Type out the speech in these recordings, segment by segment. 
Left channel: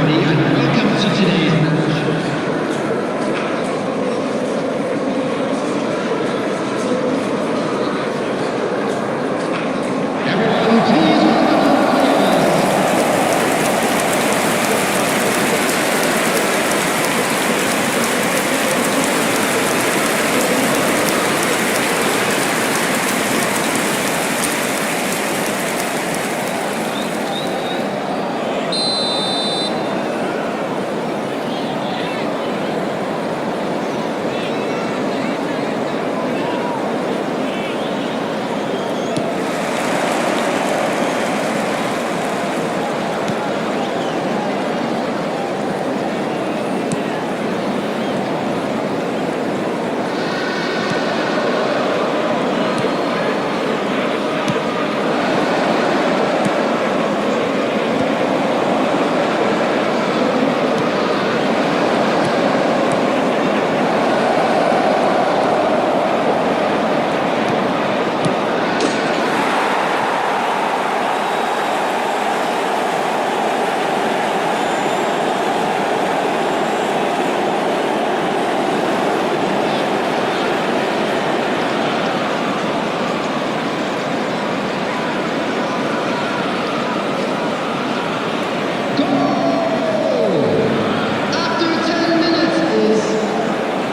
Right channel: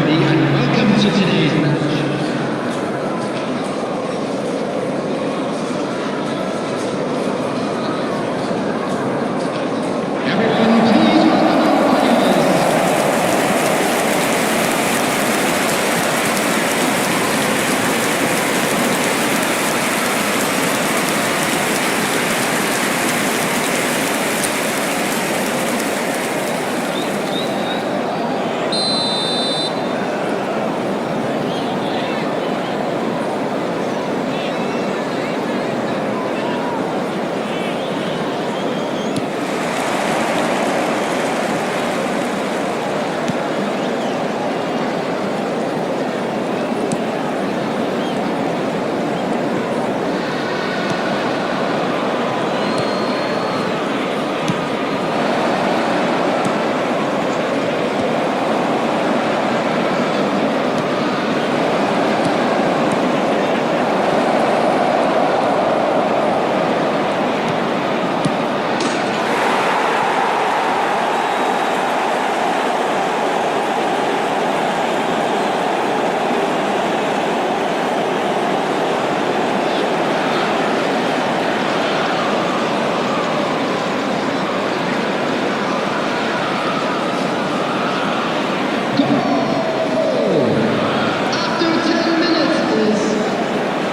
everybody, and welcome to today's match. Everyone, please welcome our players.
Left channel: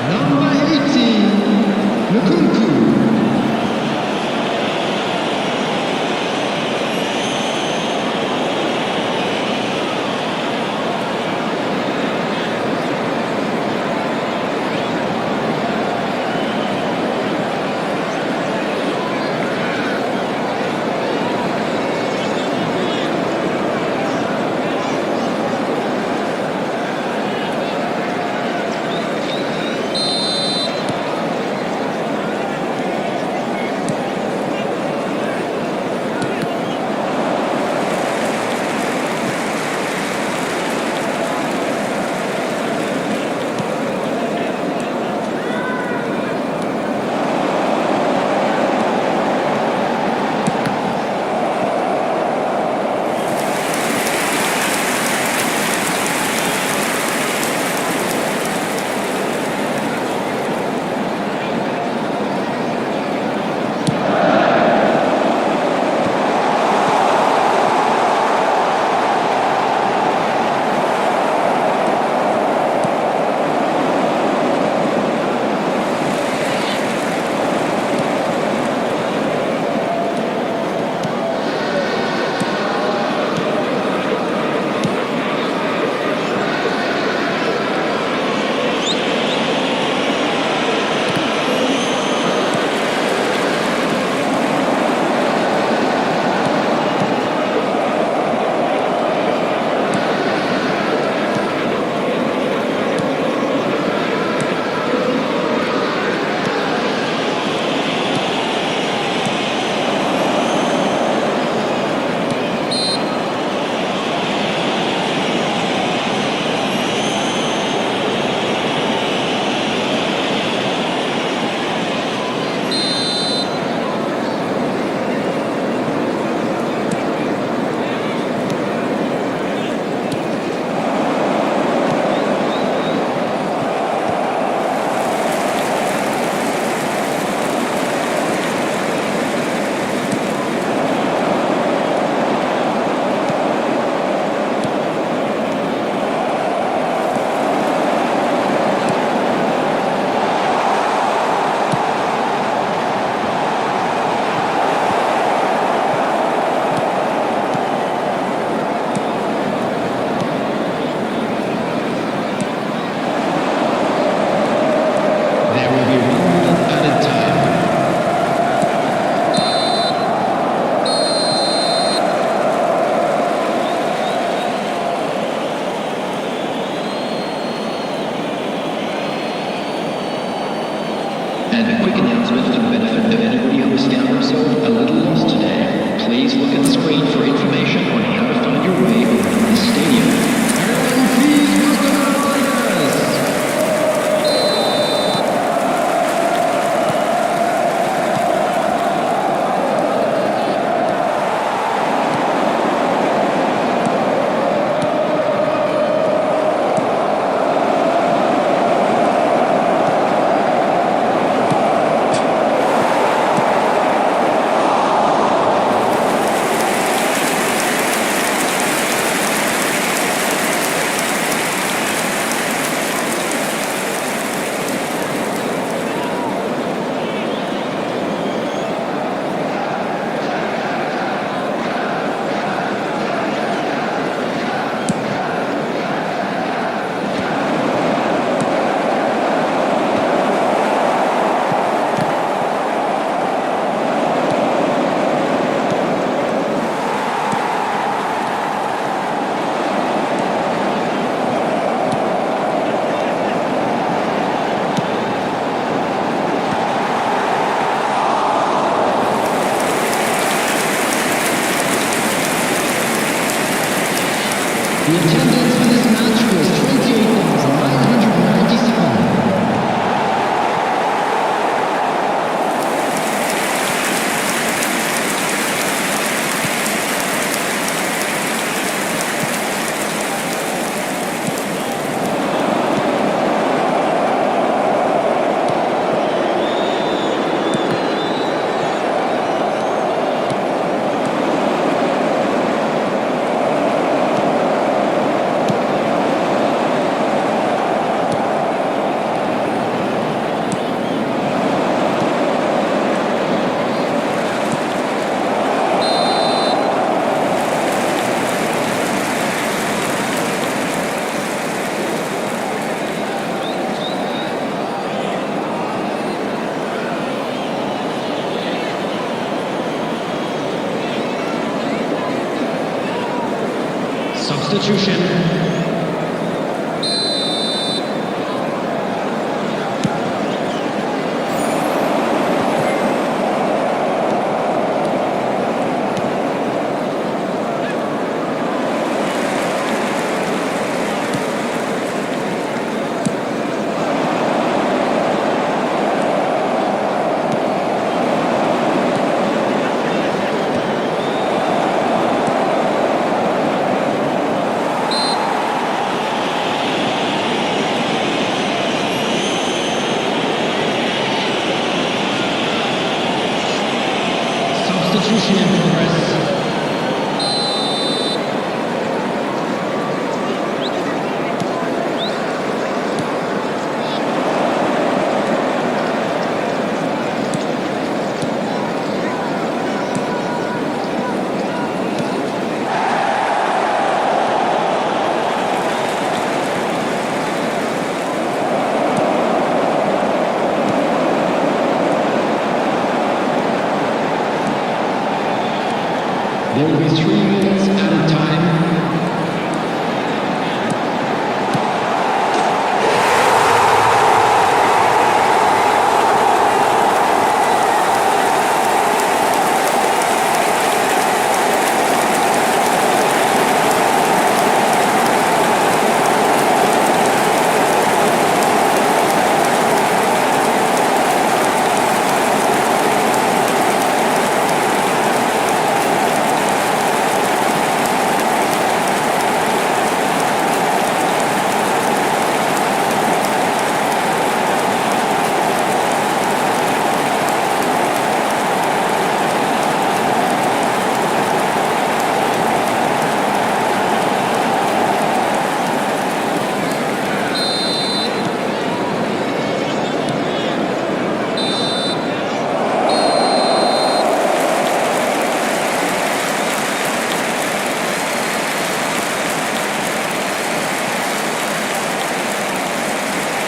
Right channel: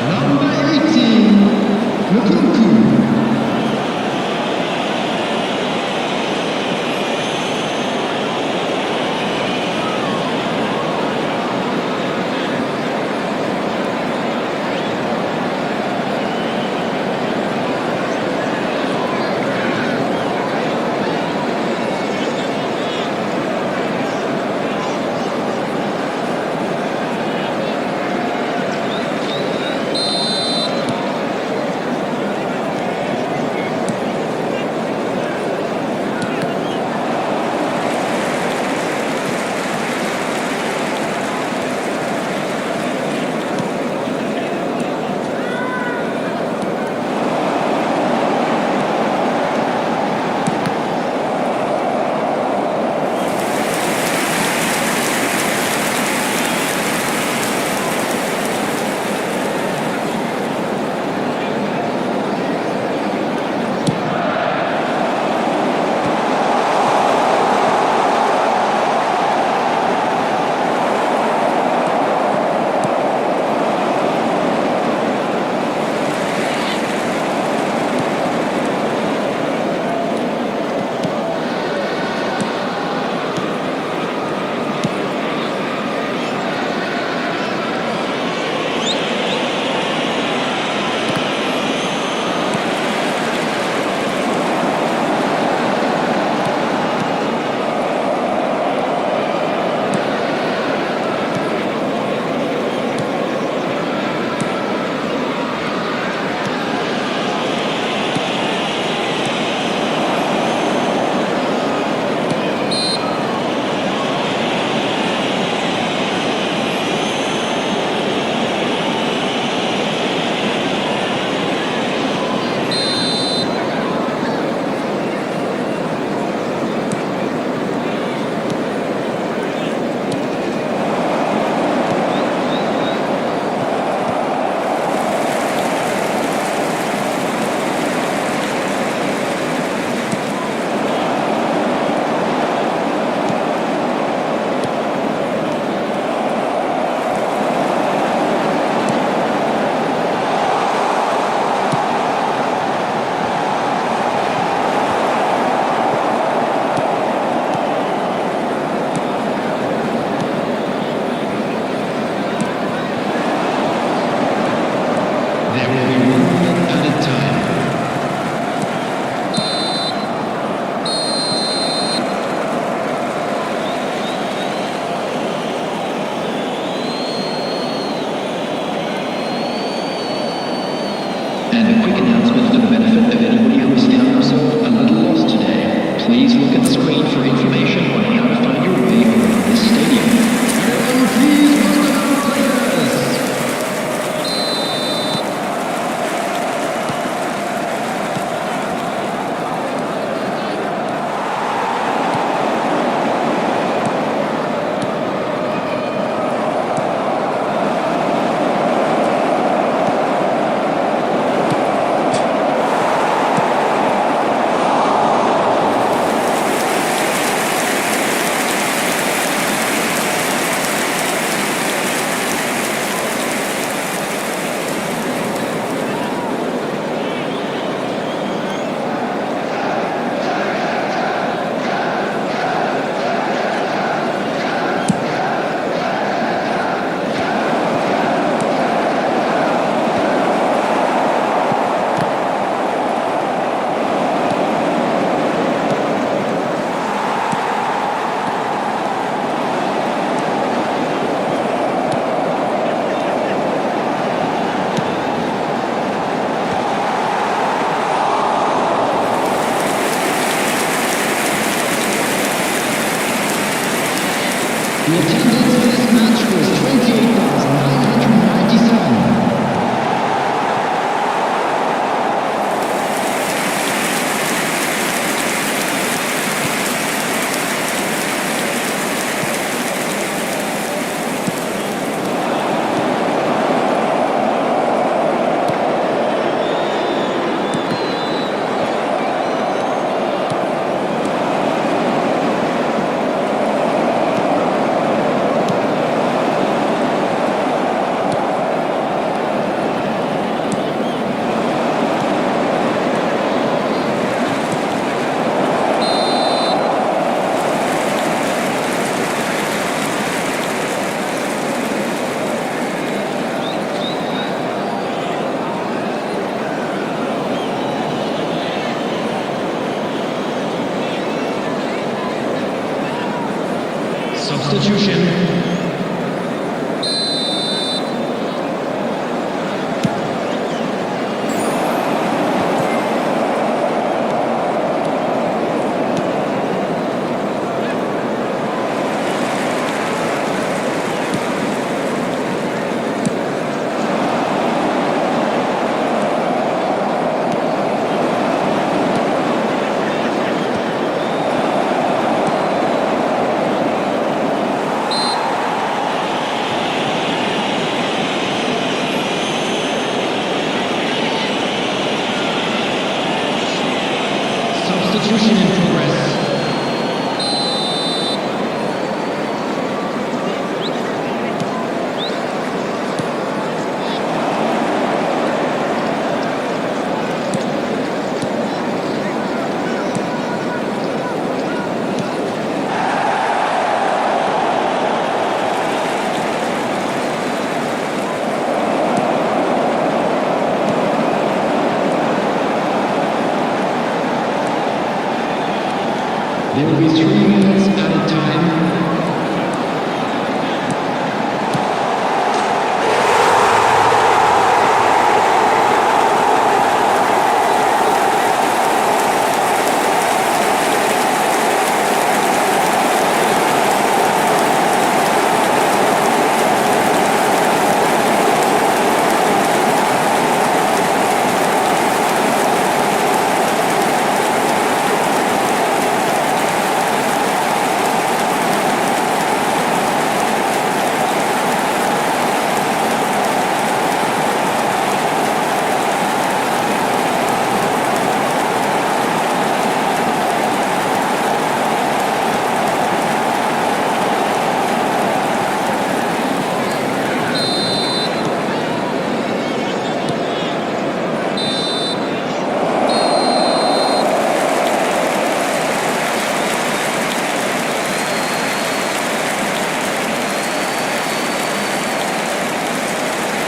Number 18, Nkunku. There will be 1 minute added time. And a quick announcement for the benefit of anybody who has found themselves a little lost today. Please look at the screen for information on how to find your way around this stadium. Everyone, please welcome our players. The attendance for this match was 28,997. Substitution. Substitution in progress. There will be 3 minutes added time.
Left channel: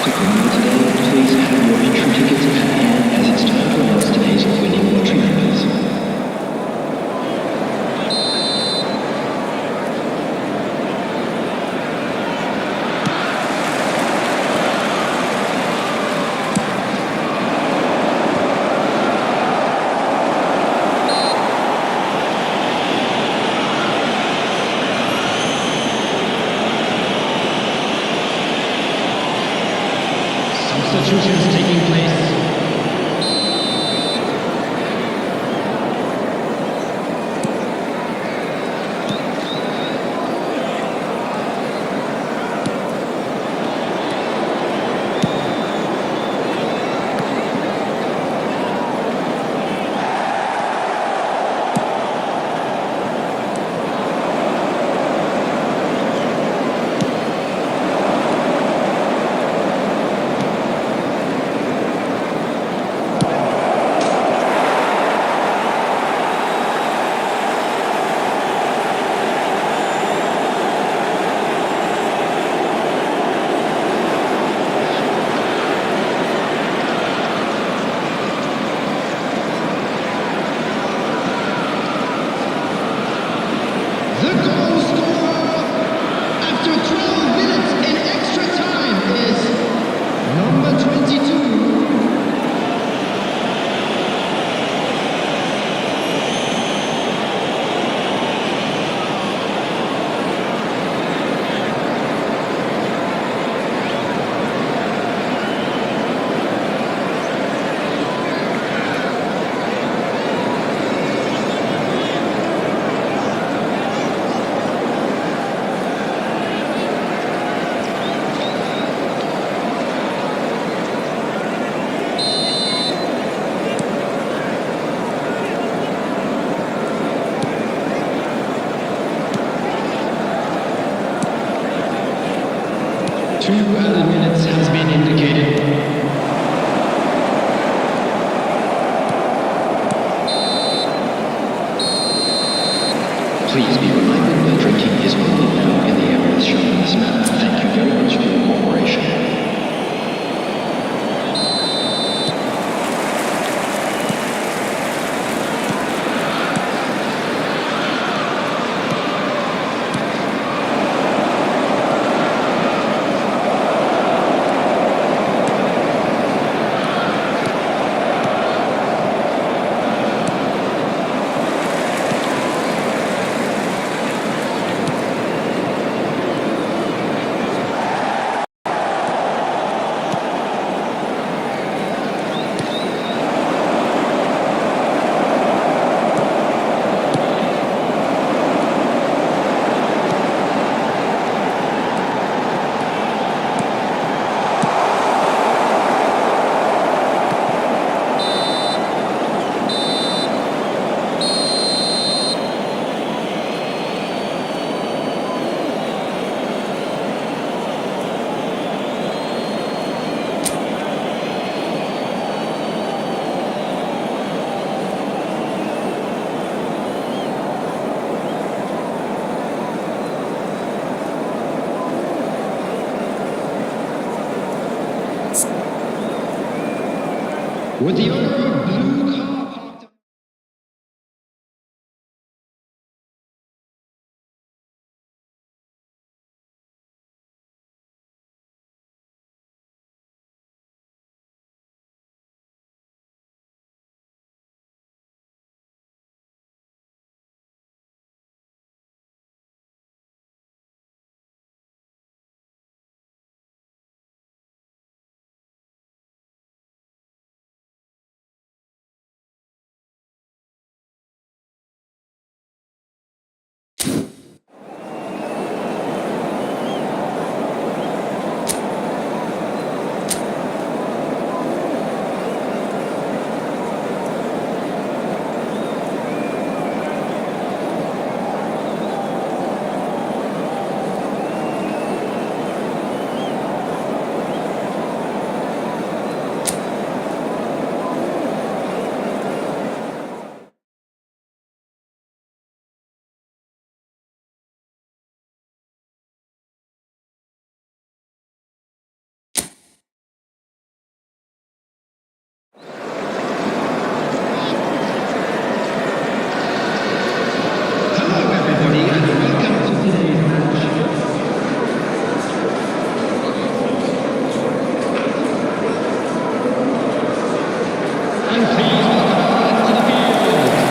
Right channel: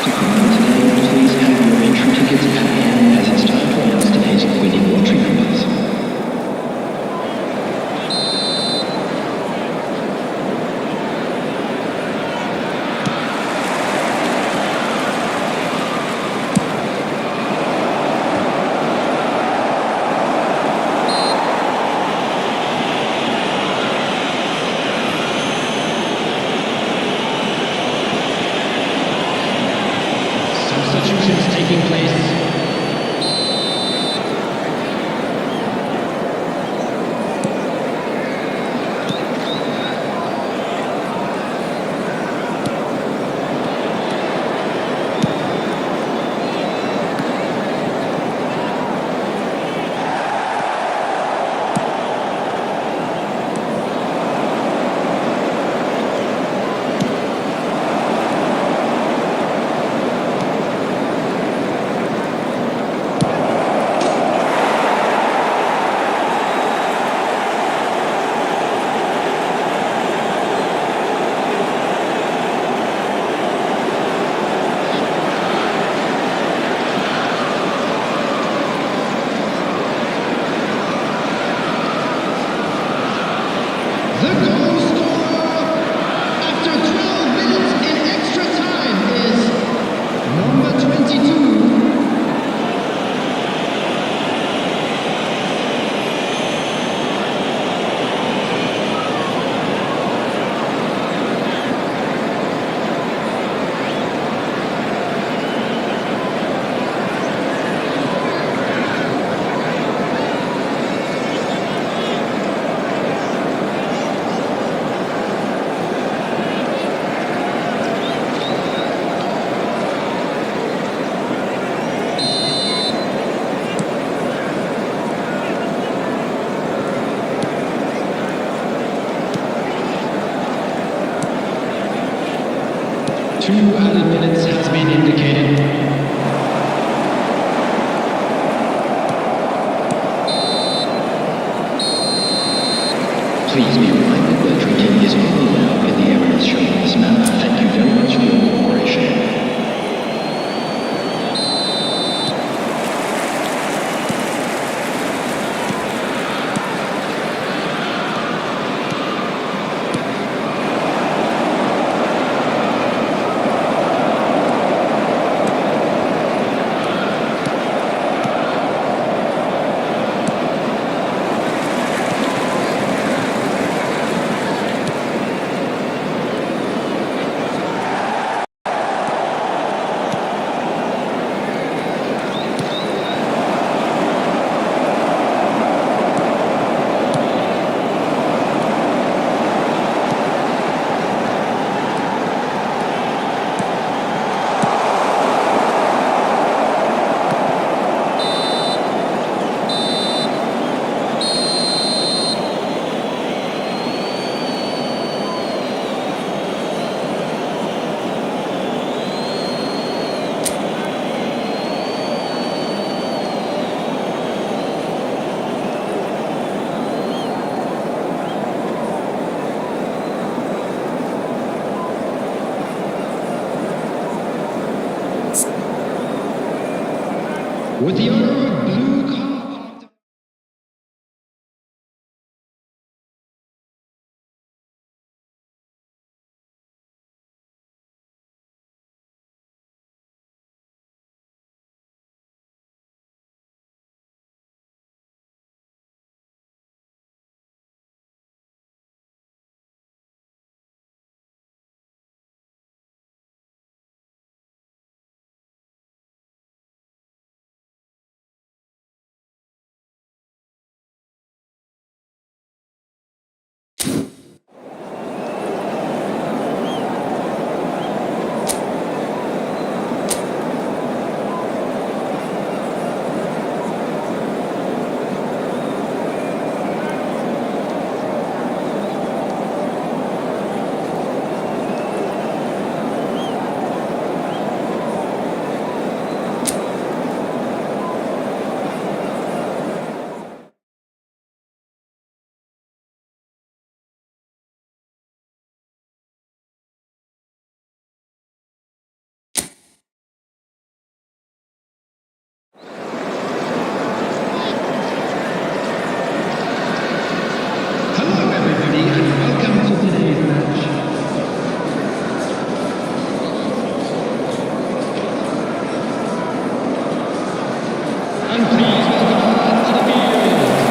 Quick reminder today, please have your entry tickets at hand as it's time to announce today's winning lottery numbers. Substitutions taking place. The goal scorer after 12 minutes in extra time is number 22. added minutes has been indicated. Please be reminded that drinking is only allowed in the areas shown on this map. Thank you very much for your cooperation. With the owner of a blue car parked... Hello everybody and welcome to today's match. And please welcome our lads to the field.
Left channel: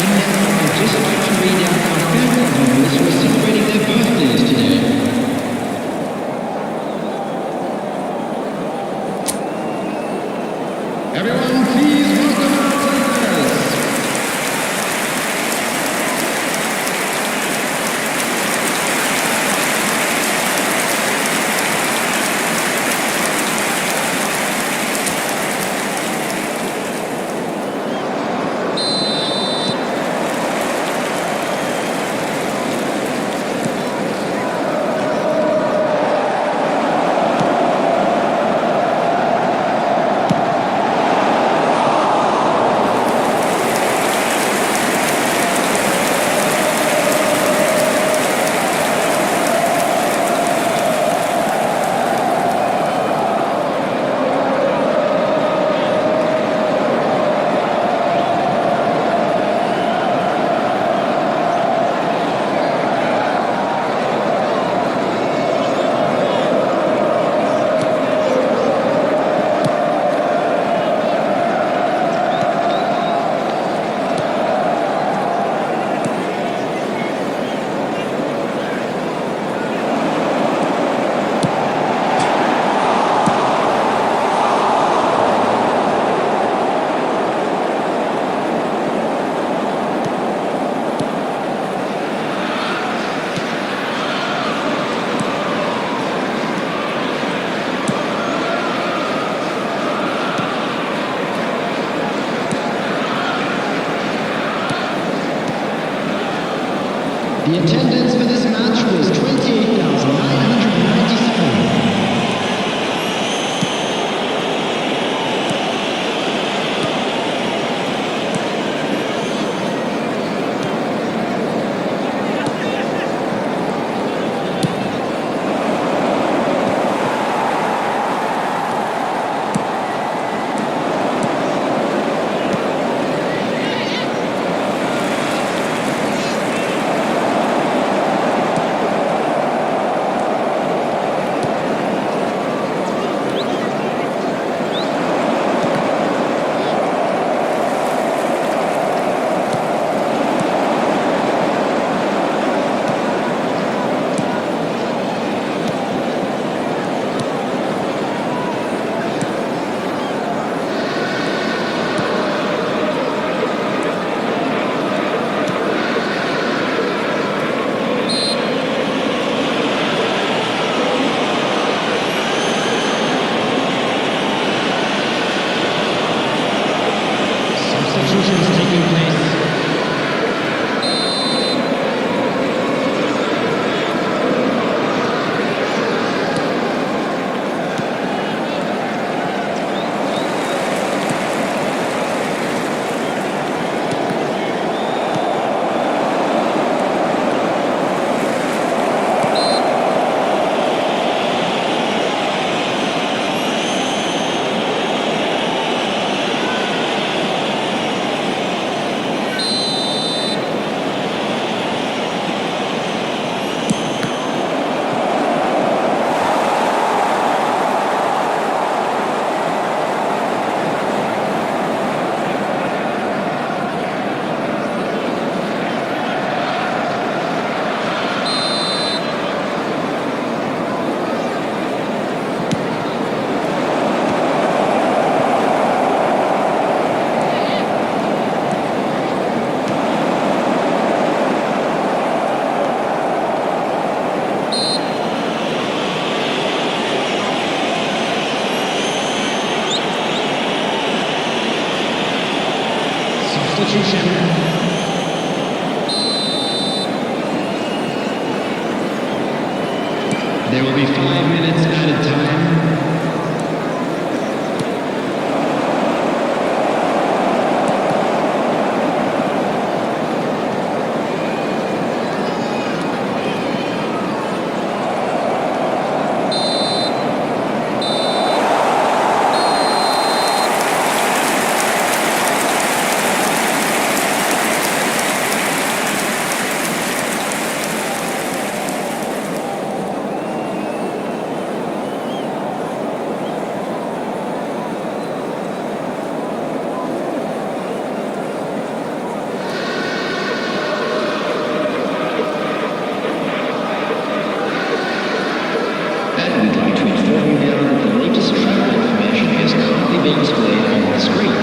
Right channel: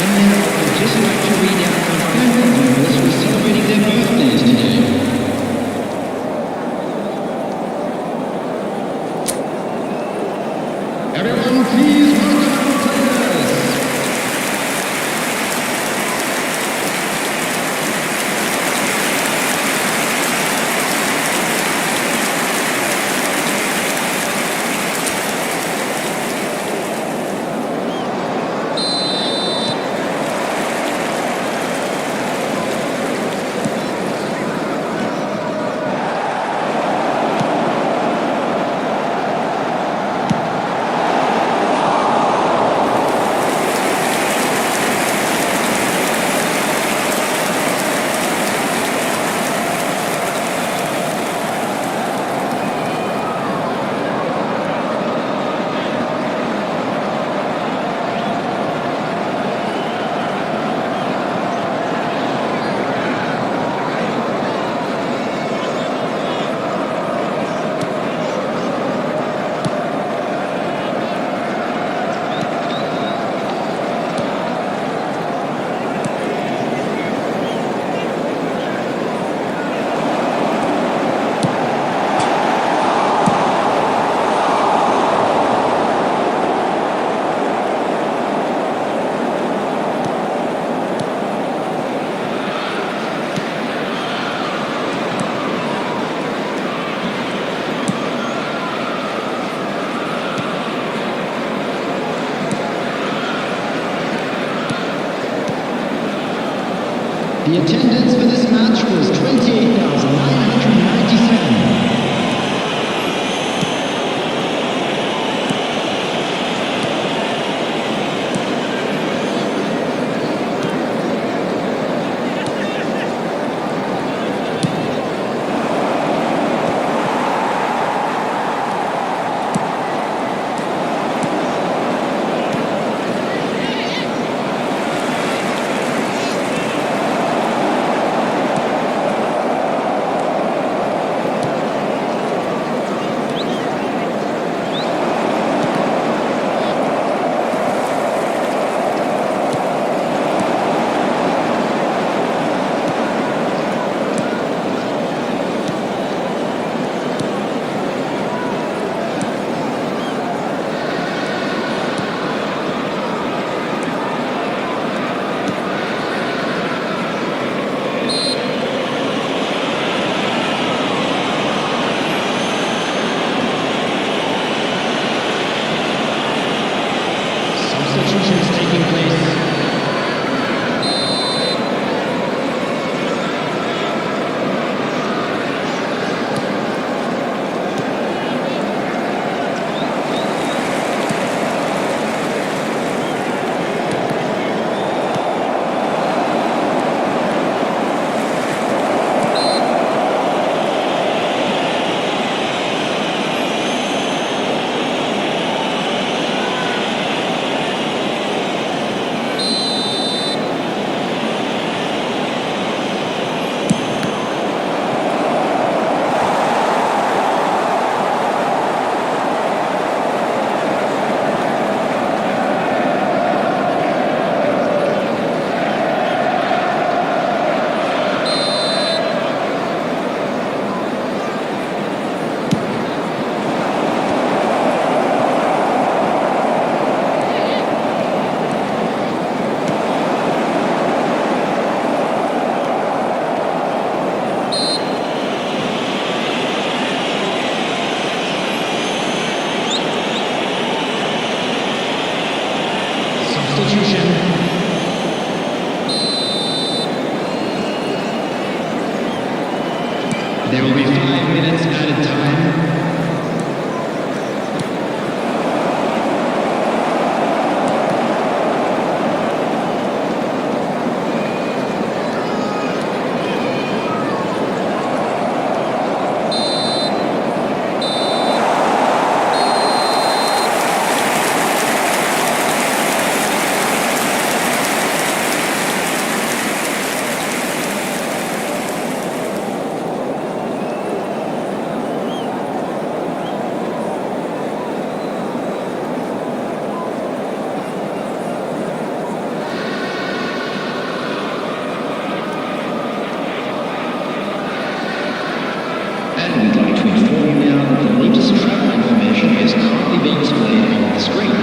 And now I'd just like to read out our fan club members who are celebrating their birthdays today. Everyone, please welcome our players. The attendance for this match was 28,997. Substitutions taking place. Substitution. There will be 5 minutes added time. to inform you now that the latest travel information is currently being displayed on the screen.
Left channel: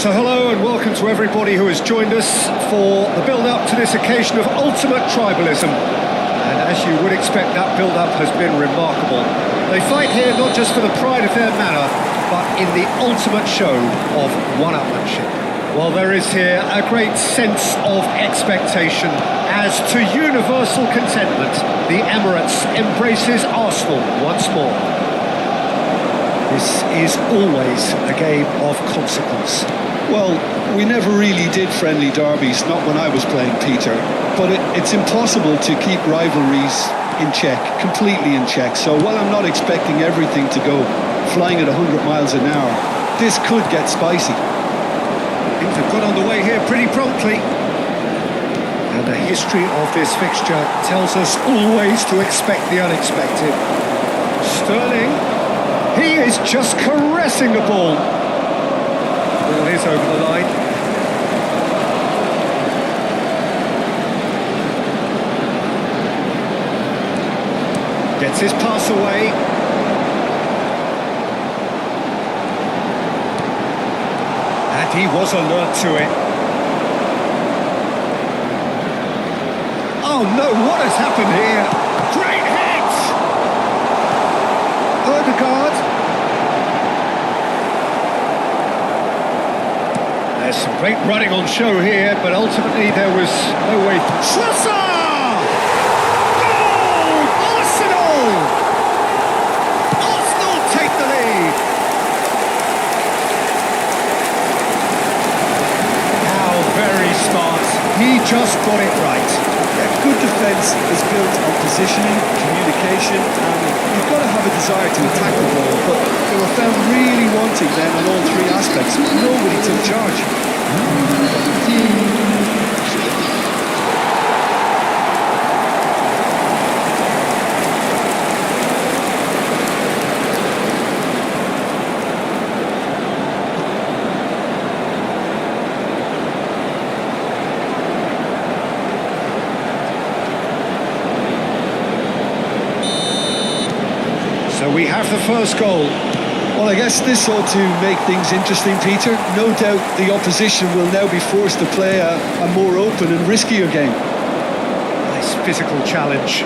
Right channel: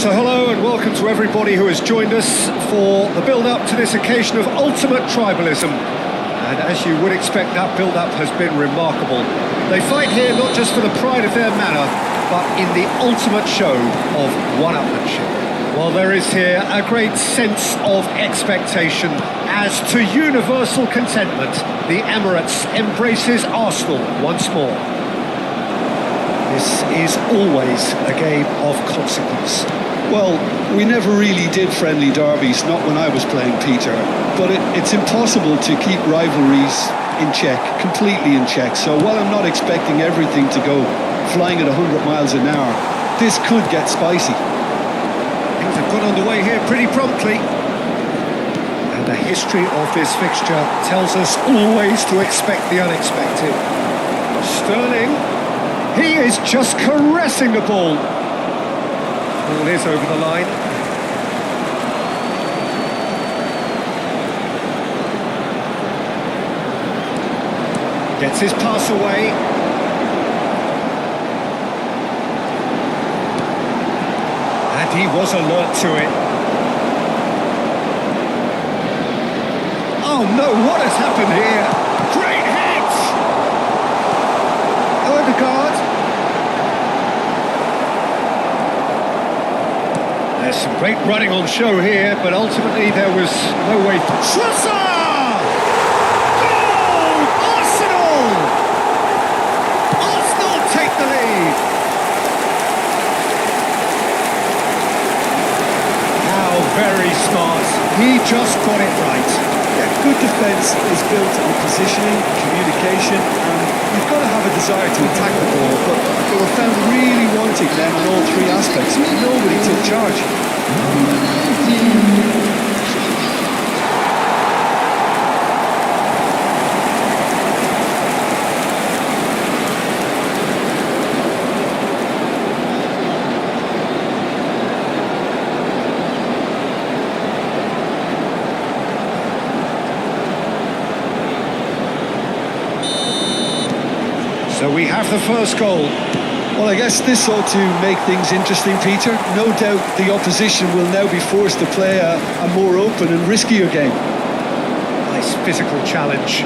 So hello and welcome to everybody who has joined us for the build-up to this occasion of ultimate tribalism. And as you would expect, that build-up has been remarkable. They fight here not just for the pride of their manor, but in the ultimate show of one-upmanship. Well, there is here a great sense of expectation as to universal contentment, the Emirates embraces Arsenal once more. This is always a game of consequence. Well, we never really did friendly derbies, not when I was playing, Peter. But it's impossible to keep rivalries in check, completely in check. So while I'm not expecting everything to go flying at 100 miles an hour, this could get spicy. Things have got underway here pretty promptly. And the history of this fixture tells us always to expect the unexpected. Sterling, he is just caressing the ball. Ball is over the line. Gets his pass away. And he was alert to it. Oh no, what has happened here? Great hit! Odegaard. There's some great running on show here, but ultimately there was no way through. Trossard! Goal! Arsenal! Arsenal take the lead. How very smart. He just got it right. Yeah, good defence is built on positioning, communication, and you've got to have a desire to attack the ball, but they were found really wanting then on all three aspects. Nobody took charge. Number 19, So we have the first goal. Well, I guess this ought to make things interesting, Peter. No doubt the opposition will now be forced to play a more open and riskier game. Nice physical challenge.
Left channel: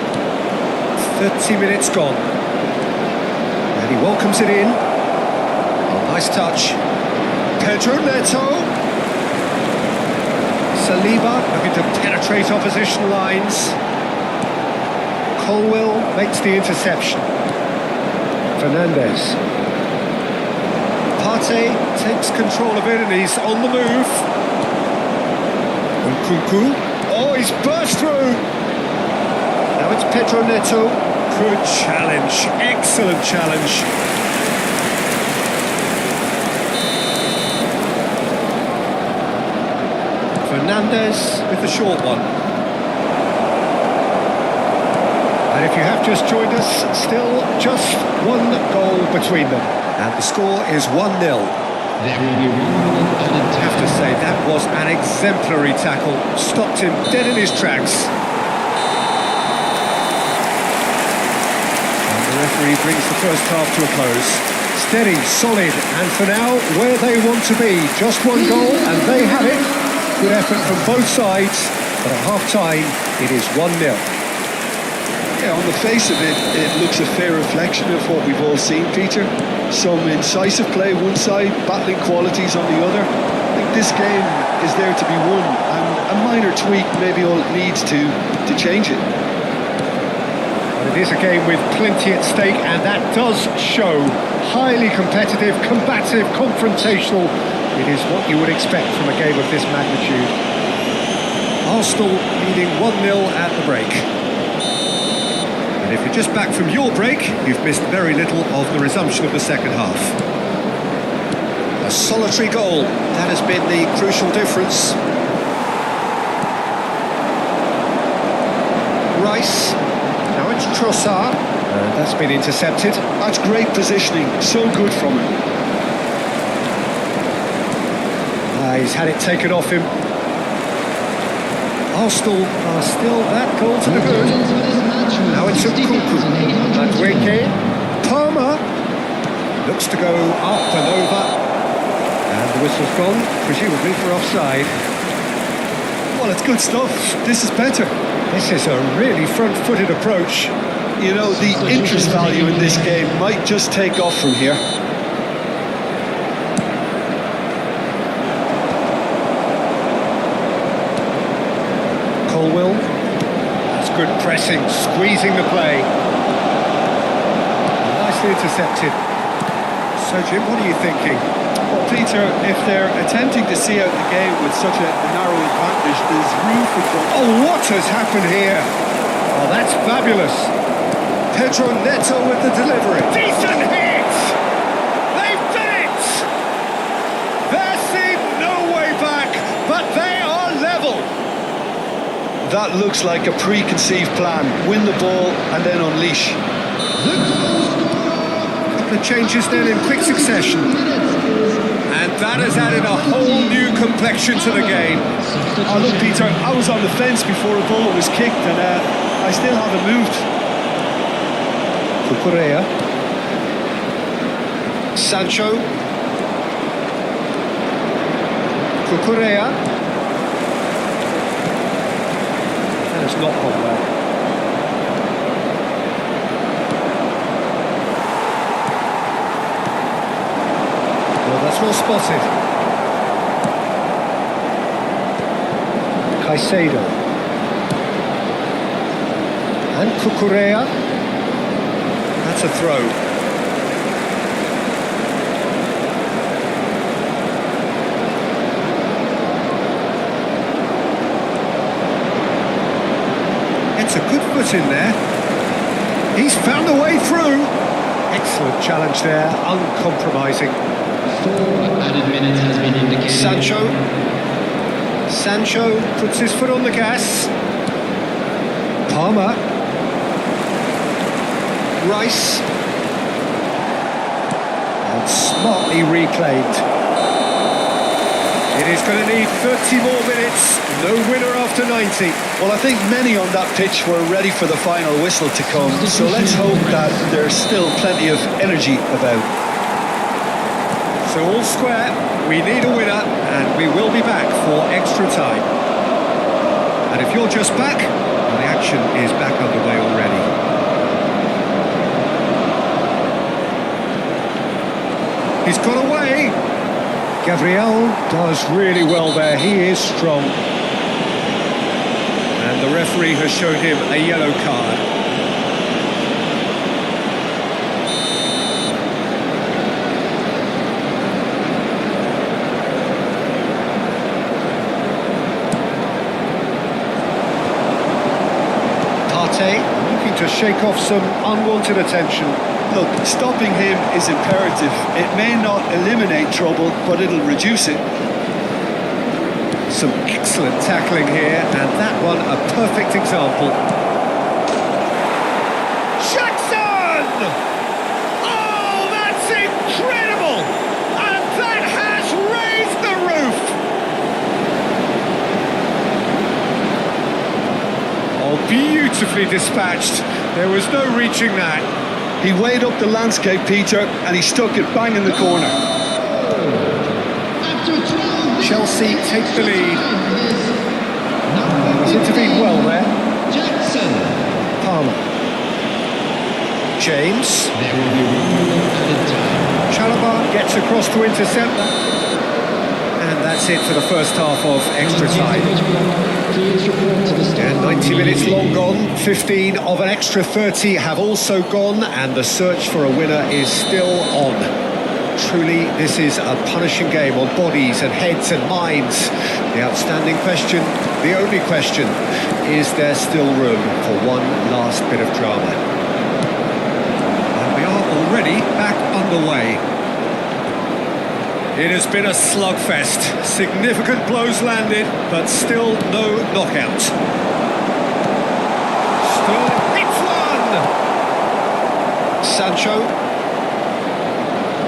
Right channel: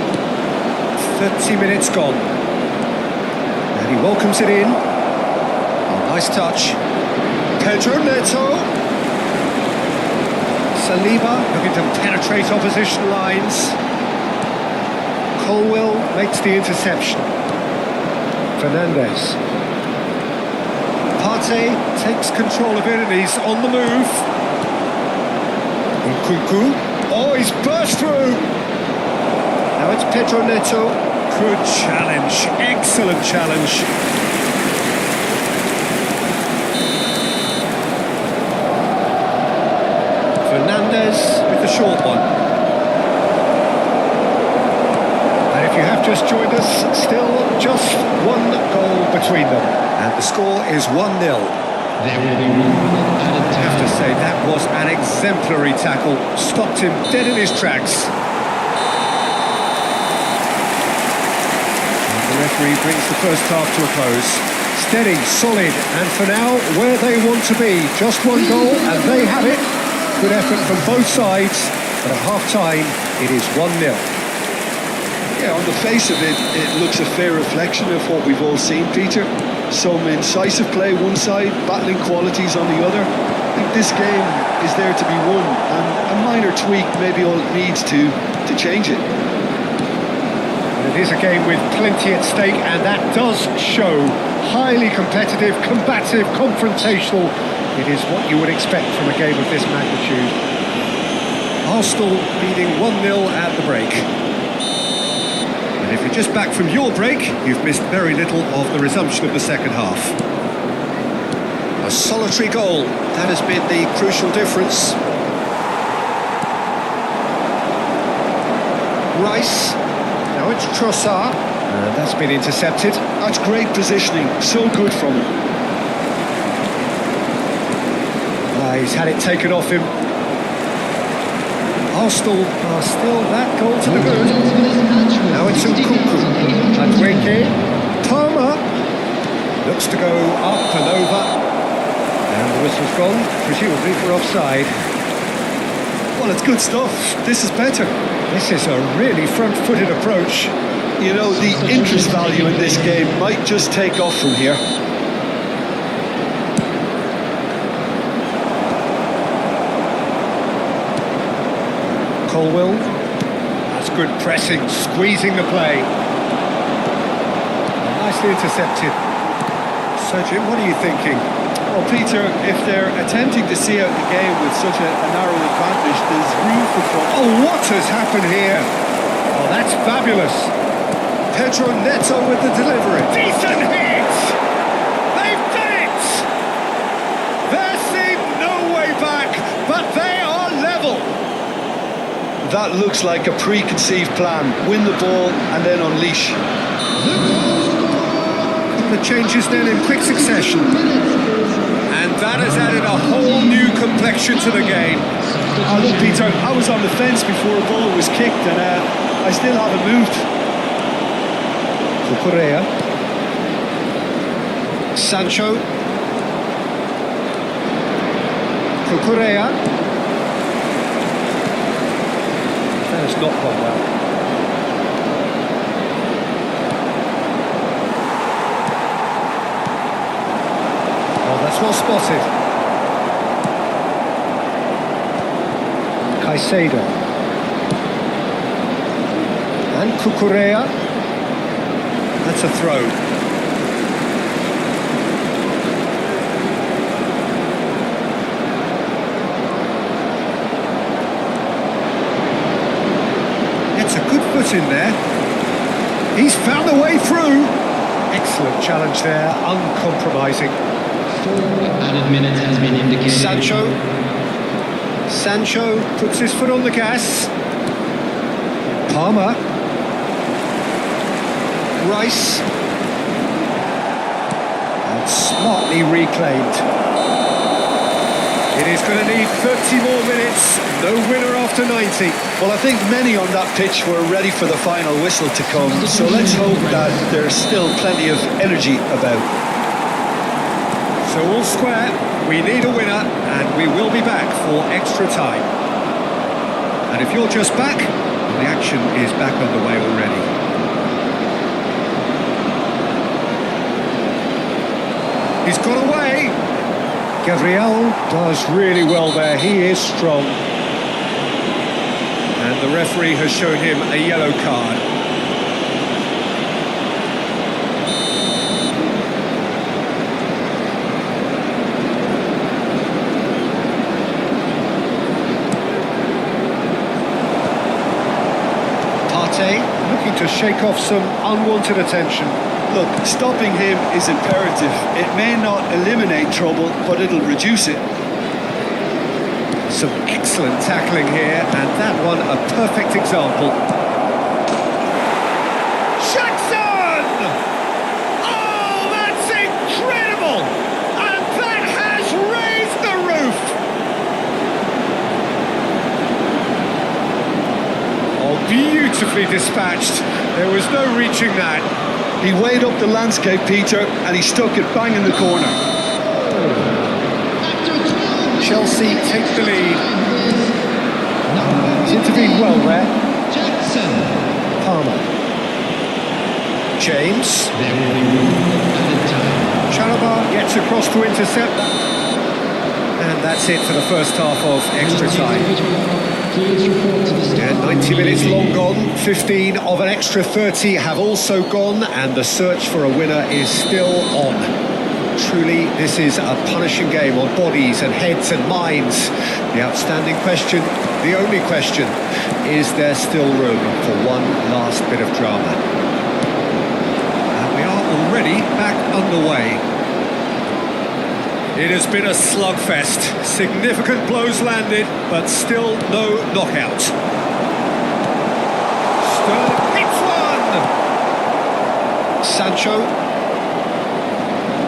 30 minutes gone. And he welcomes it in. Oh, nice touch. Pedro Neto. Saliba looking to penetrate opposition lines. Colwell makes the interception. Fernandes. Partey takes control of it and he's on the move. Nkunku. Oh, he's burst through. Now it's Pedro Neto. Good challenge. Excellent challenge. Fernandes with the short one. And if you have just joined us, still just one goal between them. And the score is 1-0. There will be 1 minute added I have to say, that was an exemplary tackle. Stopped him dead in his tracks. And the referee brings the first half to a close. Steady, solid, and for now, where they want to be. Just one goal, and they have it. Good effort from both sides, but at half-time, it is 1-0. Yeah, on the face of it, it looks a fair reflection of what we've all seen, Peter. Some incisive play one side, battling qualities on the other. I think this game is there to be won, and a minor tweak maybe all it needs to change it. But it is a game with plenty at stake, and that does show. Highly competitive, combative, confrontational. It is what you would expect from a game of this magnitude. Arsenal leading 1-0 at the break. And if you're just back from your break, you've missed very little of the resumption of the second half. A solitary goal, that has been the crucial difference. Rice, now it's Trossard, and that's been intercepted. That's great positioning, so good from him. He's had it taken off him. Arsenal are still that goal to the good. Now it's Nkunku. Madueke. Palmer. Looks to go up and over. And the whistle's gone, presumably for offside. Well, it's good stuff. This is better. This is a really front-footed approach. You know, the interest value in this game might just take off from here. Colwell. That's good pressing, squeezing the play. Oh, nicely intercepted. So, Jim, what are you thinking? Well, Peter, if they're attempting to see out the game with such a narrow advantage, there's room for trouble. Oh, what has happened here? Oh, that's fabulous. Pedro Neto with the delivery. Decent hit! They've done it! There seemed no way back, but they are level. That looks like a preconceived plan. Win the ball and then unleash. The goal scorer. A couple of changes then in quick succession. And that has added a whole new complexion to the game. Oh, look, Peter, I was on the fence before a ball was kicked and I still haven't moved. Cucurella. Sancho. Cucurella. That has not gone well. Oh, that's well spotted. Caicedo. And Cucurella. That's a throw. Gets a good foot in there. He's found a way through. Excellent challenge there, uncompromising. 4 added minutes has been indicated. Sancho puts his foot on the gas. Palmer. Rice. And smartly reclaimed. It is going to need 30 more minutes. No winner after 90. Well, I think many on that pitch were ready for the final whistle to come, so let's hope that there's still plenty of energy about. So all square, we need a winner, and we will be back for extra time. And if you're just back, well, the action is back underway already. He's got away. Gabriel does really well there. He is strong. And the referee has shown him a yellow card. Partey looking to shake off some unwanted attention. Look, stopping him is imperative. It may not eliminate trouble, but it'll reduce it. Some excellent tackling here, and that one a perfect example. Jackson! Oh, that's incredible! And that has raised the roof! Oh, beautifully dispatched. There was no reaching that. He weighed up the landscape, Peter, and he stuck it bang in the corner. After 12 minutes, Chelsea take the lead. He's intervened well there. Jackson. Palmer. James. There will be 1 minute added time. Chalobah gets across to intercept that. And that's it for the first half of extra time. Please report to the start. And 90 minutes long gone, 15 of an extra 30 have also gone, and the search for a winner is still on. Truly, this is a punishing game on bodies and heads and minds. The outstanding question, the only question, is there still room for one last bit of drama? And we are already back underway. It has been a slugfest. Significant blows landed, but still no knockout. Sterling hits one! Sancho.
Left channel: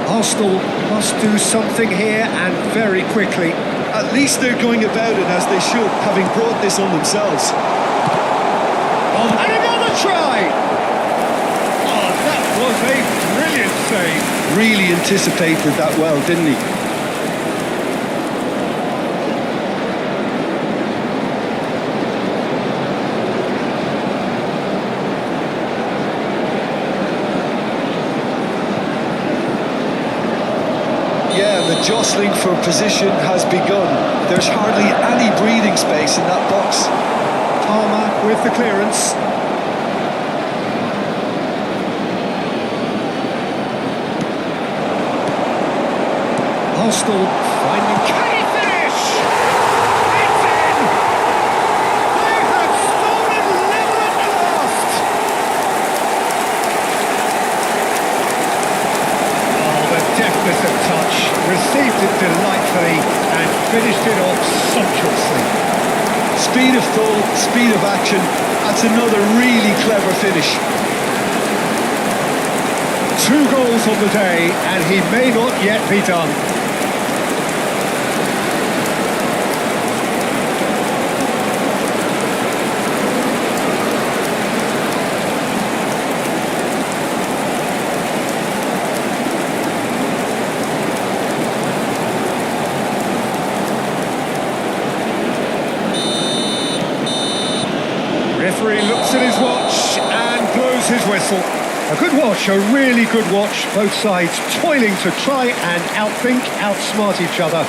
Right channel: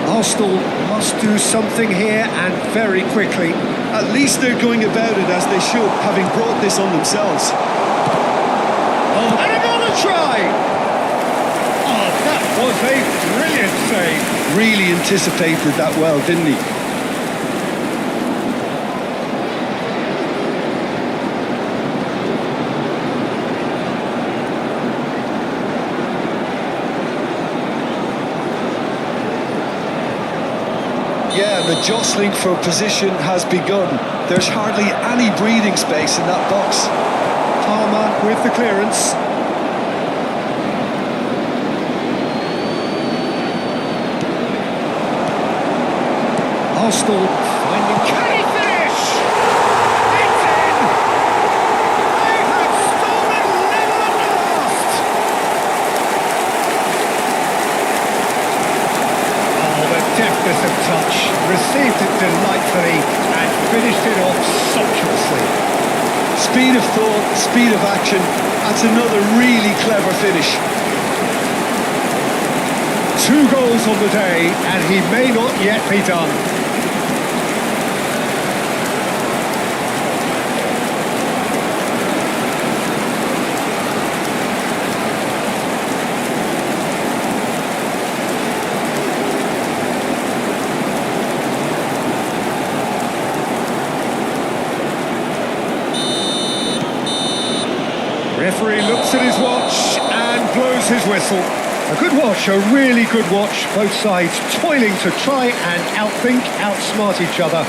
Arsenal must do something here, and very quickly. At least they're going about it as they should, having brought this on themselves. Oh, and another try! Oh, that was a brilliant save. Really anticipated that well, didn't he? Yeah, the jostling for position has begun. There's hardly any breathing space in that box. Palmer with the clearance. Arsenal finding... Can he finish? It's in! They have stolen level at the last! Oh, the deftness of touch. Received it delightfully and finished it off sumptuously. Speed of thought, speed of action. That's another really clever finish. 2 goals on the day, and he may not yet be done. Referee looks at his watch and blows his whistle. A good watch, a really good watch. Both sides toiling to try and outthink, outsmart each other.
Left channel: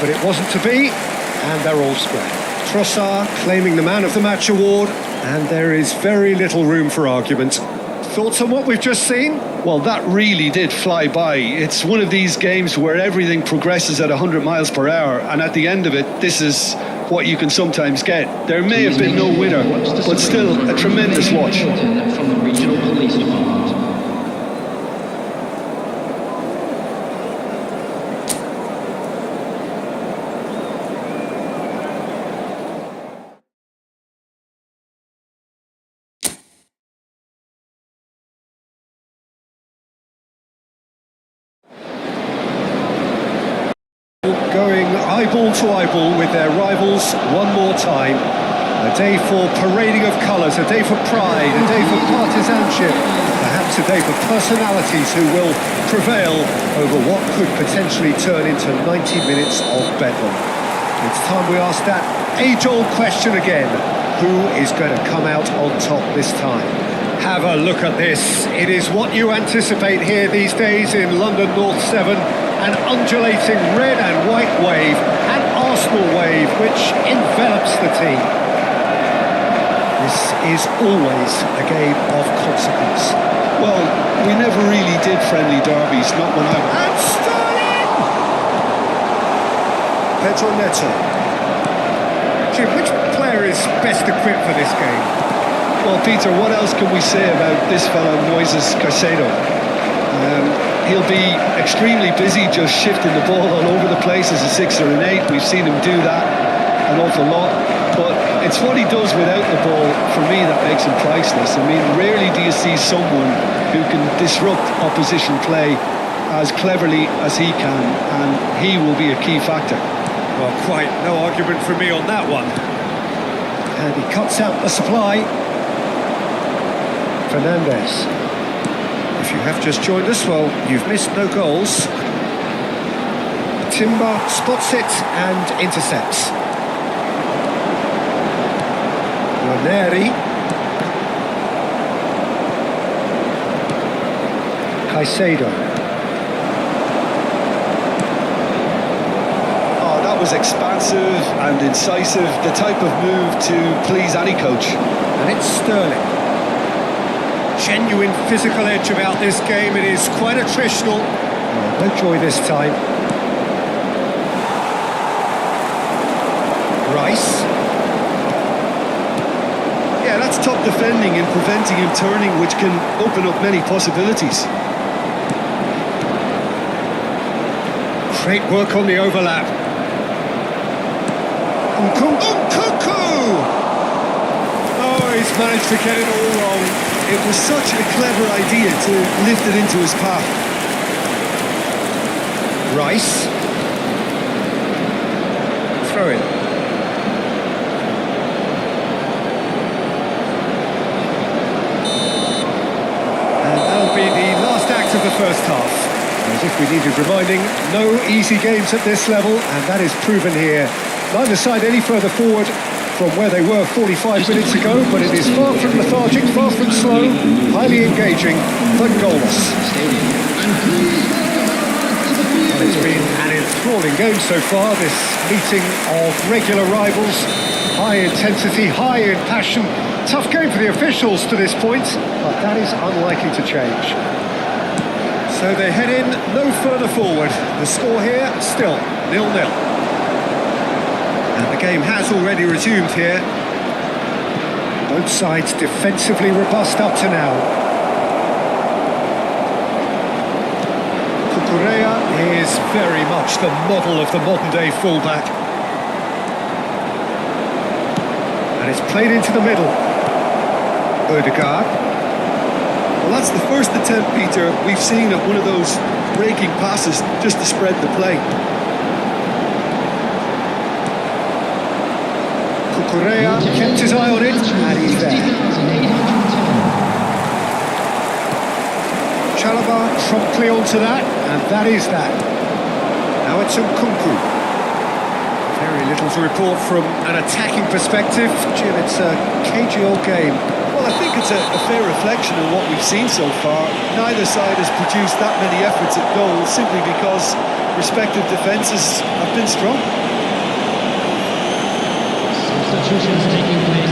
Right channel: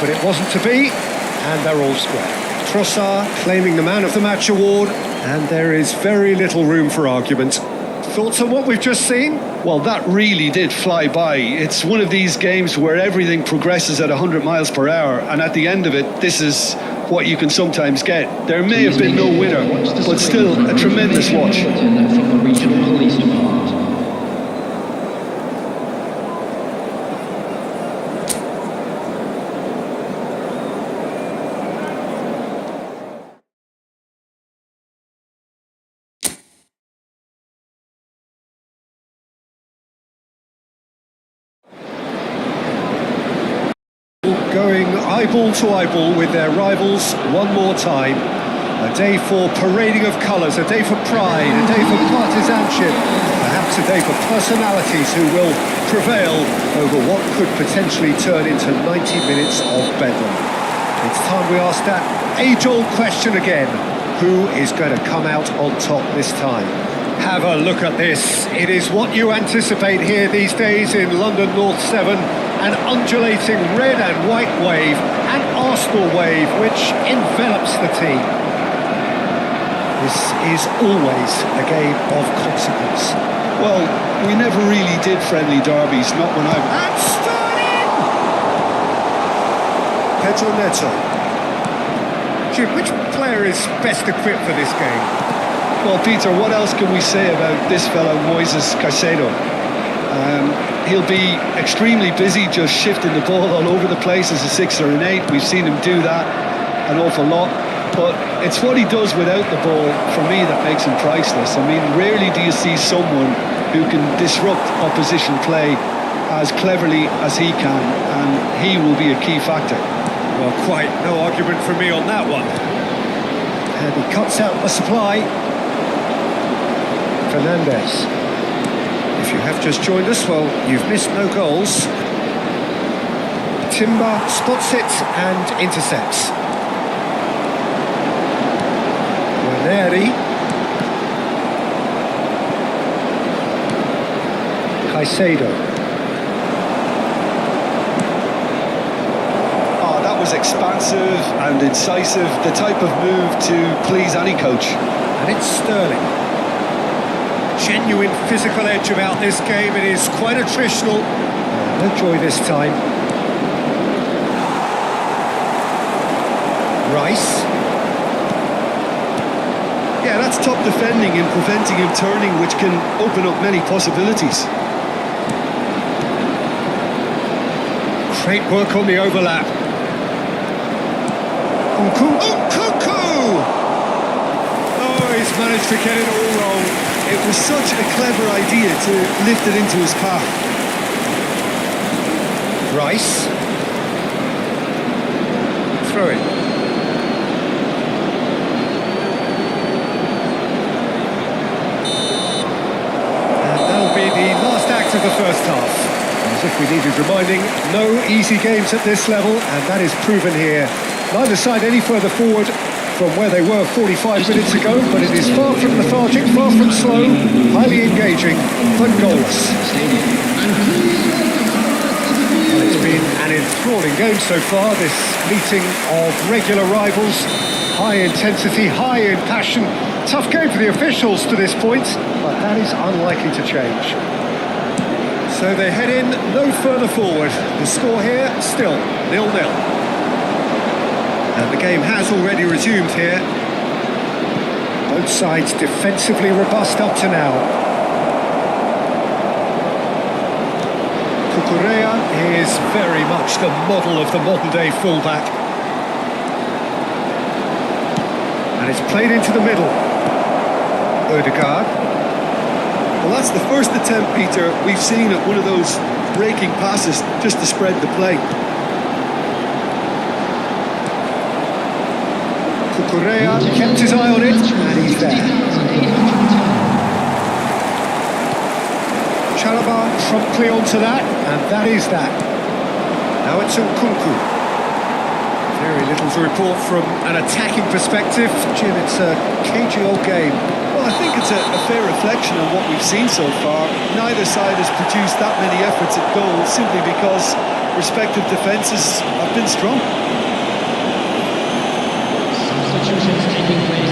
But it wasn't to be, and they're all square. Trossard claiming the Man of the Match award, and there is very little room for argument. Thoughts on what we've just seen? Well, that really did fly by. It's one of these games where everything progresses at 100 miles per hour, and at the end of it, this is what you can sometimes get. There may have been no winner, but still a tremendous watch. From the regional police department. going eyeball to eyeball with their rivals one more time. A day for parading of colours, a day for pride, a day for partisanship, perhaps a day for personalities who will prevail over what could potentially turn into 90 minutes of bedlam. It's time we ask that age-old question again. Who is going to come out on top this time? Have a look at this. It is what you anticipate here these days in London North 7. An undulating red and white wave, an Arsenal wave which envelops the team. This is always a game of consequence. Well, we never really did friendly derbies, not when I was... And Sterling! Pedro Neto. Jim, which player is best equipped for this game? Well, Peter, what else can we say about this fellow, Moises Caicedo? He'll be extremely busy just shifting the ball all over the place as a 6 or an 8. We've seen him do that an awful lot. But it's what he does without the ball, for me, that makes him priceless. I mean, rarely do you see someone who can disrupt opposition play as cleverly as he can, and he will be a key factor. Well, quite no argument from me on that one. And he cuts out the supply. Fernandes. If you have just joined us, well, you've missed no goals. Timber spots it and intercepts. Guarneri. Caicedo. Oh, that was expansive and incisive, the type of move to please any coach. And it's Sterling. Genuine physical edge about this game. It is quite attritional. Oh, no joy this time. Rice. Yeah, that's top defending and preventing him turning, which can open up many possibilities. Great work on the overlap. Nkunku! Oh, he's managed to get it all wrong. It was such a clever idea to lift it into his path. Rice. Throw in. And that'll be the last act of the first half. As if we needed reminding, no easy games at this level, and that is proven here. Neither side any further forward from where they were 45 minutes ago, but it is far from lethargic, far from slow, highly engaging, but goalless. And please welcome our lads to the field. Well, it's been an enthralling game so far, this meeting of regular rivals. High intensity, high in passion. Tough game for the officials to this point, but that is unlikely to change. So they head in no further forward. The score here, still 0-0. And the game has already resumed here. Both sides defensively robust up to now. Cucurella is very much the model of the modern-day fullback. And it's played into the middle. Ødegaard. Well, that's the first attempt, Peter, we've seen at one of those breaking passes just to spread the play. Cucurella kept his eye on it, and he's there. 60,810. Chalobah promptly onto that, and that is that. Now it's Nkunku. Very little to report from an attacking perspective. Jim, it's a cagey old game. Well, I think it's a fair reflection on what we've seen so far. Neither side has produced that many efforts at goal simply because respective defences have been strong. Substitutions taking place.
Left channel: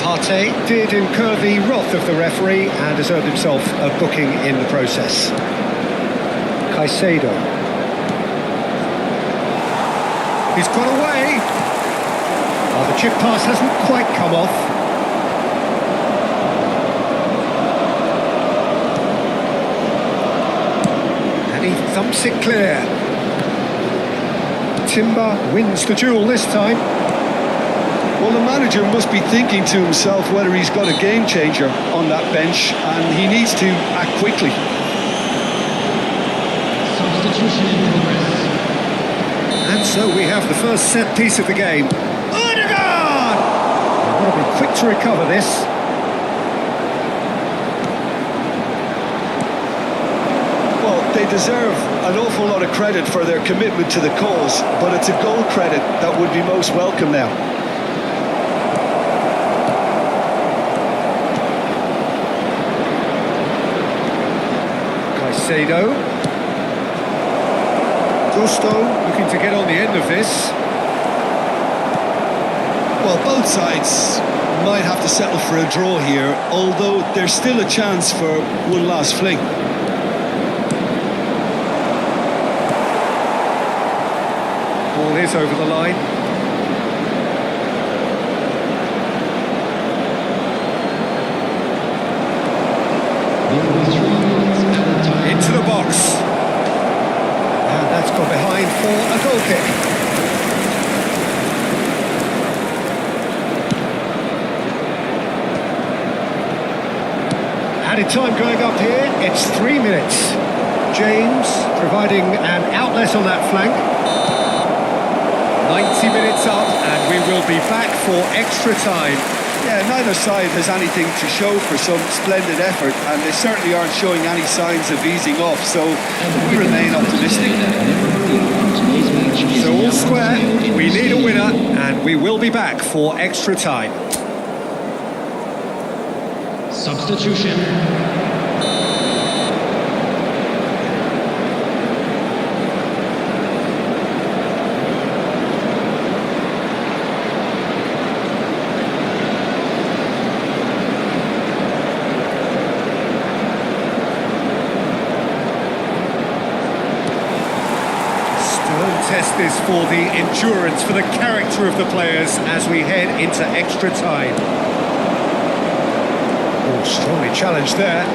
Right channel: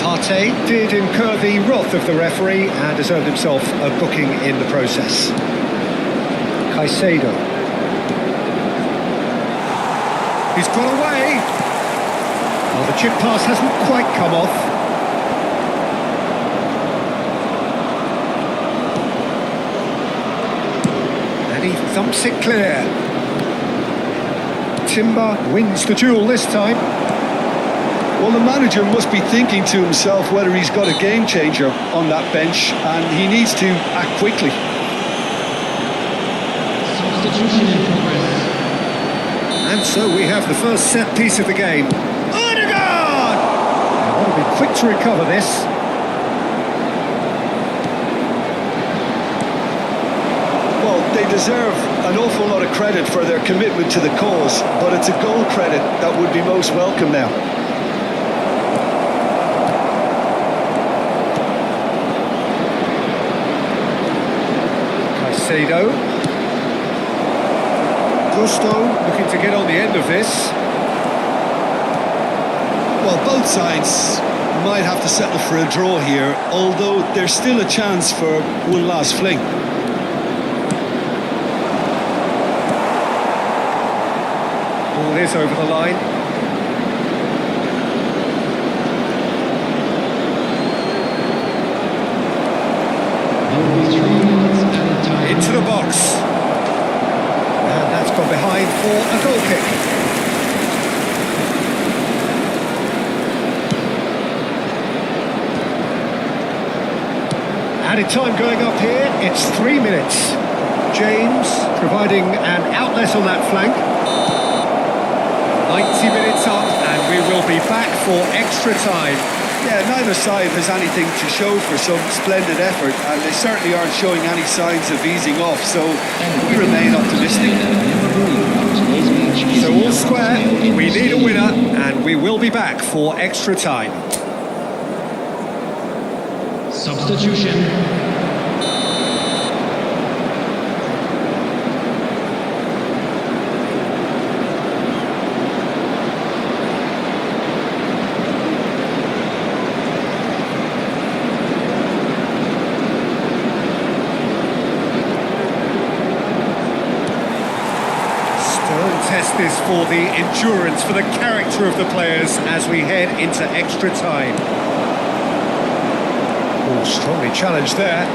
Partey did incur the wrath of the referee and has earned himself a booking in the process. Caicedo. He's got away. Oh, the chip pass hasn't quite come off. And he thumps it clear. Timber wins the duel this time. Well, the manager must be thinking to himself whether he's got a game changer on that bench, and he needs to act quickly. Substitution in progress. And so we have the first set piece of the game. Odegaard! They've got to be quick to recover this. Well, they deserve an awful lot of credit for their commitment to the cause, but it's a goal credit that would be most welcome now. Caicedo. Gusto looking to get on the end of this. Well, both sides might have to settle for a draw here, although there's still a chance for one last fling. Ball is over the line. There will be 3 minutes added time. Into the box. And that's gone behind for a goal kick. Added time going up here. It's 3 minutes. James providing an outlet on that flank. 90 minutes up, and we will be back for extra time. Yeah, neither side has anything to show for some splendid effort, and they certainly aren't showing any signs of easing off, so we remain optimistic. That memorabilia from today's match is So now all on square, sale in we the need a stadium. winner, and we will be back for extra time. Substitution. Stern test this for the endurance, for the character of the players as we head into extra time. Oh, strongly challenged there.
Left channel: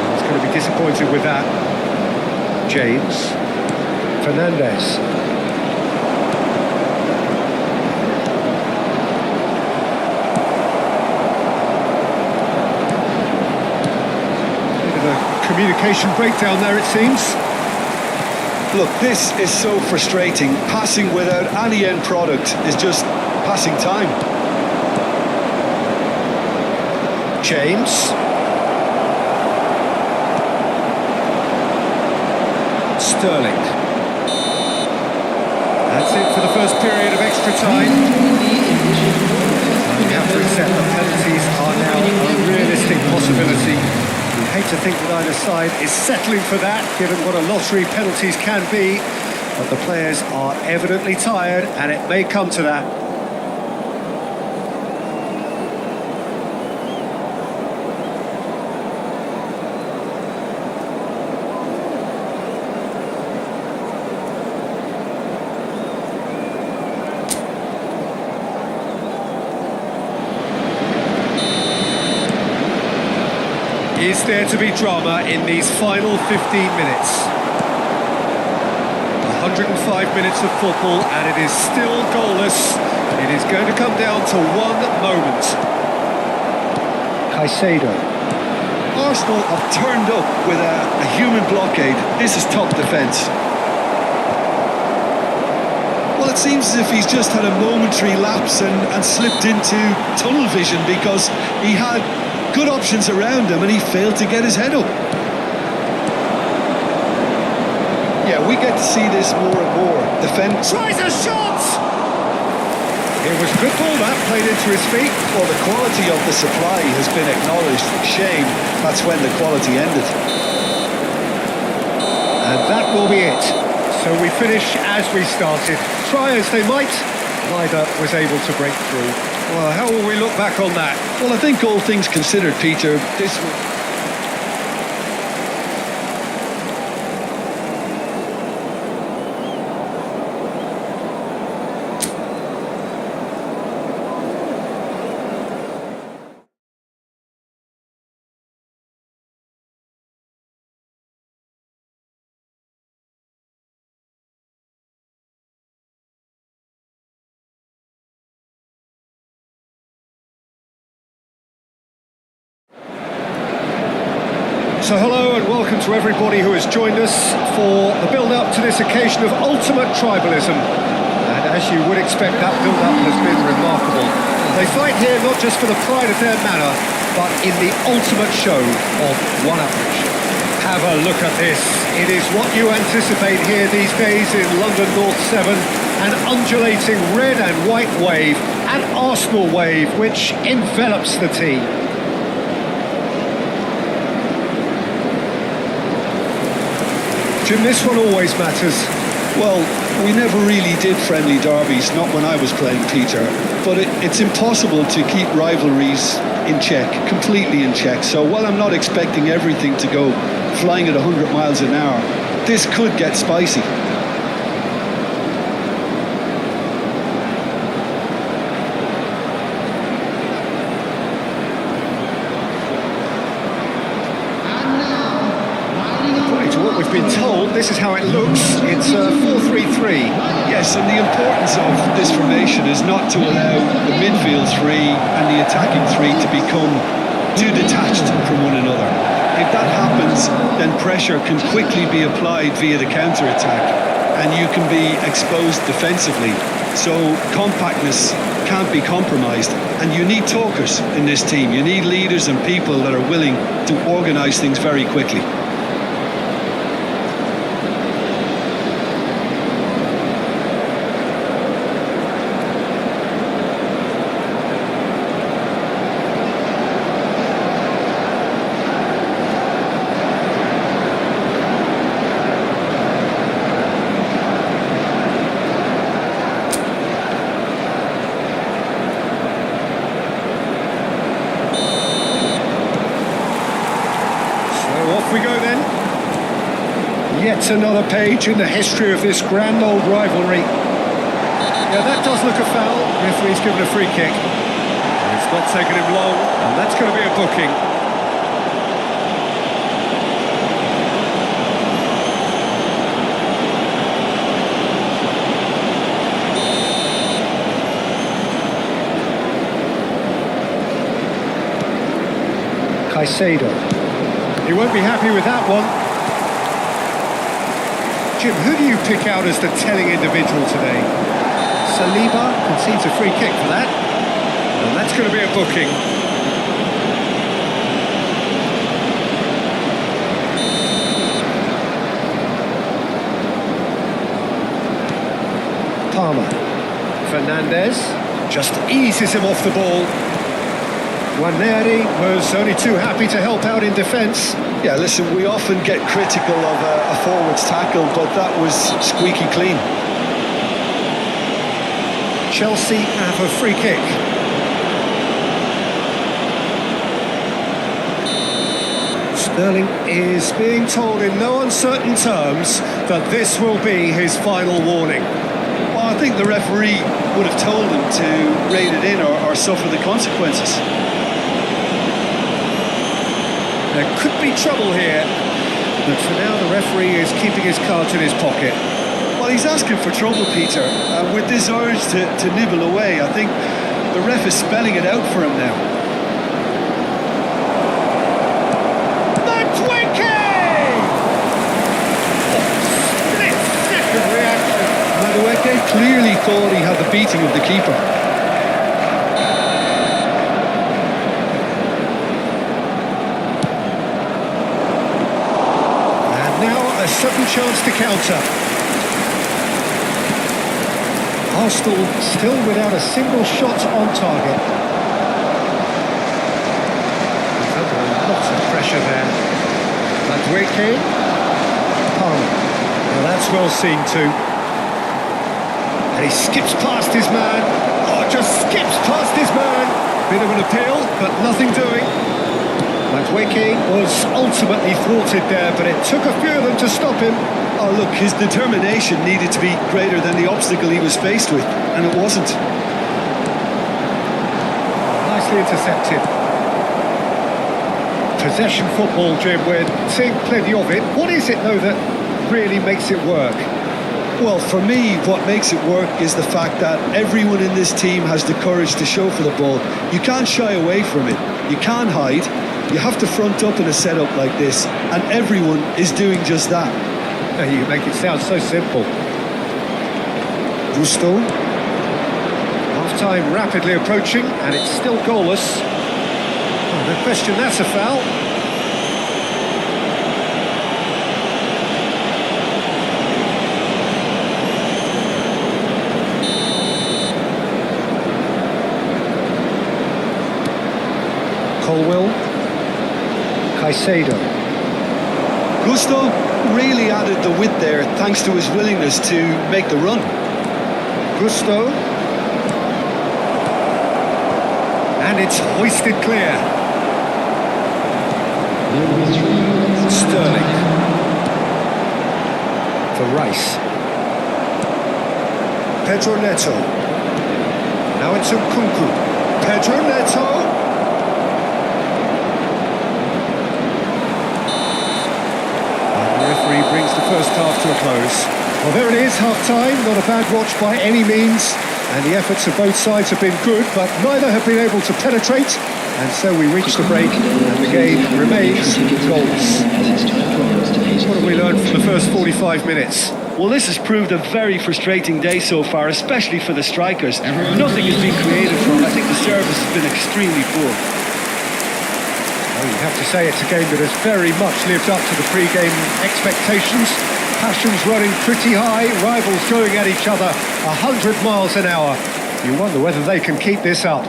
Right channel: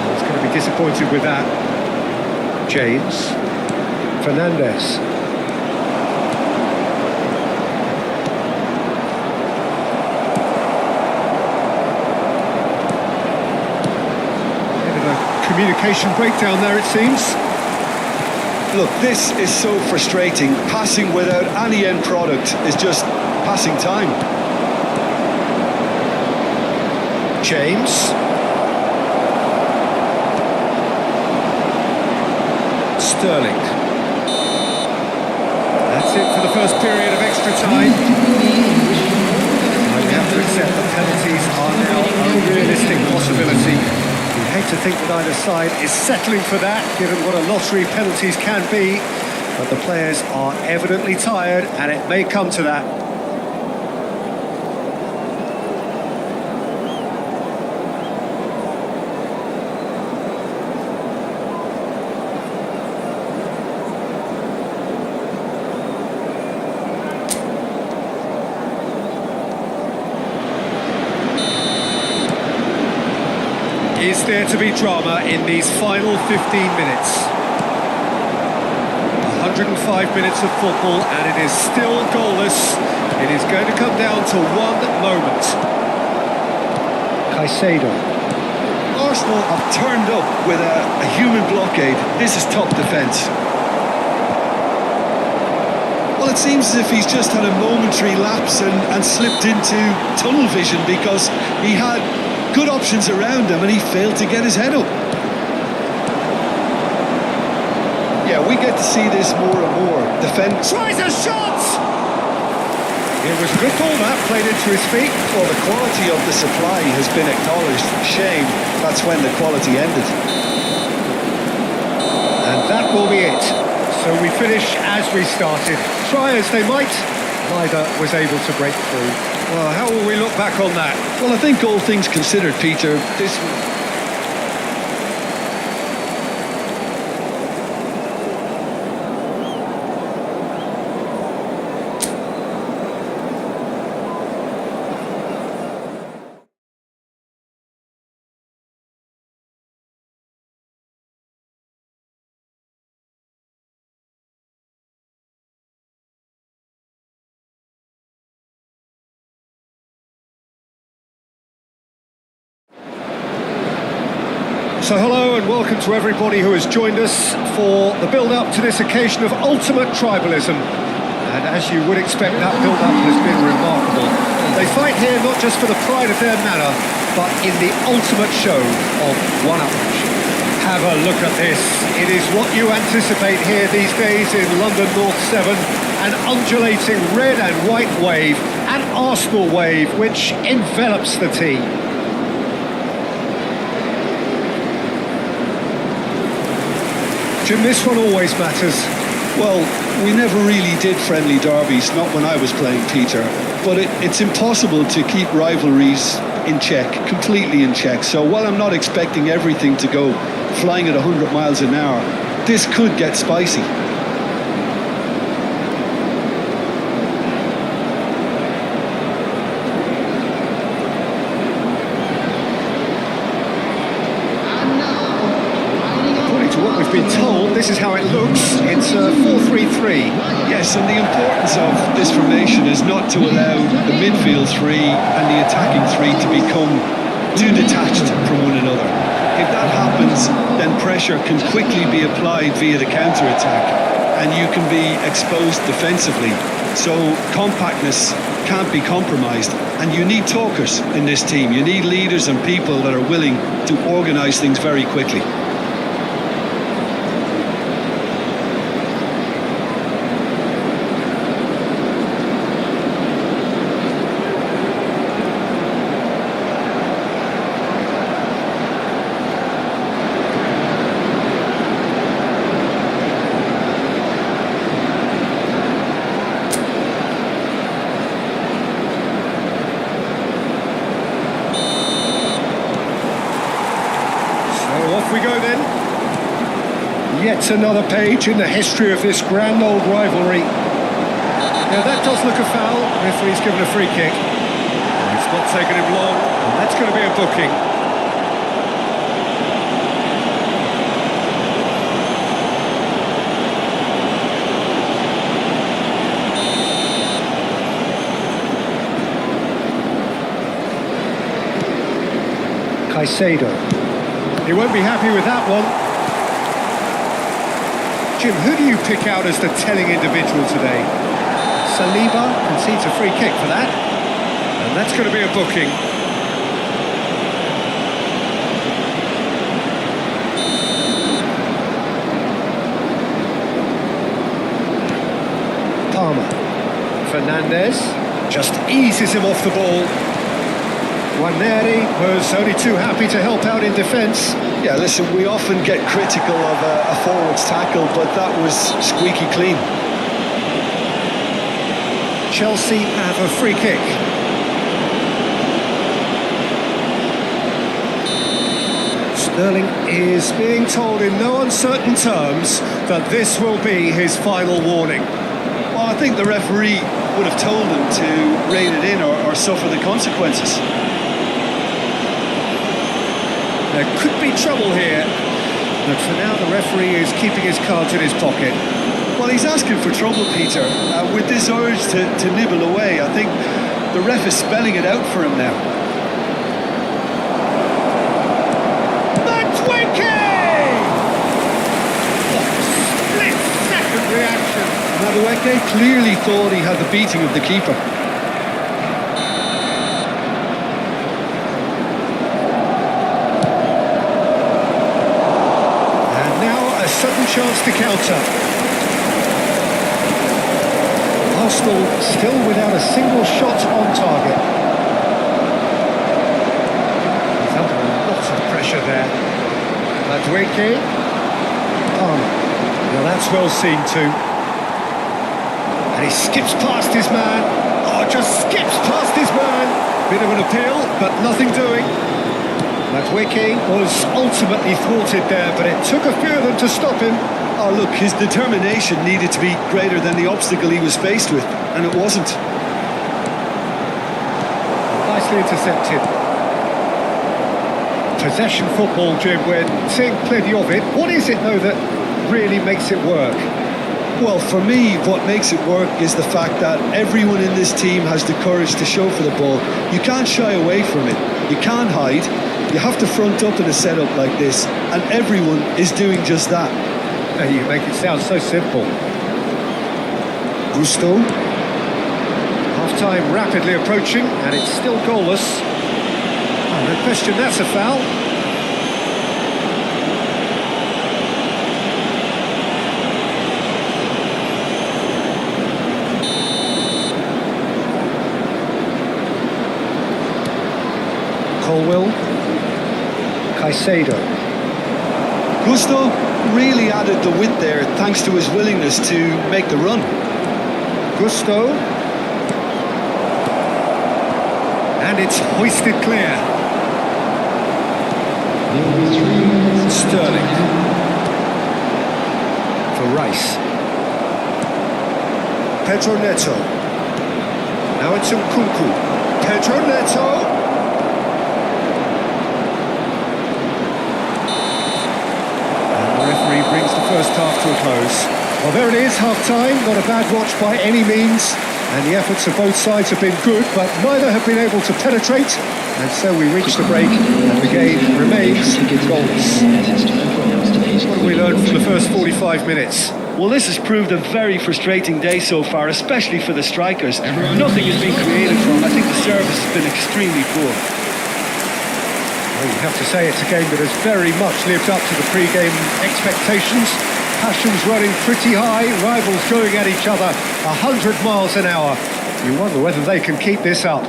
I was going to be disappointed with that. James. Fernandez. Bit of a communication breakdown there, it seems. Look, this is so frustrating. Passing without any end product is just passing time. James. Sterling. That's it for the first period of extra time. Please join me in wishing all the best. And we have to accept that penalties are now a realistic possibility. We hate to think that either side is settling for that, given what a lottery penalties can be. But the players are evidently tired, and it may come to that. Is there to be drama in these final 15 minutes? 105 minutes of football, and it is still goalless. It is going to come down to one moment. Caicedo. Arsenal have turned up with a human blockade. This is top defence. Well, it seems as if he's just had a momentary lapse and slipped into tunnel vision, because he had good options around him and he failed to get his head up. Yeah, we get to see this more and more. Defend. Tries a shot! It was a good ball that, played into his feet. Well, the quality of the supply has been acknowledged. Shame, that's when the quality ended. And that will be it. So we finish as we started. Try as they might, neither was able to break through. Well, how will we look back on that? Well, I think all things considered, Peter, this was... So hello and welcome to everybody who has joined us for the build-up to this occasion of ultimate tribalism. And as you would expect, that build-up has been remarkable. They fight here not just for the pride of their manor, but in the ultimate show of one-upmanship. Have a look at this. It is what you anticipate here these days in London North 7, an undulating red and white wave, an Arsenal wave which envelops the team. Jim, this one always matters. Well, we never really did friendly derbies, not when I was playing, Peter. But it's impossible to keep rivalries in check, completely in check. So while I'm not expecting everything to go flying at 100 miles an hour, this could get spicy. And now, lining up. According to what we've been told, this is how it looks. It's a 4-3-3. Yes, and the importance of this formation is not to allow the midfield three and the attacking three to become too detached from one another. If that happens, then pressure can quickly be applied via the counter-attack and you can be exposed defensively. So compactness can't be compromised, and you need talkers in this team. You need leaders and people that are willing to organise things very quickly. So off we go then. Yet another page in the history of this grand old rivalry. Yeah, that does look a foul. Referee's given a free kick. It's not taken him long, and that's going to be a booking. Caicedo. He won't be happy with that one. Jim, who do you pick out as the telling individual today? Saliba concedes a free kick for that. And that's going to be a booking. Palmer. Fernandez just eases him off the ball. Waneri was only too happy to help out in defence. Yeah, listen, we often get critical of a forward's tackle, but that was squeaky clean. Chelsea have a free kick. Sterling is being told in no uncertain terms that this will be his final warning. Well, I think the referee would have told him to rein it in or suffer the consequences. There could be trouble here, but for now the referee is keeping his cards in his pocket. Well, he's asking for trouble, Peter, and with this urge to nibble away, I think the ref is spelling it out for him now. Madueke! Oh, split-second reaction. Madueke clearly thought he had the beating of the keeper. And now a sudden chance to counter. Arsenal still without a single shot on target. He's under a lot of pressure there. Madueke. Palmer. Now that's well seen too. And he skips past his man. Oh, just skips past his man. Bit of an appeal, but nothing doing. Madueke was ultimately thwarted there, but it took a few of them to stop him. Oh, look, his determination needed to be greater than the obstacle he was faced with, and it wasn't. Oh, nicely intercepted. Possession football, Jim, we're seeing plenty of it. What is it, though, that really makes it work? Well, for me, what makes it work is the fact that everyone in this team has the courage to show for the ball. You can't shy away from it. You can't hide. You have to front up in a setup like this, and everyone is doing just that. You make it sound so simple. Gusto. Half-time rapidly approaching, and it's still goalless. Oh, no question, that's a foul. Colwell. Caicedo. Gusto really added the width there thanks to his willingness to make the run. Gusto. And it's hoisted clear. There will be 3 minutes. Sterling. For Rice. Pedro Neto. Now it's Nkunku. Pedro Neto. And the referee brings the first half to a close. Well, there it is, half-time. Not a bad watch by any means. And the efforts of both sides have been good, but neither have been able to penetrate. And so we reach the break, and the game remains goalless. As it's time to announce today's What have we learned from the first 45 minutes? Well, this has proved a very frustrating day so far, especially for the strikers. Nothing has been created from. I think the service has been extremely poor. Well, you have to say it's a game that has very much lived up to the pre-game expectations. Passions running pretty high, rivals going at each other 100 miles an hour. You wonder whether they can keep this up.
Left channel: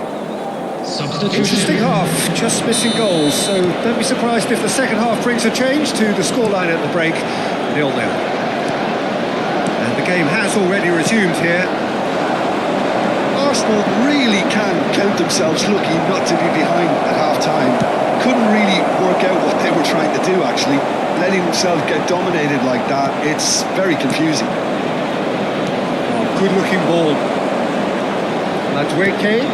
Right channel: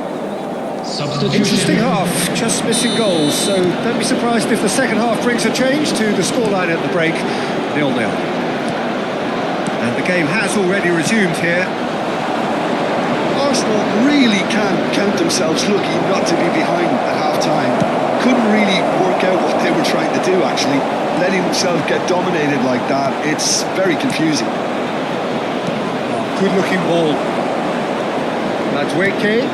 Substitution. Interesting half, just missing goals, so don't be surprised if the second half brings a change to the scoreline at the break, 0-0. And the game has already resumed here. Arsenal really can count themselves lucky not to be behind at half-time. Couldn't really work out what they were trying to do, actually. Letting themselves get dominated like that, it's very confusing. Oh, good-looking ball. Madueke.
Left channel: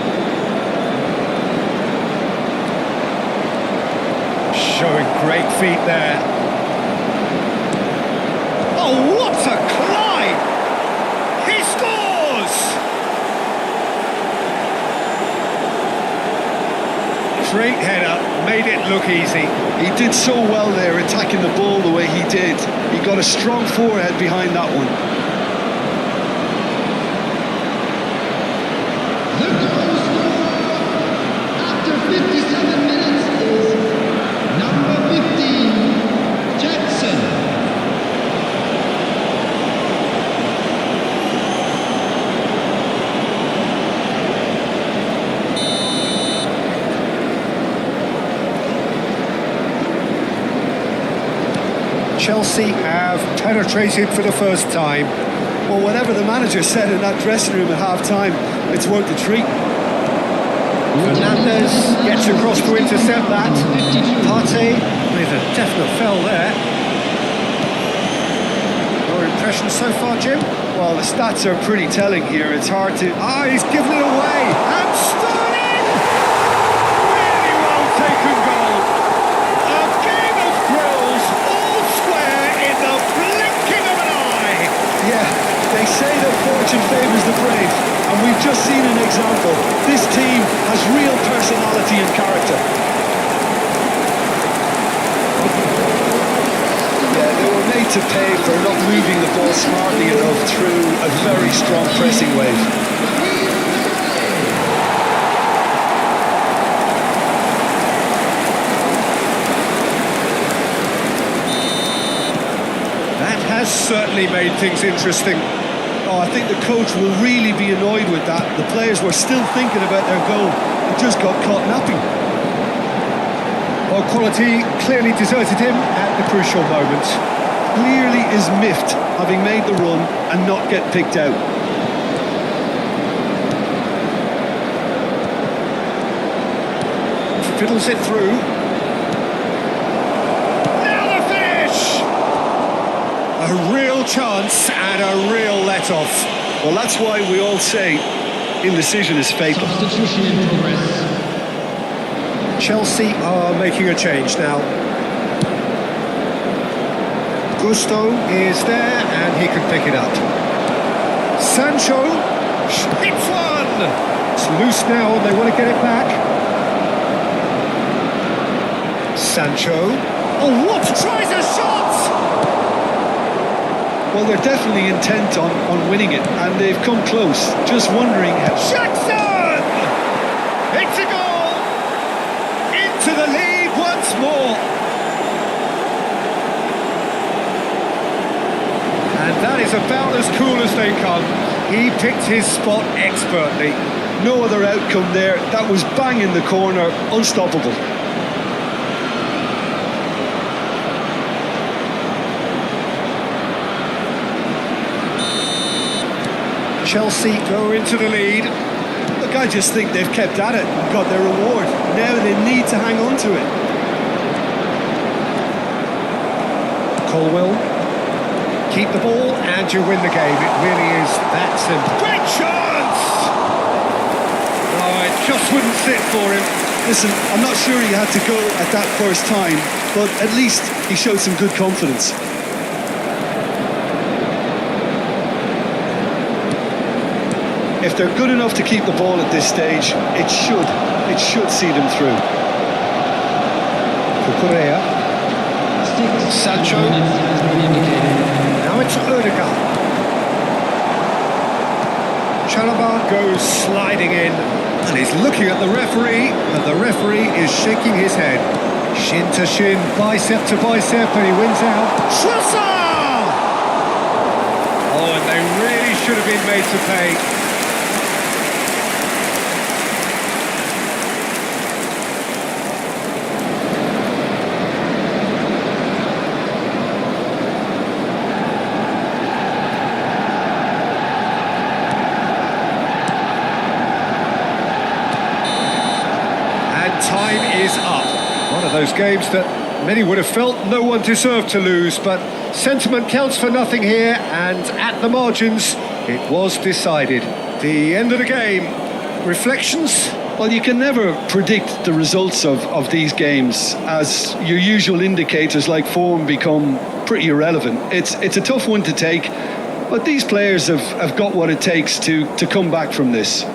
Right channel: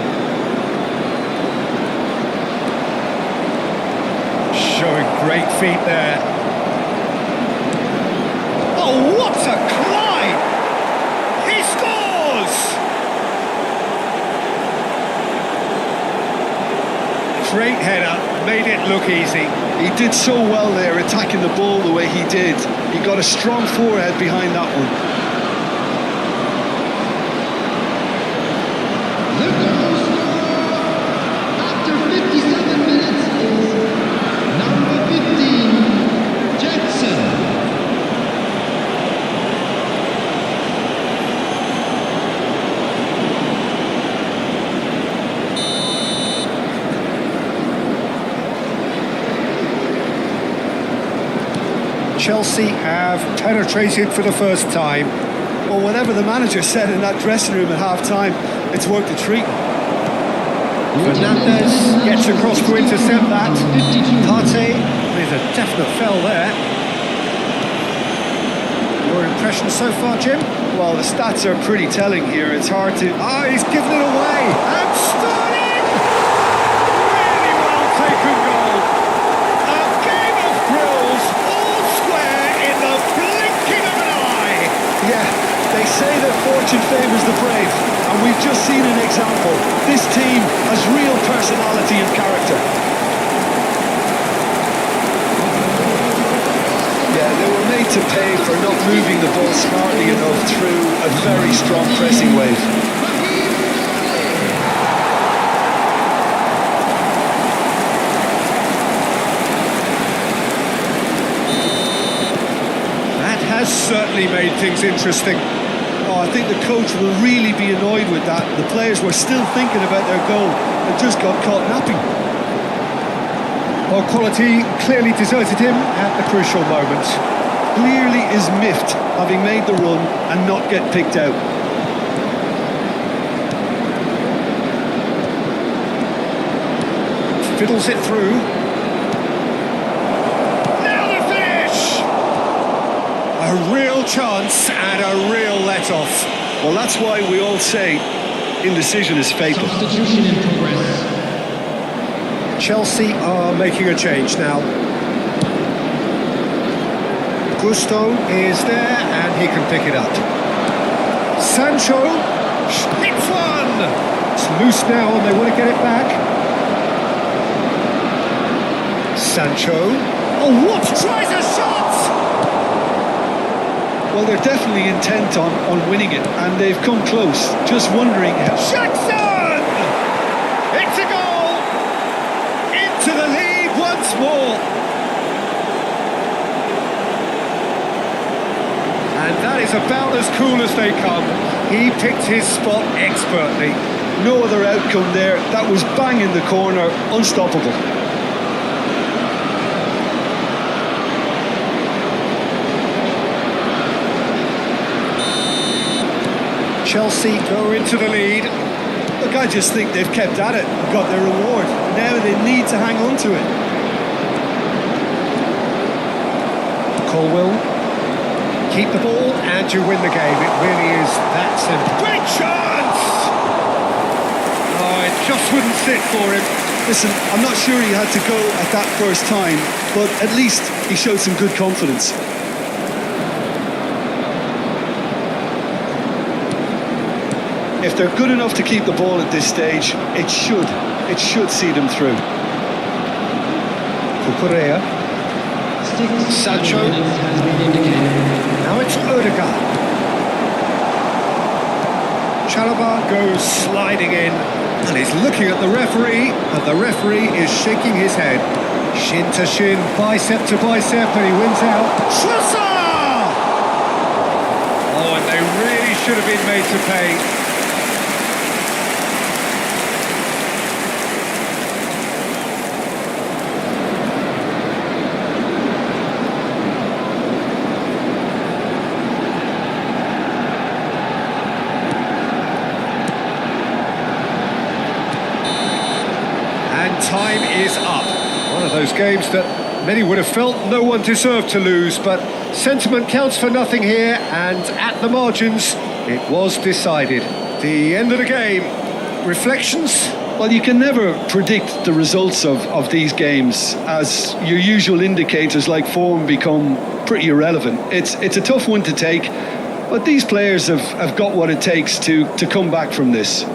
Showing great feet there. Oh, what a climb! He scores! Great header, made it look easy. He did so well there, attacking the ball the way he did. He got a strong forehead behind that one. The goal scorer after 57 minutes is number 15, Jackson. Chelsea have penetrated for the first time. Well, whatever the manager said in that dressing room at half-time, it's worked a treat. Fernandez gets across to intercept that. Partey with a definite fell there. Your impression so far, Jim? Well, the stats are pretty telling here. It's hard to... Ah, he's given it away. And Sterling! Really well taken goal. A game of thrills, all square in the blinking of an eye. Yeah, they say that fortune favours the brave, and we've just seen an example. This team has real personality and character. Yeah, they were made to pay for not moving the ball smartly enough through a very strong pressing wave. That has certainly made things interesting. Oh, I think the coach will really be annoyed with that. The players were still thinking about their goal and just got caught napping. Well, quality clearly deserted him at the crucial moment. Clearly is miffed, having made the run and not get picked out. Fiddles it through. Now the finish! A real chance and a real let-off. Well, that's why we all say indecision is fatal. Substitution in progress. Chelsea are making a change now. Gusto is there and he can pick it up. Sancho hits one! It's loose now and they want to get it back. Sancho. Oh, what? Tries a shot! Well, they're definitely intent on winning it, and they've come close. Just wondering how... Jackson! It's a goal! Into the lead once more. And that is about as cool as they come. He picked his spot expertly. No other outcome there. That was bang in the corner, unstoppable. Chelsea go into the lead. Look, I just think they've kept at it and got their reward. Now they need to hang on to it. Colwill. Keep the ball and you win the game. It really is that simple. Great chance! No, it just wouldn't sit for him. Listen, I'm not sure he had to go at that first time, but at least he showed some good confidence. If they're good enough to keep the ball at this stage, it should see them through. Cucurella. 6 Sancho. minutes has been indicated. Now it's Odegaard. Chalobah goes sliding in and he's looking at the referee, and the referee is shaking his head. Shin to shin, bicep to bicep, and he wins out. Trossard! Oh, and they really should have been made to pay. And time is up. One of those games that many would have felt no one deserved to lose, but sentiment counts for nothing here, and at the margins, it was decided. The end of the game. Reflections? Well, you can never predict the results of these games, as your usual indicators like form become pretty irrelevant. It's a tough one to take, but these players have got what it takes to come back from this.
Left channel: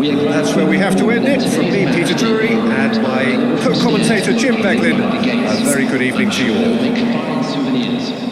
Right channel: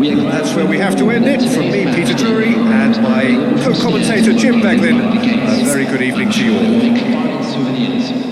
That's where we have to end it. From me, Peter Drury, and my co-commentator, Jim Beglin. A very good evening to you all. Make fine souvenirs.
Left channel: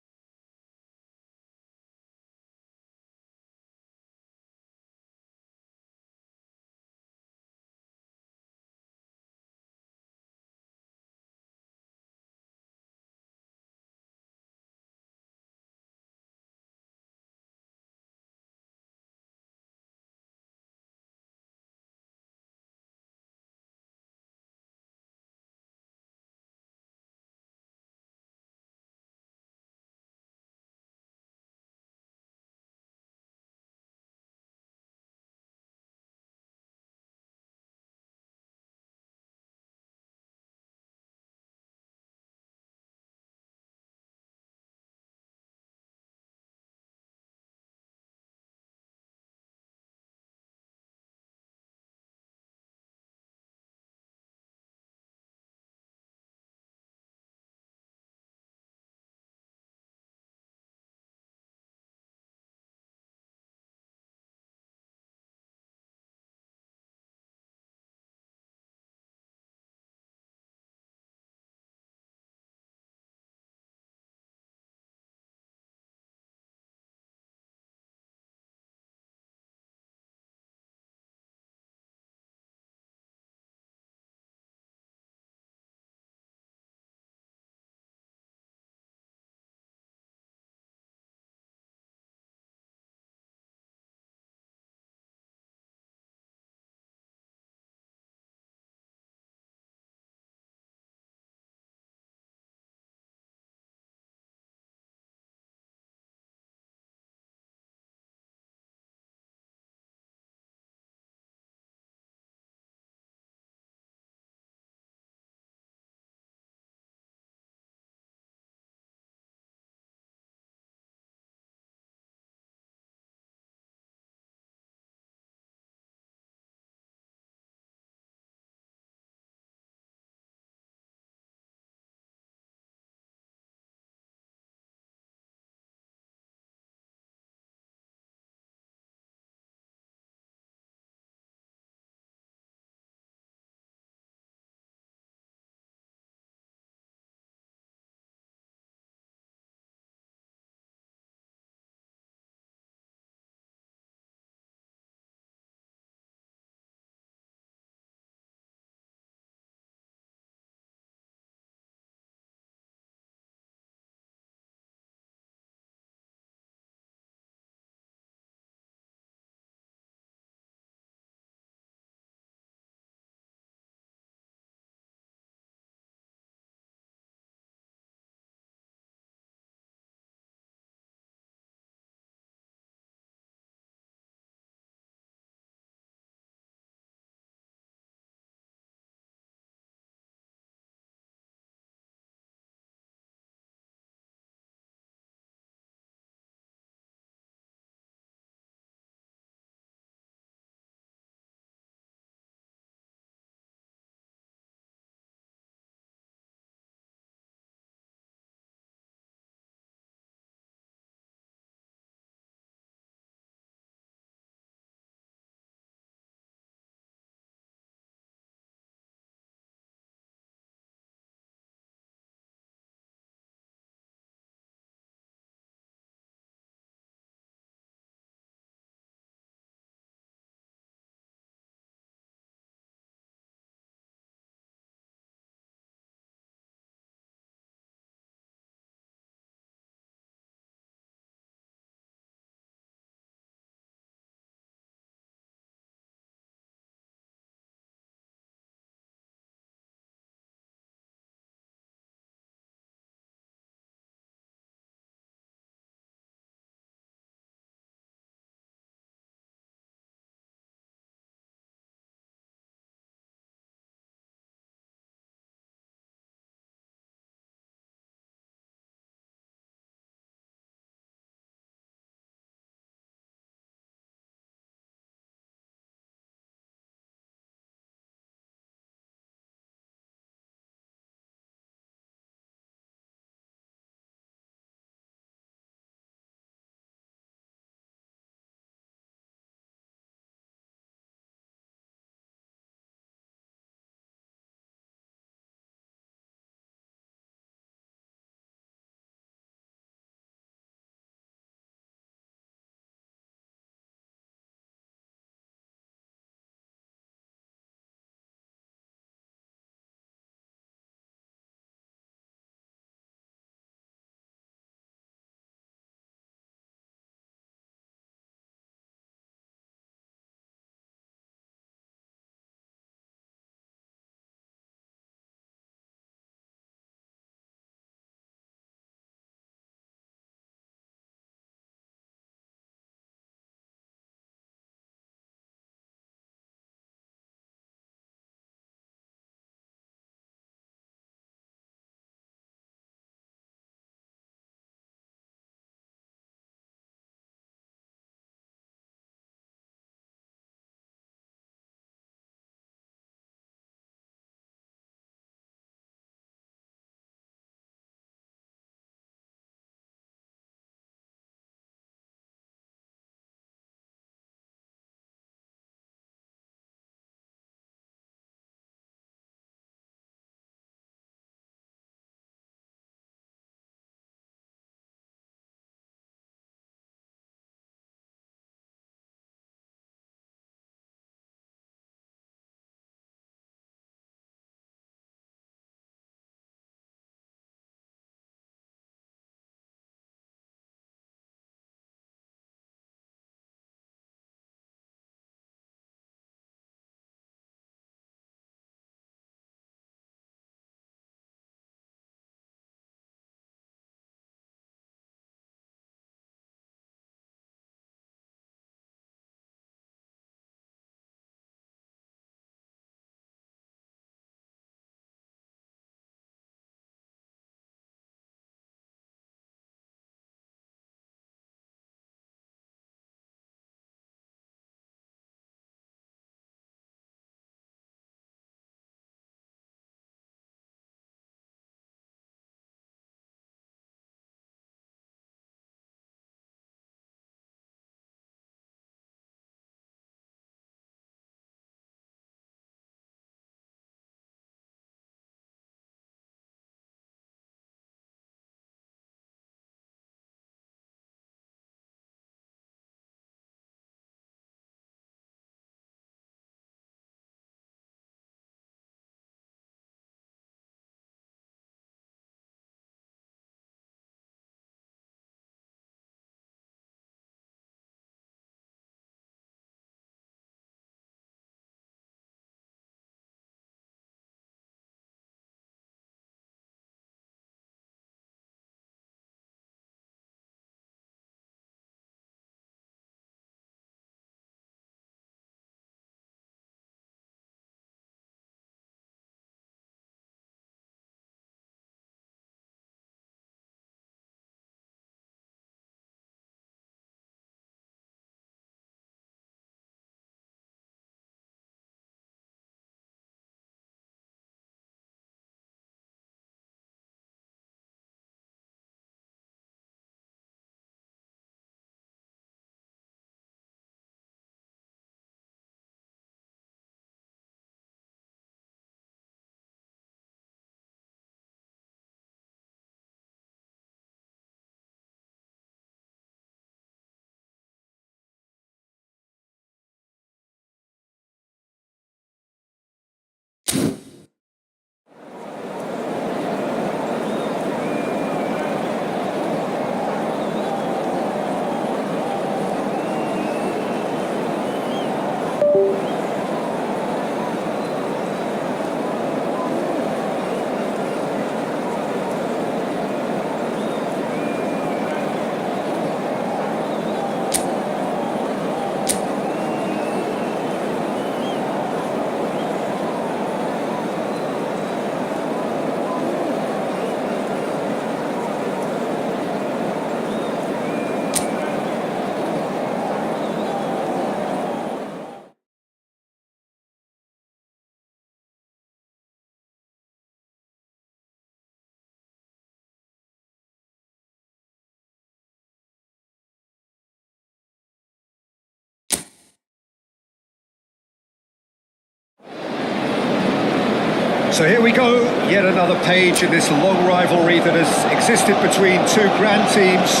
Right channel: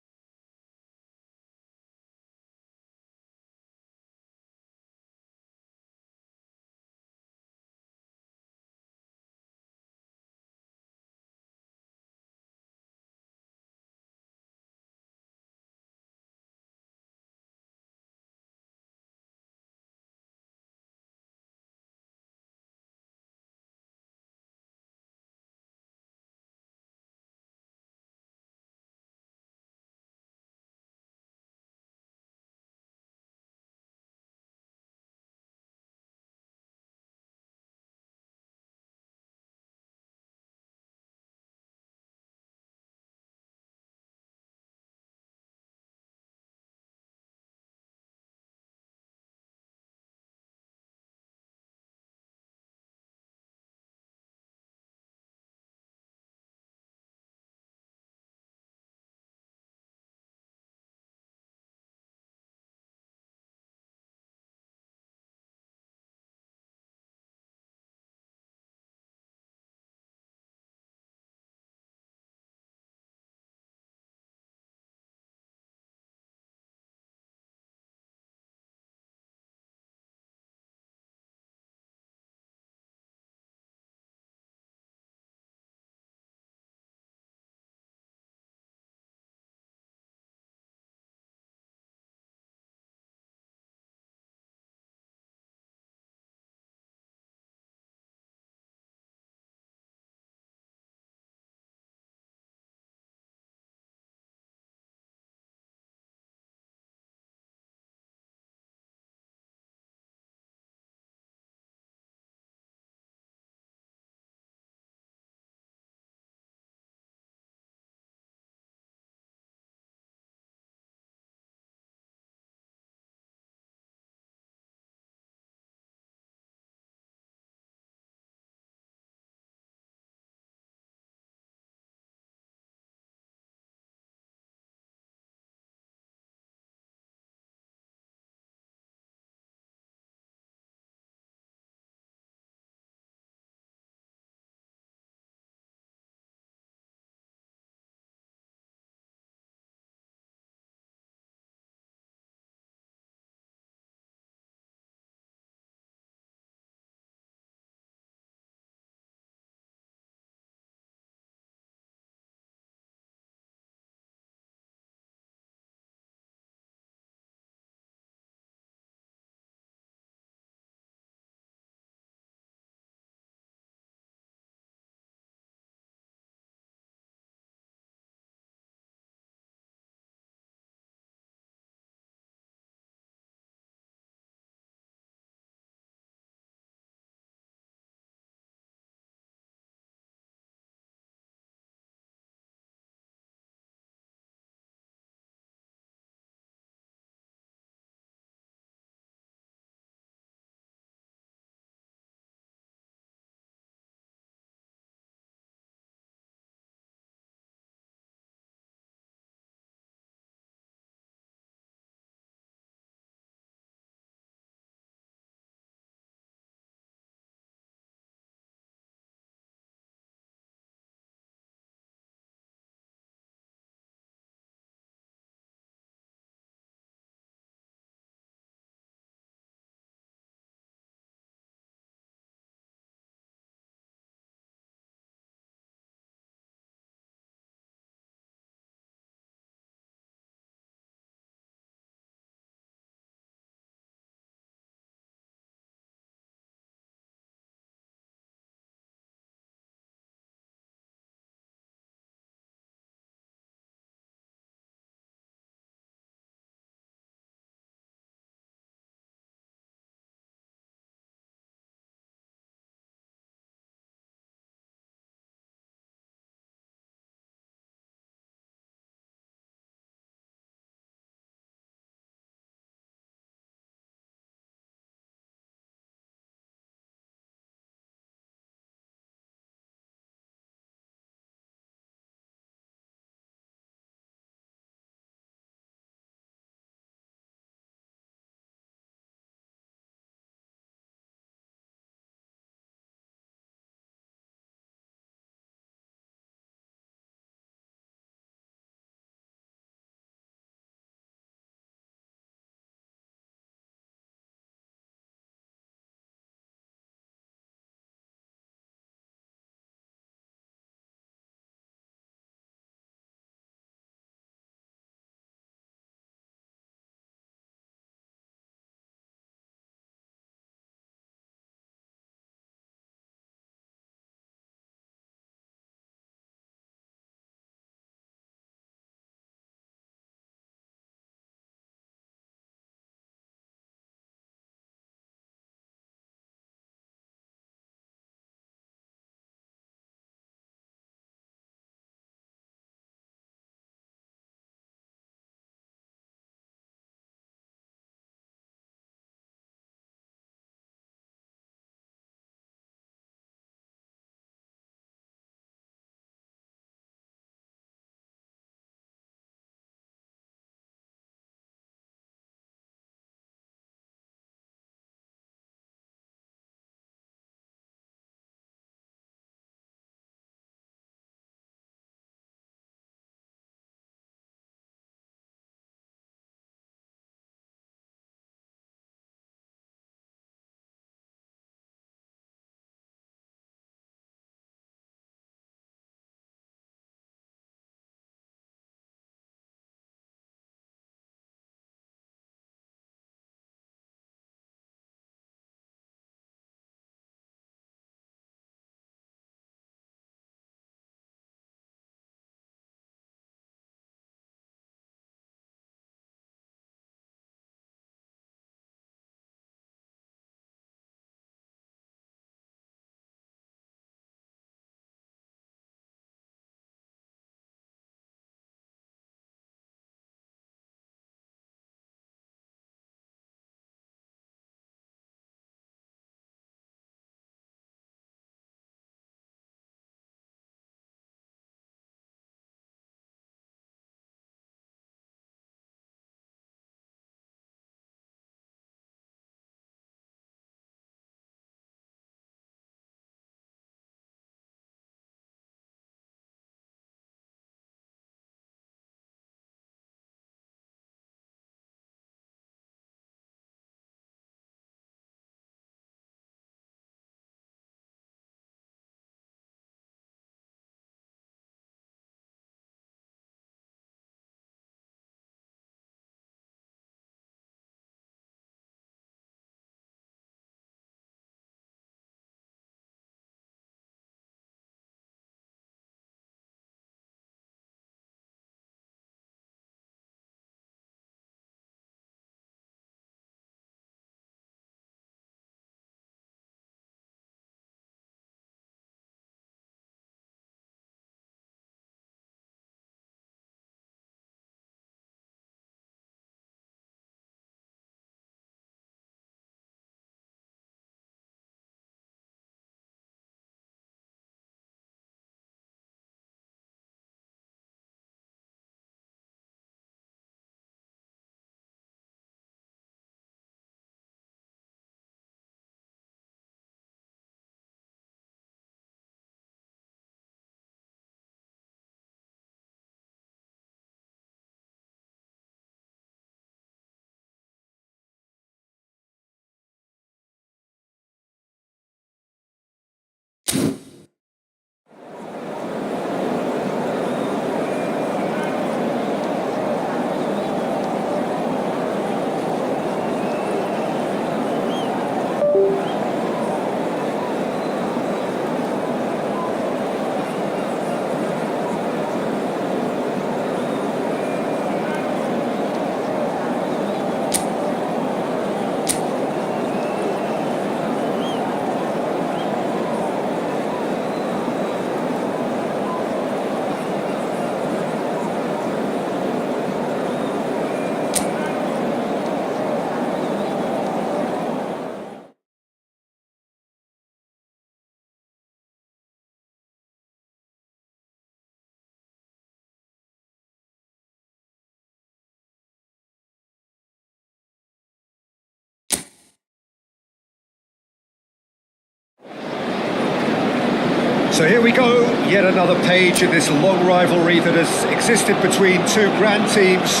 So here we go, yet another page in this long rivalry that has existed between two grand teams.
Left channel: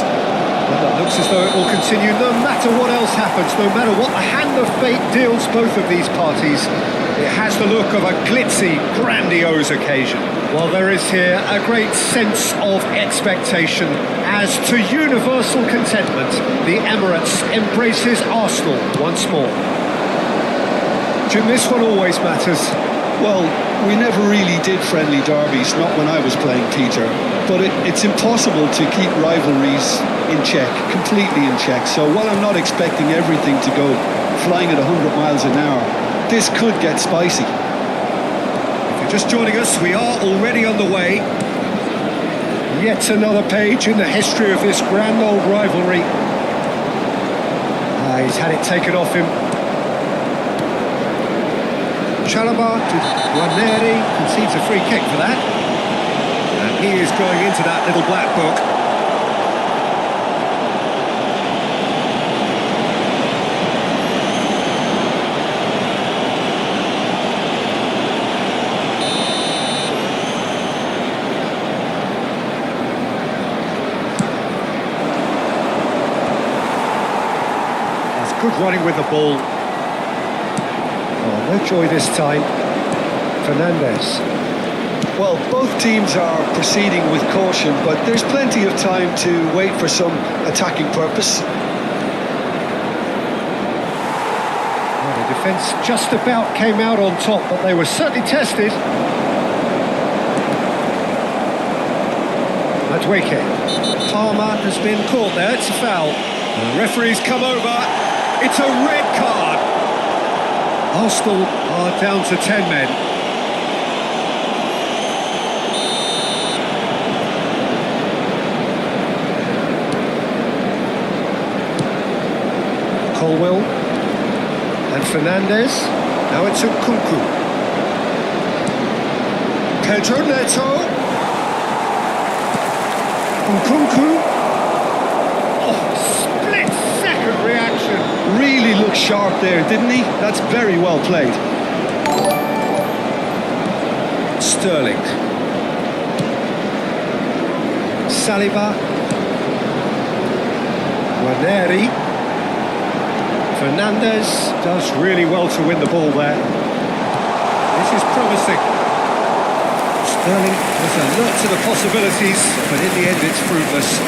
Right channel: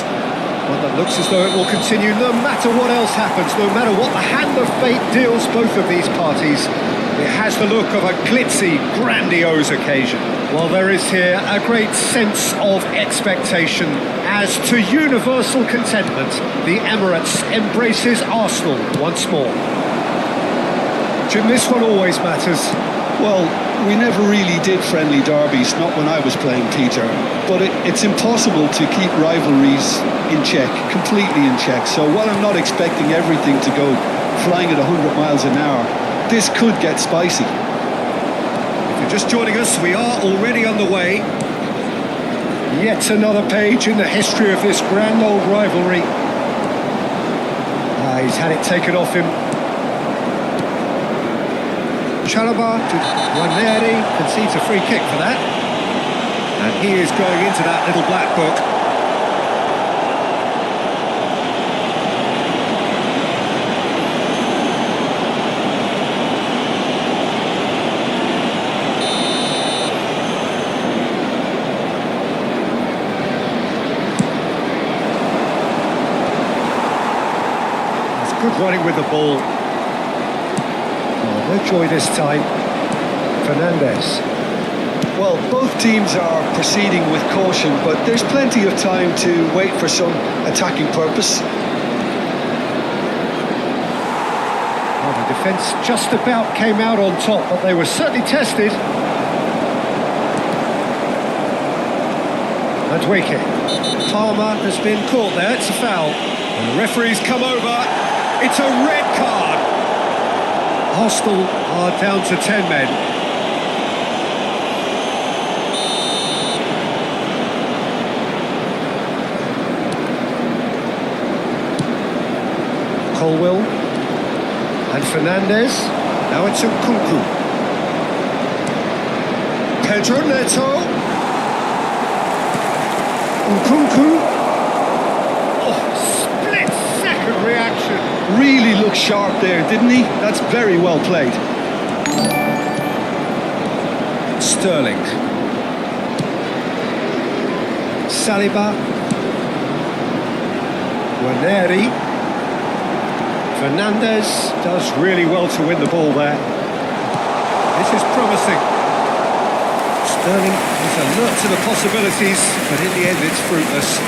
One that looks as though it will continue no matter what else happens, no matter what the hand of fate deals both of these parties. It has the look of a glitzy, grandiose occasion. While there is here a great sense of expectation, as to universal contentment, the Emirates embraces Arsenal once more. Jim, this one always matters. Well, we never really did friendly derbies, not when I was playing, Peter. But it's impossible to keep rivalries in check, completely in check. So while I'm not expecting everything to go flying at 100 miles an hour, this could get spicy. If you're just joining us, we are already underway. Yet another page in the history of this grand old rivalry. He's had it taken off him. Chalobah to Waneri, concedes a free kick for that. And he is going into that little black book. That's good running with the ball. Oh, no joy this time. Fernandes. Well, both teams are proceeding with caution, but there's plenty of time to wait for some attacking purpose. Well, the defence just about came out on top, but they were certainly tested. Madueke. Palmer has been caught there, it's a foul. And the referee's come over, it's a red card. Arsenal are down to 10 men. Colwill and Fernandes. Now it's Nkunku. Pedro Neto. Nkunku. Oh, split-second reaction. Really looked sharp there, didn't he? That's very well played. Sterling. Saliba. Waneri. Fernandes does really well to win the ball there. This is promising. Sterling is alert to the possibilities, but in the end it's fruitless.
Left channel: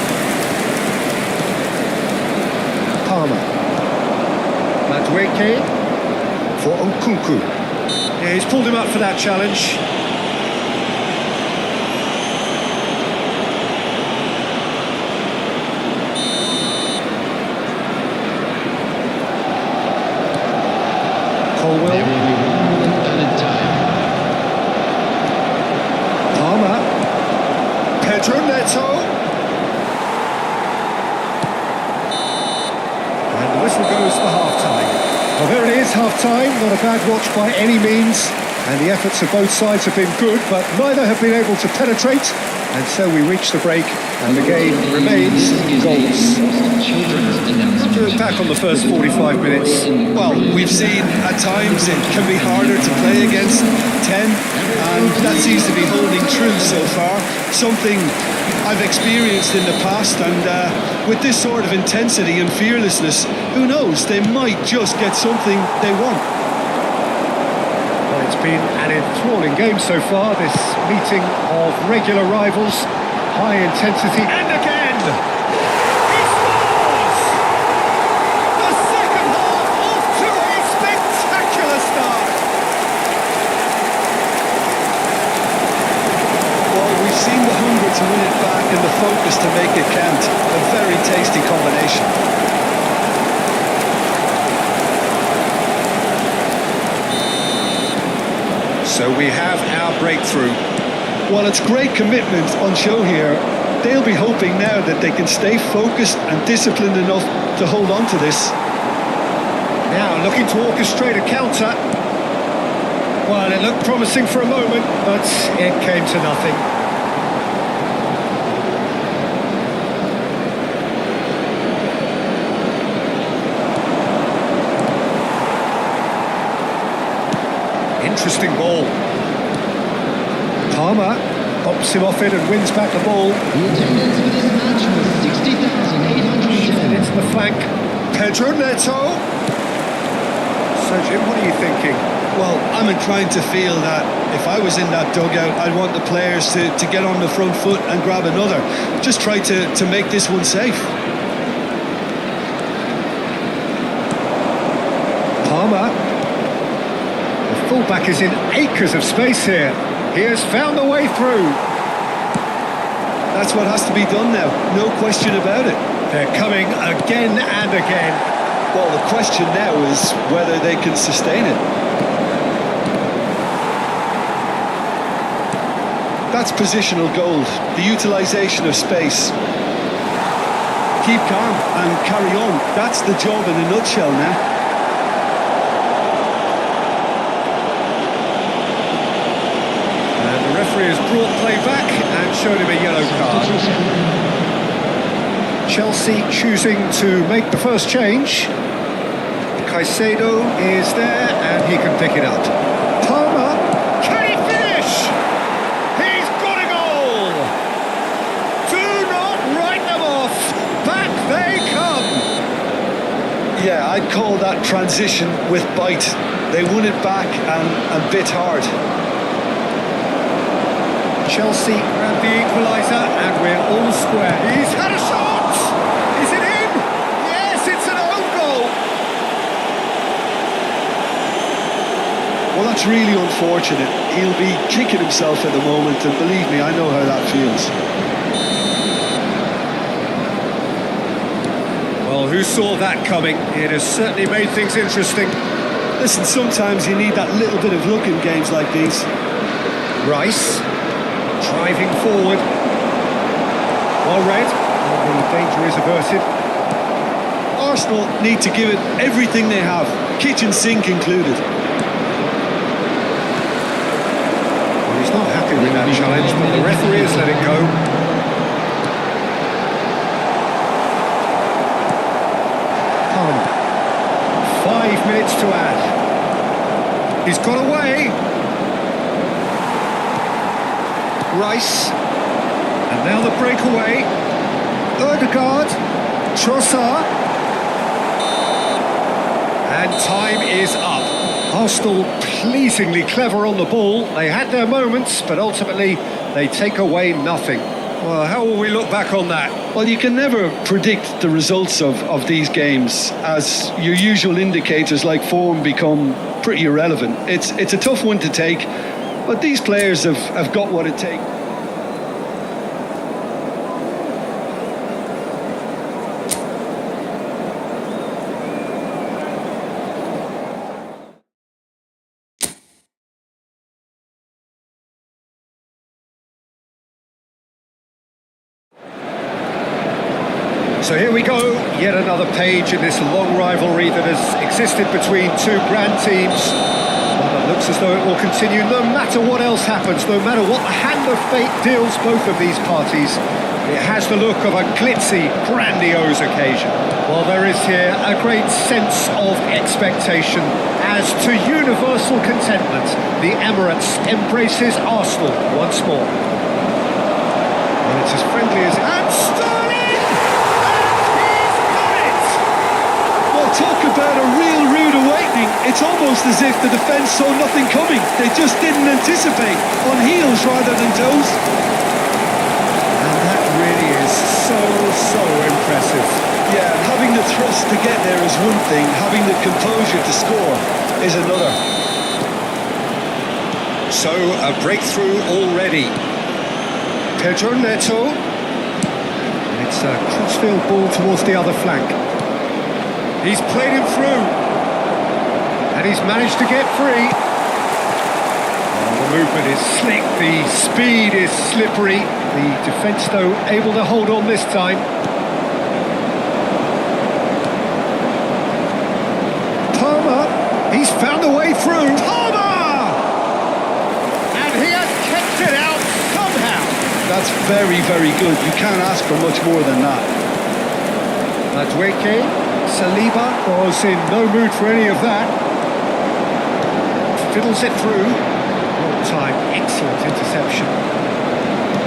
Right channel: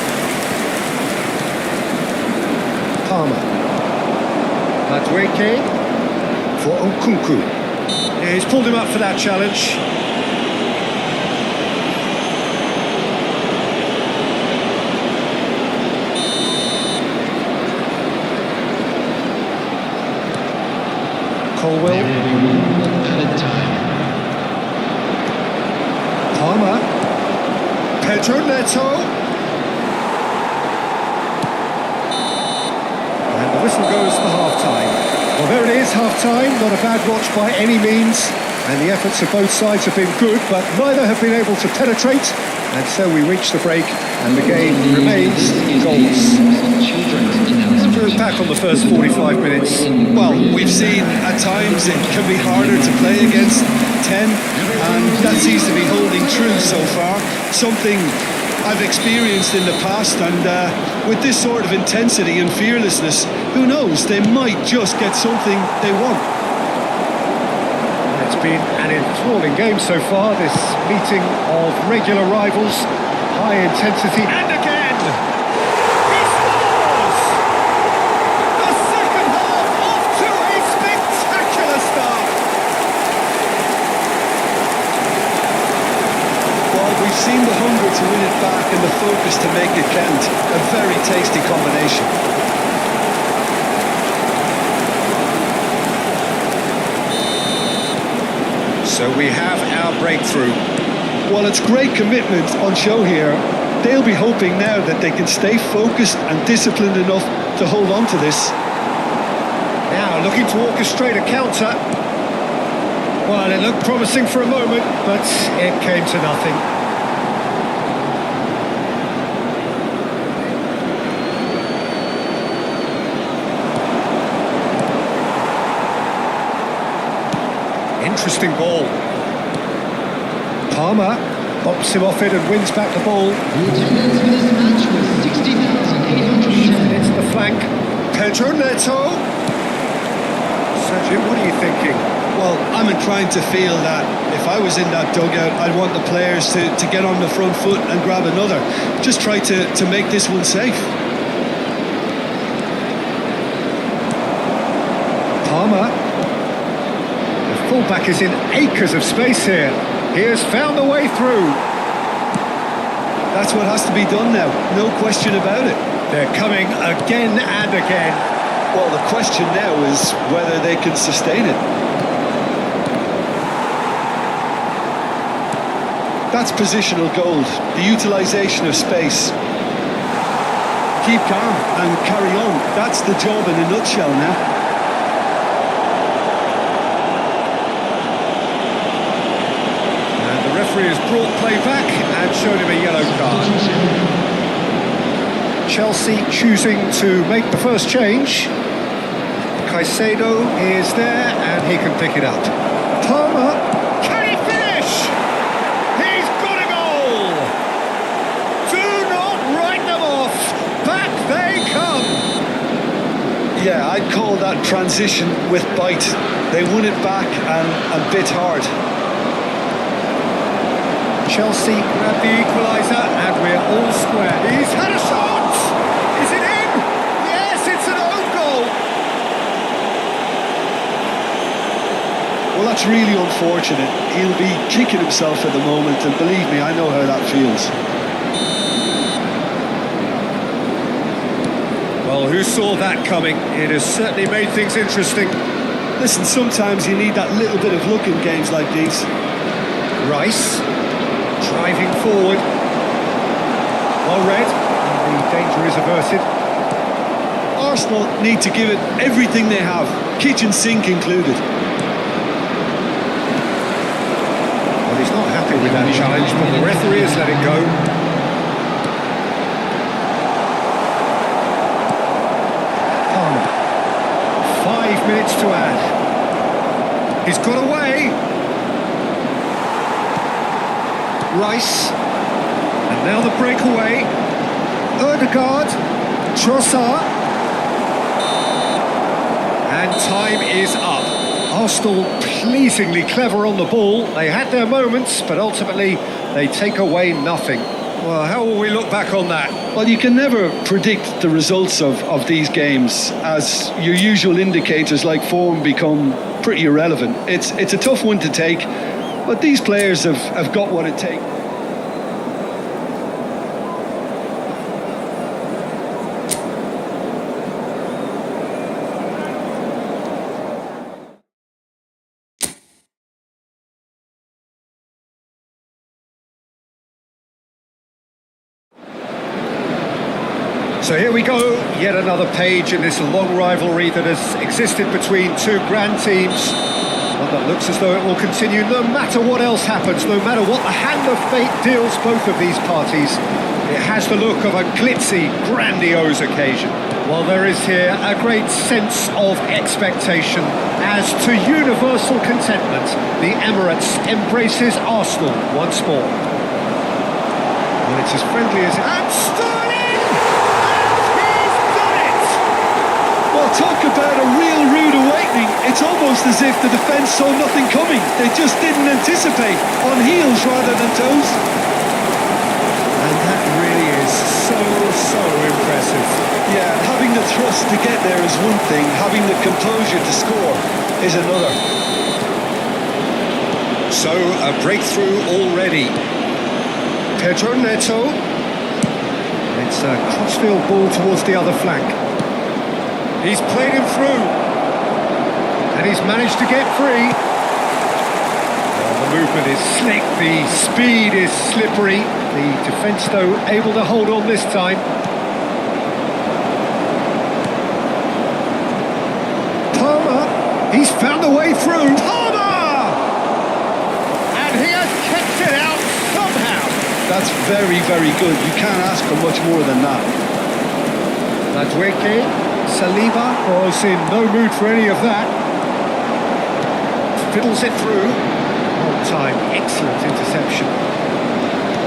Palmer. Madueke for Nkunku. Yeah, he's pulled him up for that challenge. Colwill. There will be 1 minute added time. Palmer. Pedro Neto. And the whistle goes for half-time. Well, there it is, half-time. Not a bad watch by any means. And the efforts of both sides have been good, but neither have been able to penetrate. And so we reach the break, and the game remains goalless. How to look back on the first 45 minutes? Well, we've seen at times it can be harder to play against 10, and that seems to be holding true so far. Something I've experienced in the past, and with this sort of intensity and fearlessness, who knows, they might just get something they want. Well, it's been an enthralling game so far, this meeting of regular rivals. High intensity, and again! He scores! The second half off to a spectacular start! Well, we've seen the hunger to win it back and the focus to make it count. A very tasty combination. So we have our breakthrough. Well, it's great commitment on show here. They'll be hoping now that they can stay focused and disciplined enough to hold on to this. Now looking to orchestrate a counter. Well, it looked promising for a moment, but it came to nothing. Interesting ball. Palmer bops him off it and wins back the ball. The attendance for this match was 60,810. It's the flank. Pedro Neto. So, Jim, what are you thinking? Well, I'm inclined to feel that if I was in that dugout, I'd want the players to get on the front foot and grab another. Just try to make this one safe. Palmer. The fullback is in acres of space here. He has found the way through. That's what has to be done now, no question about it. They're coming again and again. Well, the question now is whether they can sustain it. That's positional gold, the utilisation of space. Keep calm and carry on. That's the job in a nutshell now. And the referee has brought play back and showed him a yellow card. Chelsea choosing to make the first change. Caicedo is there and he can pick it up. Palmer, can he finish? He's got a goal! Do not write them off. Back they come. Yeah, I'd call that transition with bite. They won it back and bit hard. Chelsea grab the equaliser and we're all square. He's had a shot! Is it in? Yes, it's an own goal! Well, that's really unfortunate. He'll be kicking himself at the moment, and believe me, I know how that feels. Well, who saw that coming? It has certainly made things interesting. Listen, sometimes you need that little bit of luck in games like these. Rice, driving forward. Well read, and the danger is averted. Arsenal need to give it everything they have, kitchen sink included. Well, he's not happy with that challenge, but the referee has let it go. Palmer. 5 minutes to add. He's got away. Rice. And now the breakaway. Ødegaard. Trossard. And time is up. Arsenal pleasingly clever on the ball. They had their moments, but ultimately they take away nothing. Well, how will we look back on that? Well, you can never predict the results of these games, as your usual indicators like form become pretty irrelevant. It's a tough one to take, but these players have got what it takes. So here we go, yet another page in this long rivalry that has existed between two grand teams. One that looks as though it will continue no matter what else happens, no matter what the hand of fate deals both of these parties. It has the look of a glitzy, grandiose occasion. While there is here a great sense of expectation as to universal contentment, the Emirates embraces Arsenal once more. Well, it's as friendly as it... And Sterling! Well, talk about a real rude awakening. It's almost as if the defence saw nothing coming. They just didn't anticipate, on heels rather than toes. And that really is so impressive. Yeah, and having the thrust to get there is one thing, having the composure to score is another. So, a breakthrough already. Pedro Neto. And it's a crossfield ball towards the other flank. He's played him through, and he's managed to get free. Oh, the movement is slick, the speed is slippery. The defence, though, able to hold on this time. Palmer, he's found a way through. Palmer! And he has kept it out somehow. That's very, very good. You can't ask for much more than that. Madueke. Saliba was in no mood for any of that. Fiddles it through. Well timed, excellent interception.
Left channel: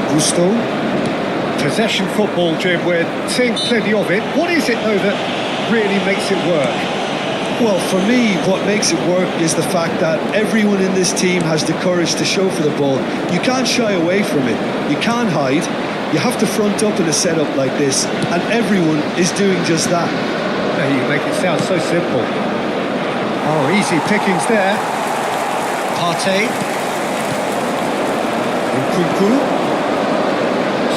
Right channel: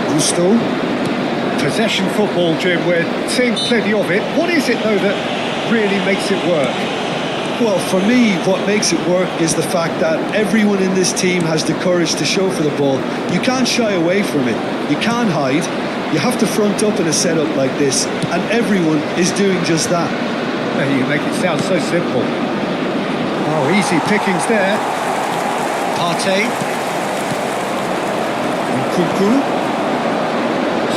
Gusto. Possession football, Jim, we're seeing plenty of it. What is it, though, that really makes it work? Well, for me, what makes it work is the fact that everyone in this team has the courage to show for the ball. You can't shy away from it. You can't hide. You have to front up in a setup like this, and everyone is doing just that. You make it sound so simple. Oh, easy pickings there. Partey. Nkunku.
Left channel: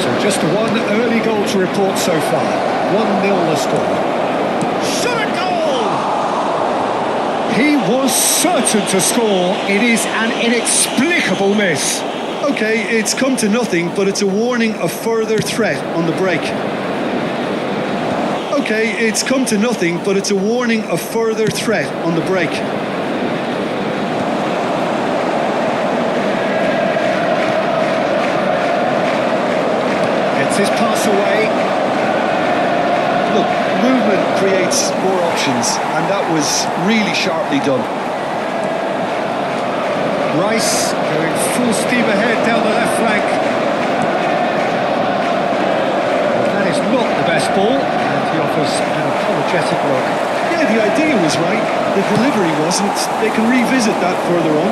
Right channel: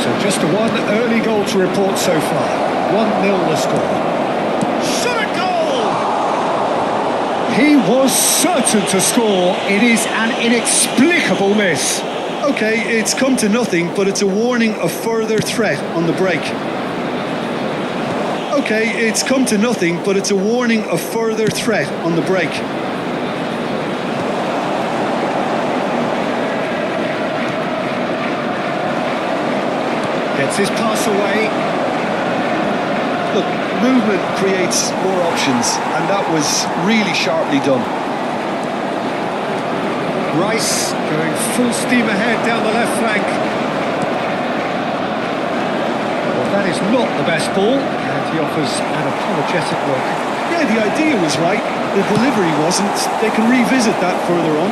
So just a one early goal to report so far. 1-0 the score. Shot a goal! He was certain to score. It is an inexplicable miss. Okay, it's come to nothing, but it's a warning of further threat on the break. Okay, it's come to nothing, but it's a warning of further threat on the break. Gets his pass away. Look, movement creates more options, and that was really sharply done. Rice going full steam ahead down the left flank. Well, that is not the best ball, and he offers an apologetic look. Yeah, the idea was right, the delivery wasn't. They can revisit that further on.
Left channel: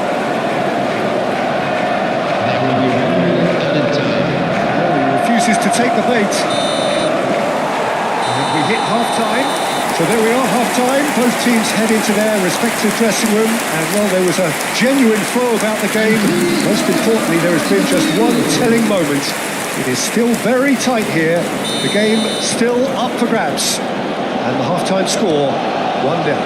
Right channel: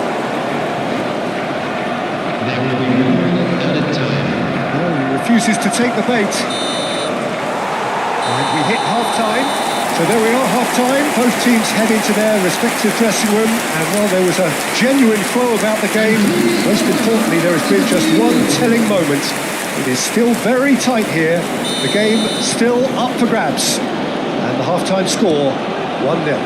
There will be 1 minute added time. Oh, he refuses to take the bait. And we hit half-time. So there we are, half-time. Both teams head into their respective dressing room. And while there was a genuine flow about the game, most importantly, there has been just one telling moment. It is still very tight here. The game still up for grabs. And the half-time score, 1-0.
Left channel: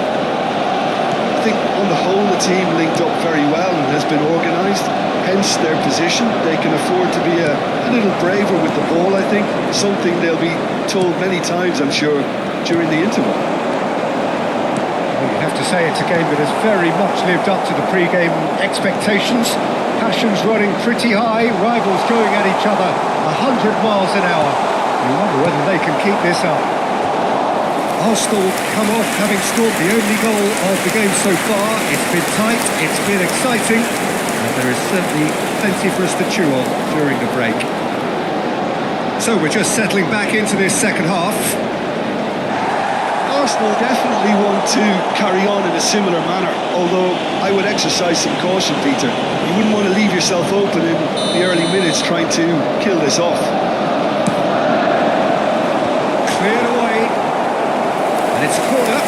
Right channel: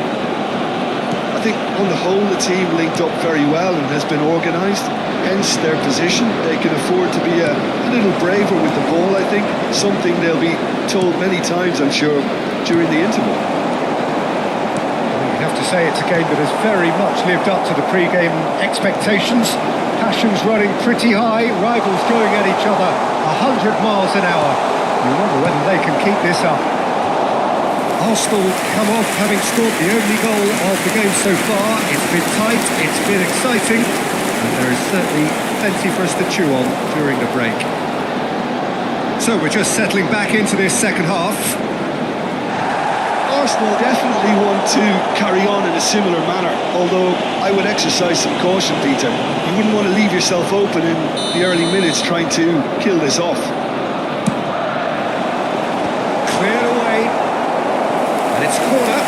I think on the whole, the team linked up very well and has been organised. Hence their position. They can afford to be a little braver with the ball, I think. Something they'll be told many times, I'm sure, during the interval. Well, you have to say it's a game that has very much lived up to the pre-game expectations. Passions running pretty high, rivals going at each other 100 miles an hour. You wonder whether they can keep this up. Arsenal come off having scored the only goal of the game so far. It's been tight, it's been exciting. And there is certainly plenty for us to chew on during the break. So we're just settling back into this second half. Arsenal definitely want to carry on in a similar manner, although I would exercise some caution, Peter. You wouldn't want to leave yourself open in the early minutes trying to kill this off. Cleared away. And it's a corner.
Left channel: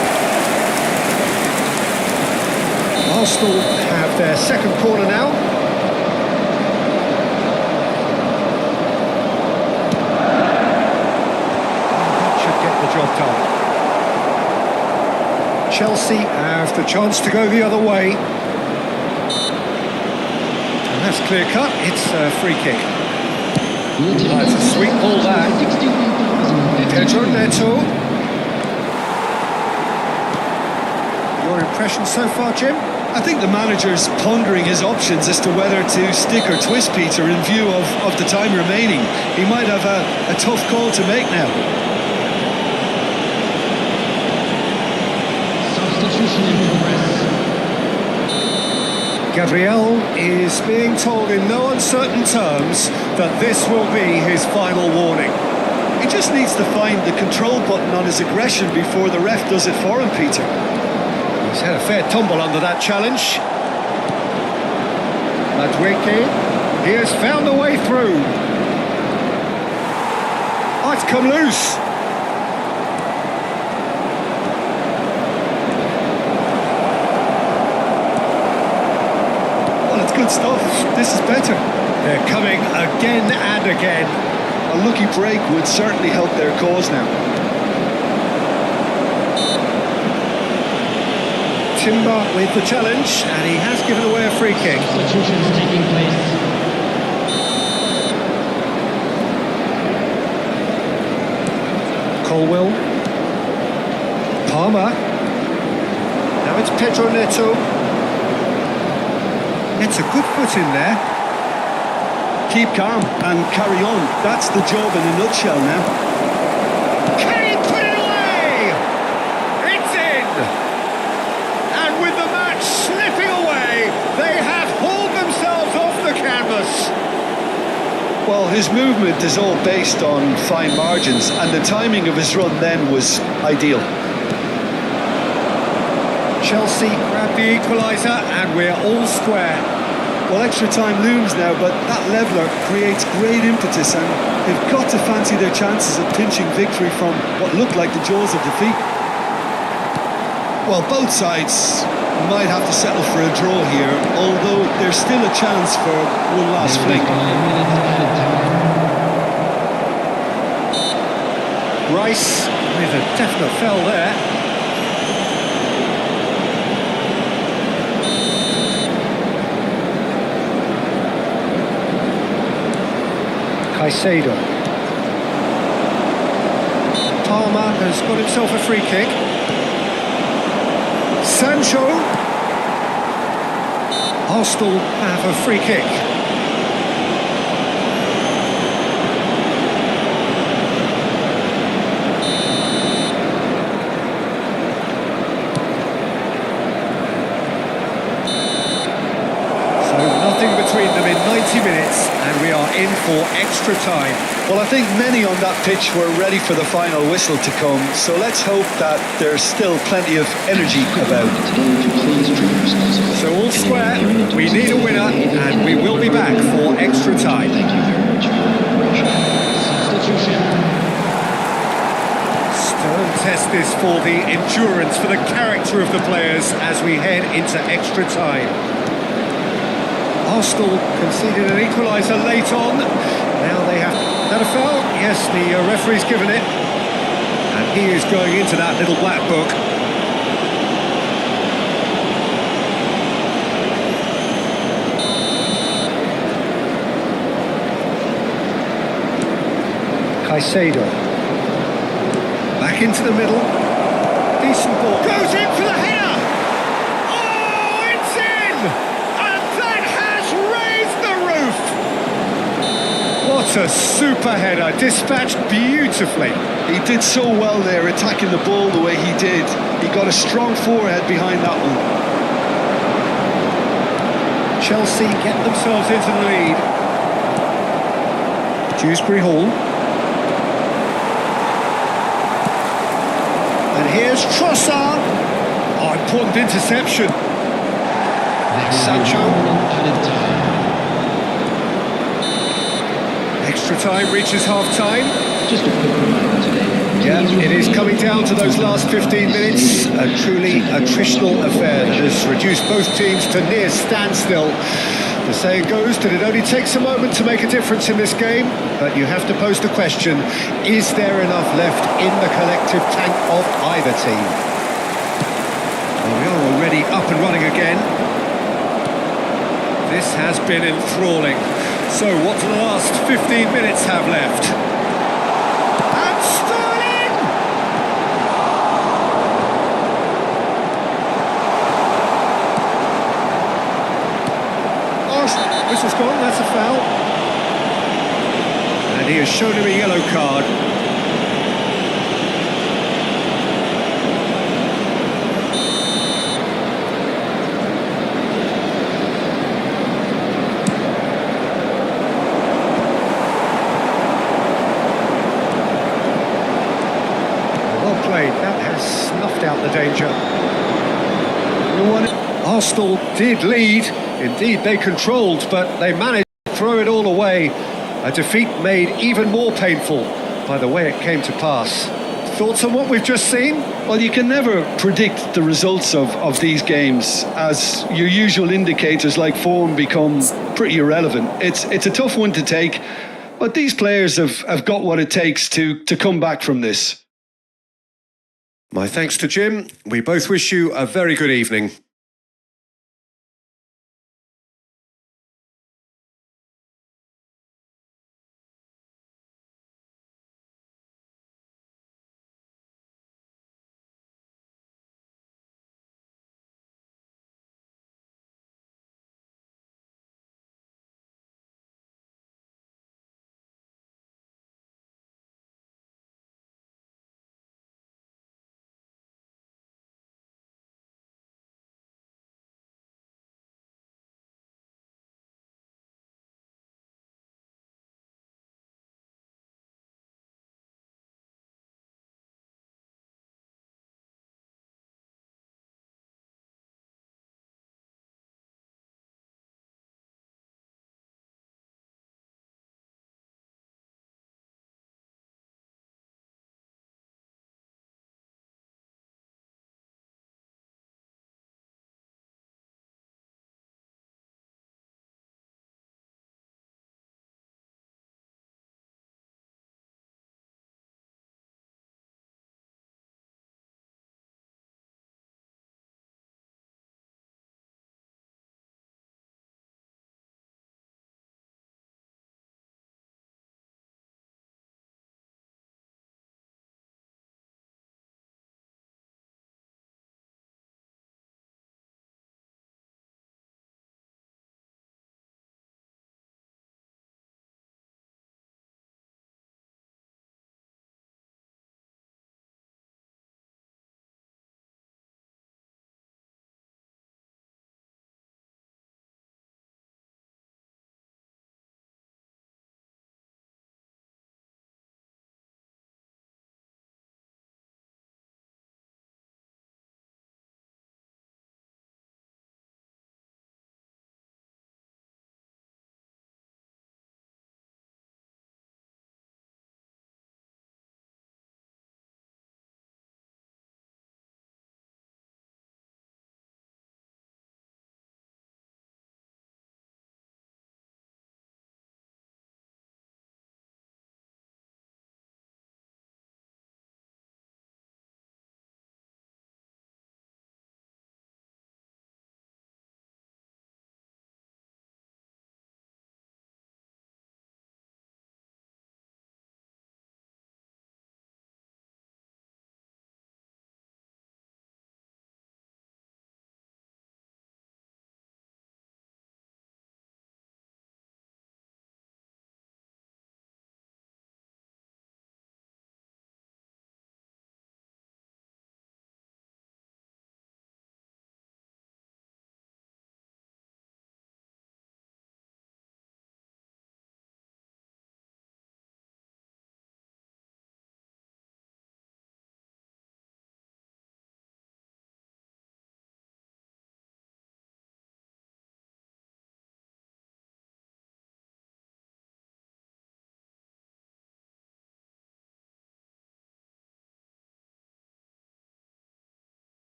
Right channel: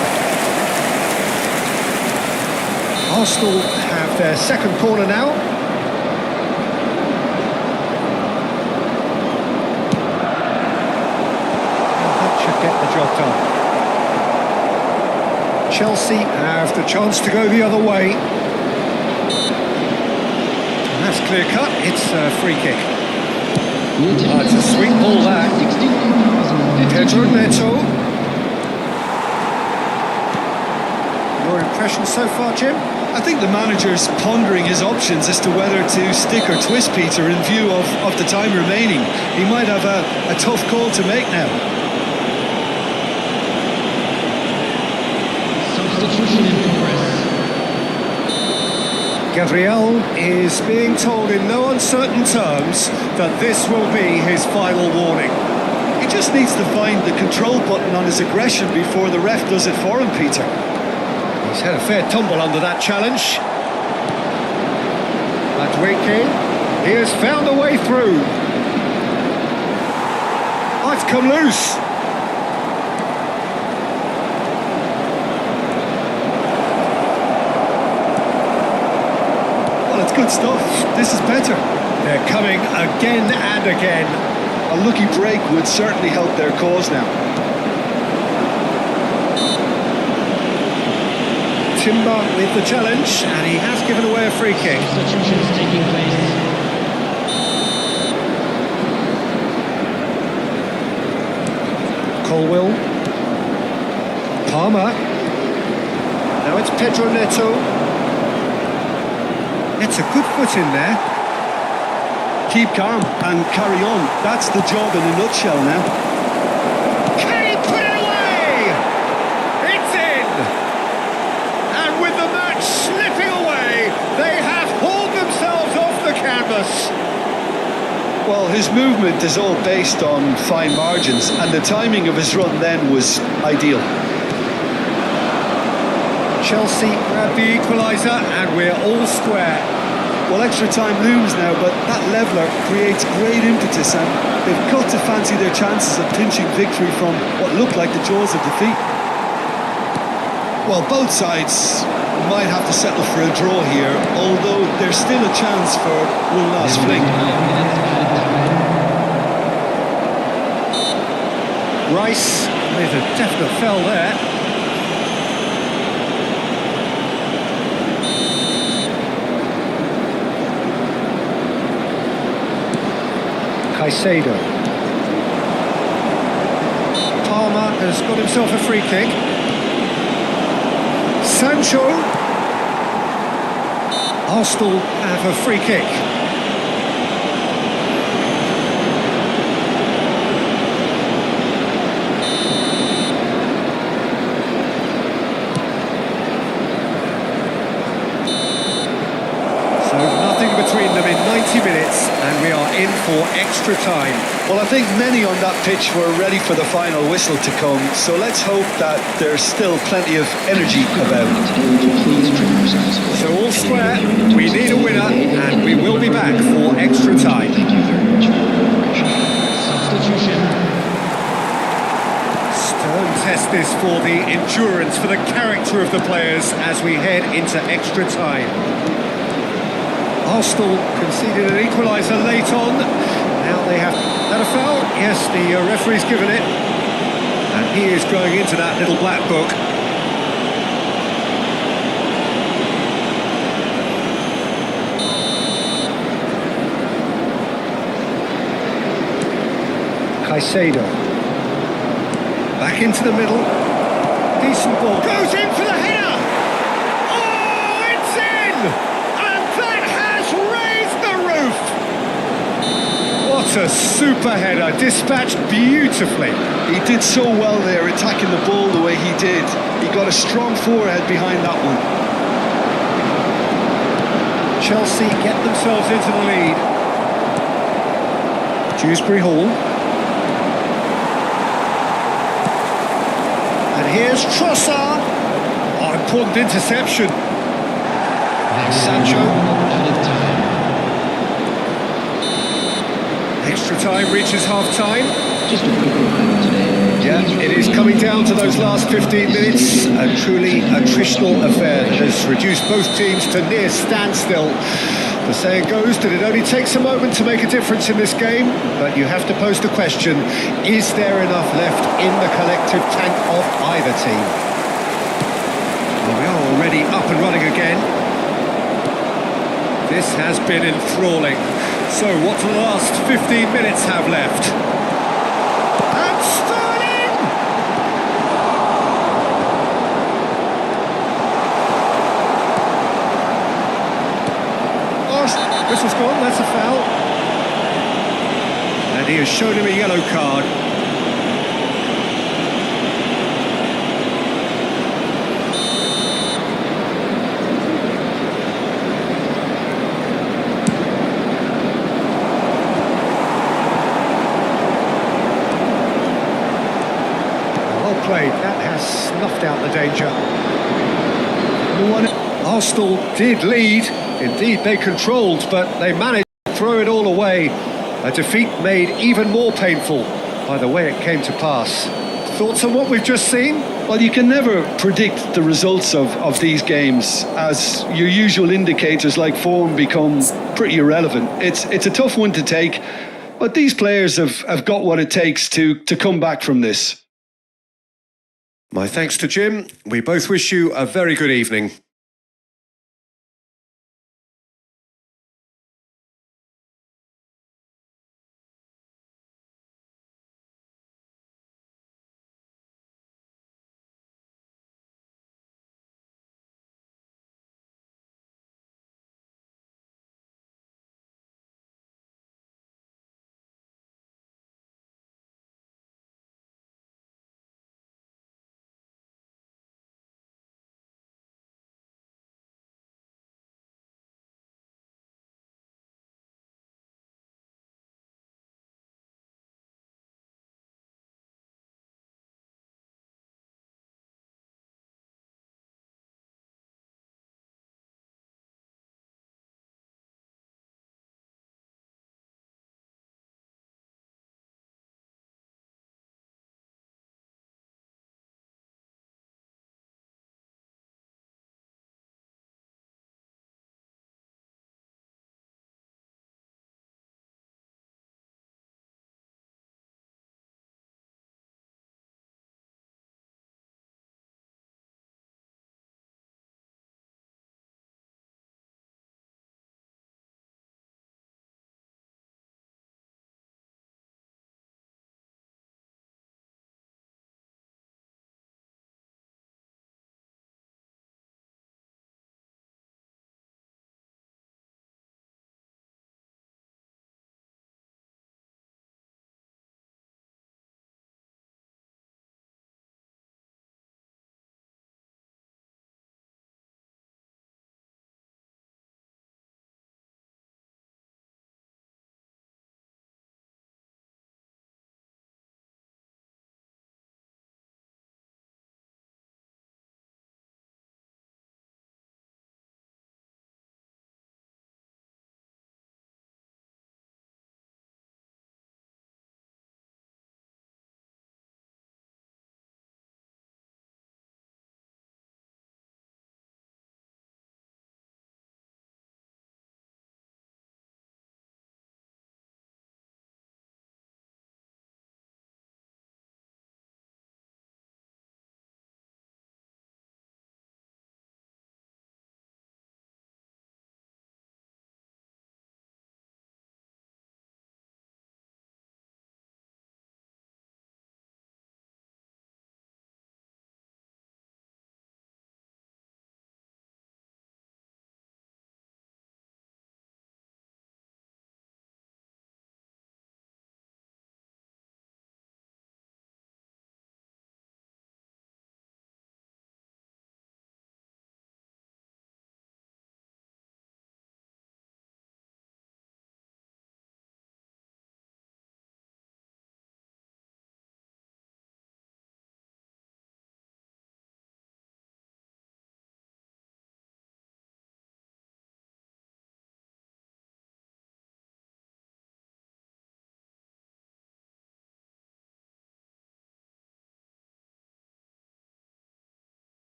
Arsenal have their second corner now. And that should get the job done. Chelsea have the chance to go the other way. And that's clear cut. It's a free kick. It's a sweet ball that. Pedro Neto. Your impression so far, Jim? I think the manager's pondering his options as to whether to stick or twist, Peter, in view of the time remaining. He might have a tough call to make now. Substitution in progress. Gabriel is being told in no uncertain terms that this will be his final warning. He just needs to find the control button on his aggression before the ref does it for him, Peter. He's had a fair tumble under that challenge. Madueke, he has found a way through. Oh, it's come loose. Well, it's good stuff. This is better. They're coming again and again. A lucky break would certainly help their cause now. Timber with the challenge, and he has given away a free kick. Substitutions taking place. Colwell. Palmer. Now it's Pedro Neto. Gets a good foot in there. Keep calm and carry on. That's the job in a nutshell now. Can he put it away? It's in! And with the match slipping away, they have hauled themselves off the canvas. Well, his movement is all based on fine margins, and the timing of his run then was ideal. Chelsea grab the equaliser and we're all square. Well, extra time looms now, but that leveller creates great impetus, and they've got to fancy their chances of pinching victory from what looked like the jaws of defeat. Well, both sides might have to settle for a draw here, although there's still a chance for one last fling. 5 minutes added time. Rice with a definite foul there. Caicedo. Palmer has got himself a free kick. Sancho. Arsenal have a free kick. So nothing between them in 90 minutes, and we are in for extra time. Well, I think many on that pitch were ready for the final whistle to come, so let's hope that there's still plenty of energy about. Today to please drink responsibly. So all square, Anyone appearing we need a winner, intoxicated and we will be back for extra time. Thank you very much for your cooperation. Substitution. Stern test this for the endurance, for the character of the players as we head into extra time. Arsenal conceded an equaliser late on. Now they have... That a foul? Yes, the referee's given it. And he is going into that little black book. Caicedo. Back into the middle. Decent ball. Goes in for the header! Oh, it's in! And that has raised the roof! What a super header, dispatched beautifully. He did so well there, attacking the ball the way he did. He got a strong forehead behind that one. Chelsea get themselves into the lead. Dewsbury Hall. And here's Trossard. Oh, important interception. Sancho. Added time. Extra time reaches half-time. Just a quick reminder today. Yeah, please it is refrain coming from down to those shouting last outside 15 this minutes. stadium. A truly Thank you very much for attritional your affair that cooperation. has reduced both teams to near standstill. The saying goes that it only takes a moment to make a difference in this game, but you have to pose the question, is there enough left in the collective tank of either team? Well, we are already up and running again. This has been enthralling. So what do the last 15 minutes have left? And Sterling! Oh, whistle's gone, that's a foul. And he has shown him a yellow card. Well played, that has snuffed out the danger. No one... Arsenal did lead, indeed they controlled, but they managed to throw it all away. A defeat made even more painful by the way it came to pass. Thoughts on what we've just seen? Well, you can never predict the results of these games, as your usual indicators like form become pretty irrelevant. It's a tough one to take, but these players have got what it takes to come back from this. My thanks to Jim. We both wish you a very good evening.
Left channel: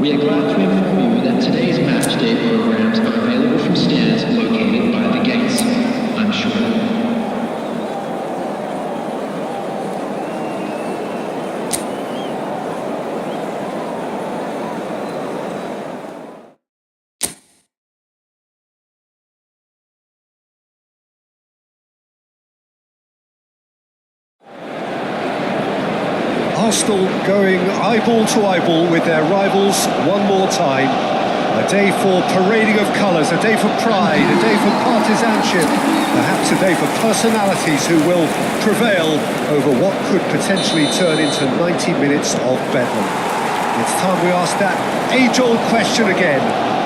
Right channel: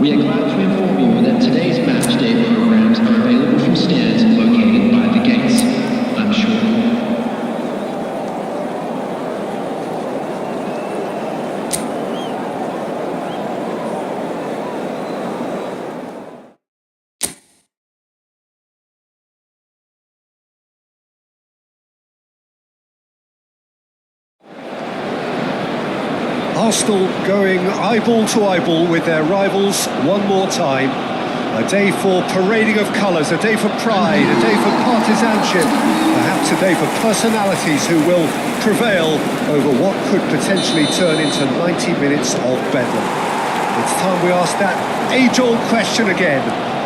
We are glad to inform you that today's match day programs are available from stands located by the gates. I'm sure. Arsenal going eyeball to eyeball with their rivals one more time. A day for parading of colours, a day for pride, a day for partisanship, perhaps a day for personalities who will prevail over what could potentially turn into 90 minutes of bedlam. It's time we ask that age-old question again.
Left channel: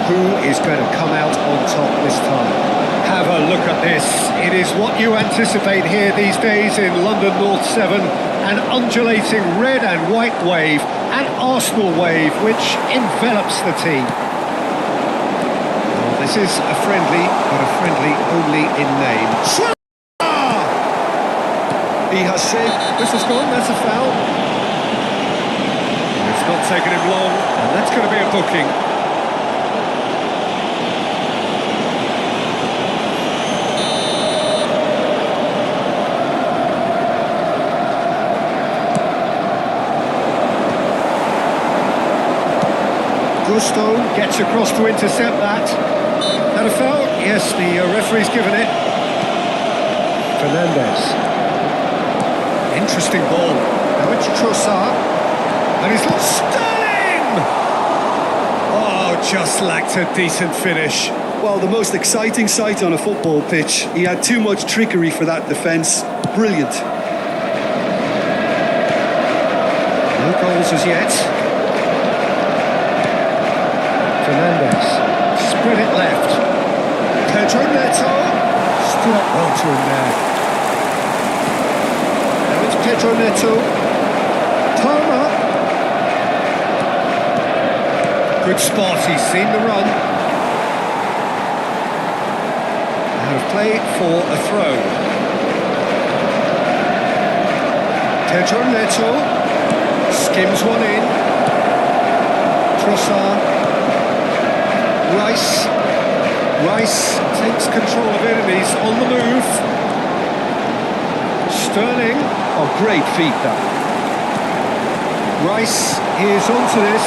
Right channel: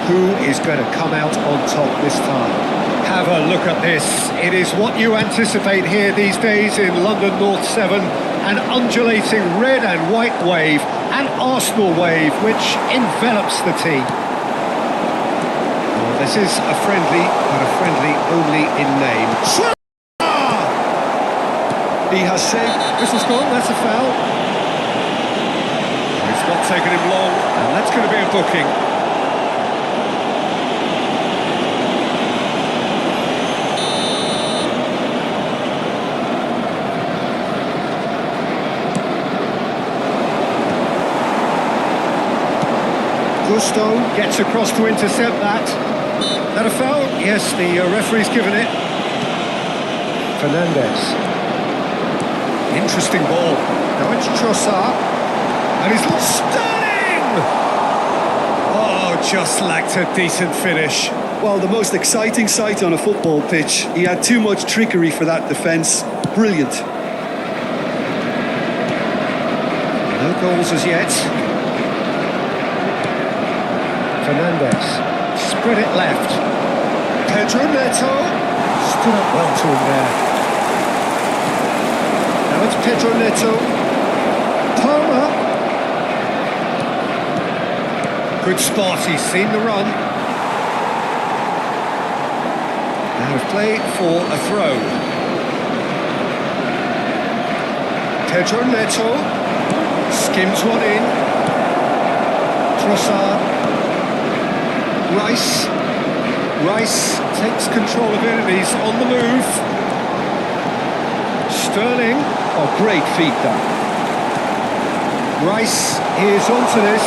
Who is going to come out on top this time? Have a look at this. It is what you anticipate here these days in London North 7. An undulating red and white wave, an Arsenal wave which envelops the team. Well, this is a friendly, but a friendly only in name. He has saved. Whistle's gone, that's a foul. It's not taken him long, and that's going to be a booking. Gusto gets across to intercept that. That a foul? Yes, the referee's given it. Fernandez. Interesting ball. Now it's Trossard. And he's lost. Sterling! Oh, just lacked a decent finish. Well, the most exciting sight on a football pitch. He had too much trickery for that defence. Brilliant. No goals as yet. Fernandez, spread it left. Pedro Neto, stood up well to him there. Now it's Pedro Neto. Palmer. Good spot, he's seen the run. Out of play for a throw. Pedro Neto, skims one in. Trossard. Rice takes control of it and he's on the move. Sterling. Oh, great feat that. Rice is onto this.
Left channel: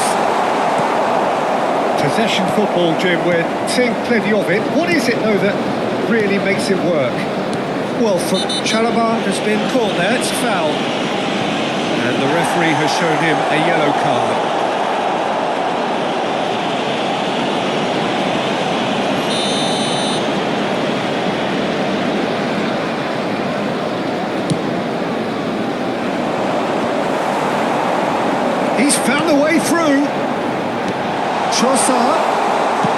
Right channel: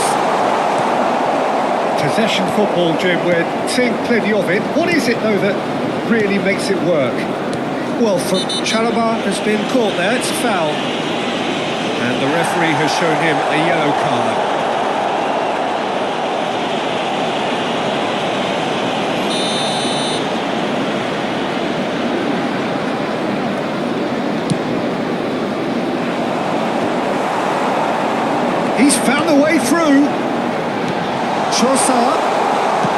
Possession football, Jim, we're seeing plenty of it. What is it, though, that really makes it work? Well, Chalobah has been caught there, it's a foul. And the referee has shown him a yellow card. He's found a way through. Trossard.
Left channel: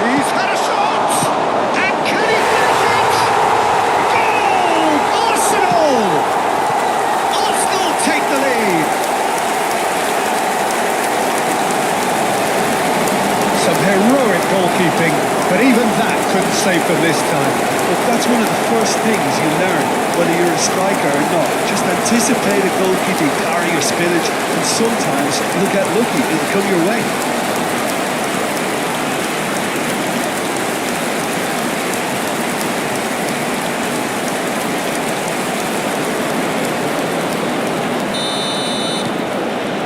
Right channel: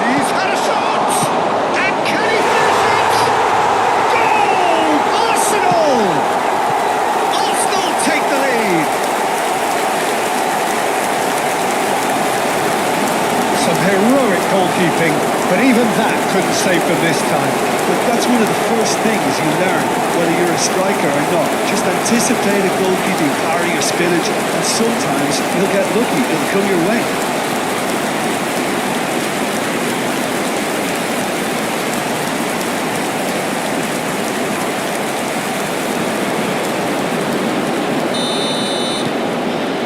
He's had a shot. And can he finish it? Goal! Arsenal! Arsenal take the lead. Some heroic goalkeeping, but even that couldn't save them this time. But that's one of the first things you learn, whether you're a striker or not. Just anticipate a goalkeeping parry or spillage, and sometimes you'll get lucky, it'll come your way.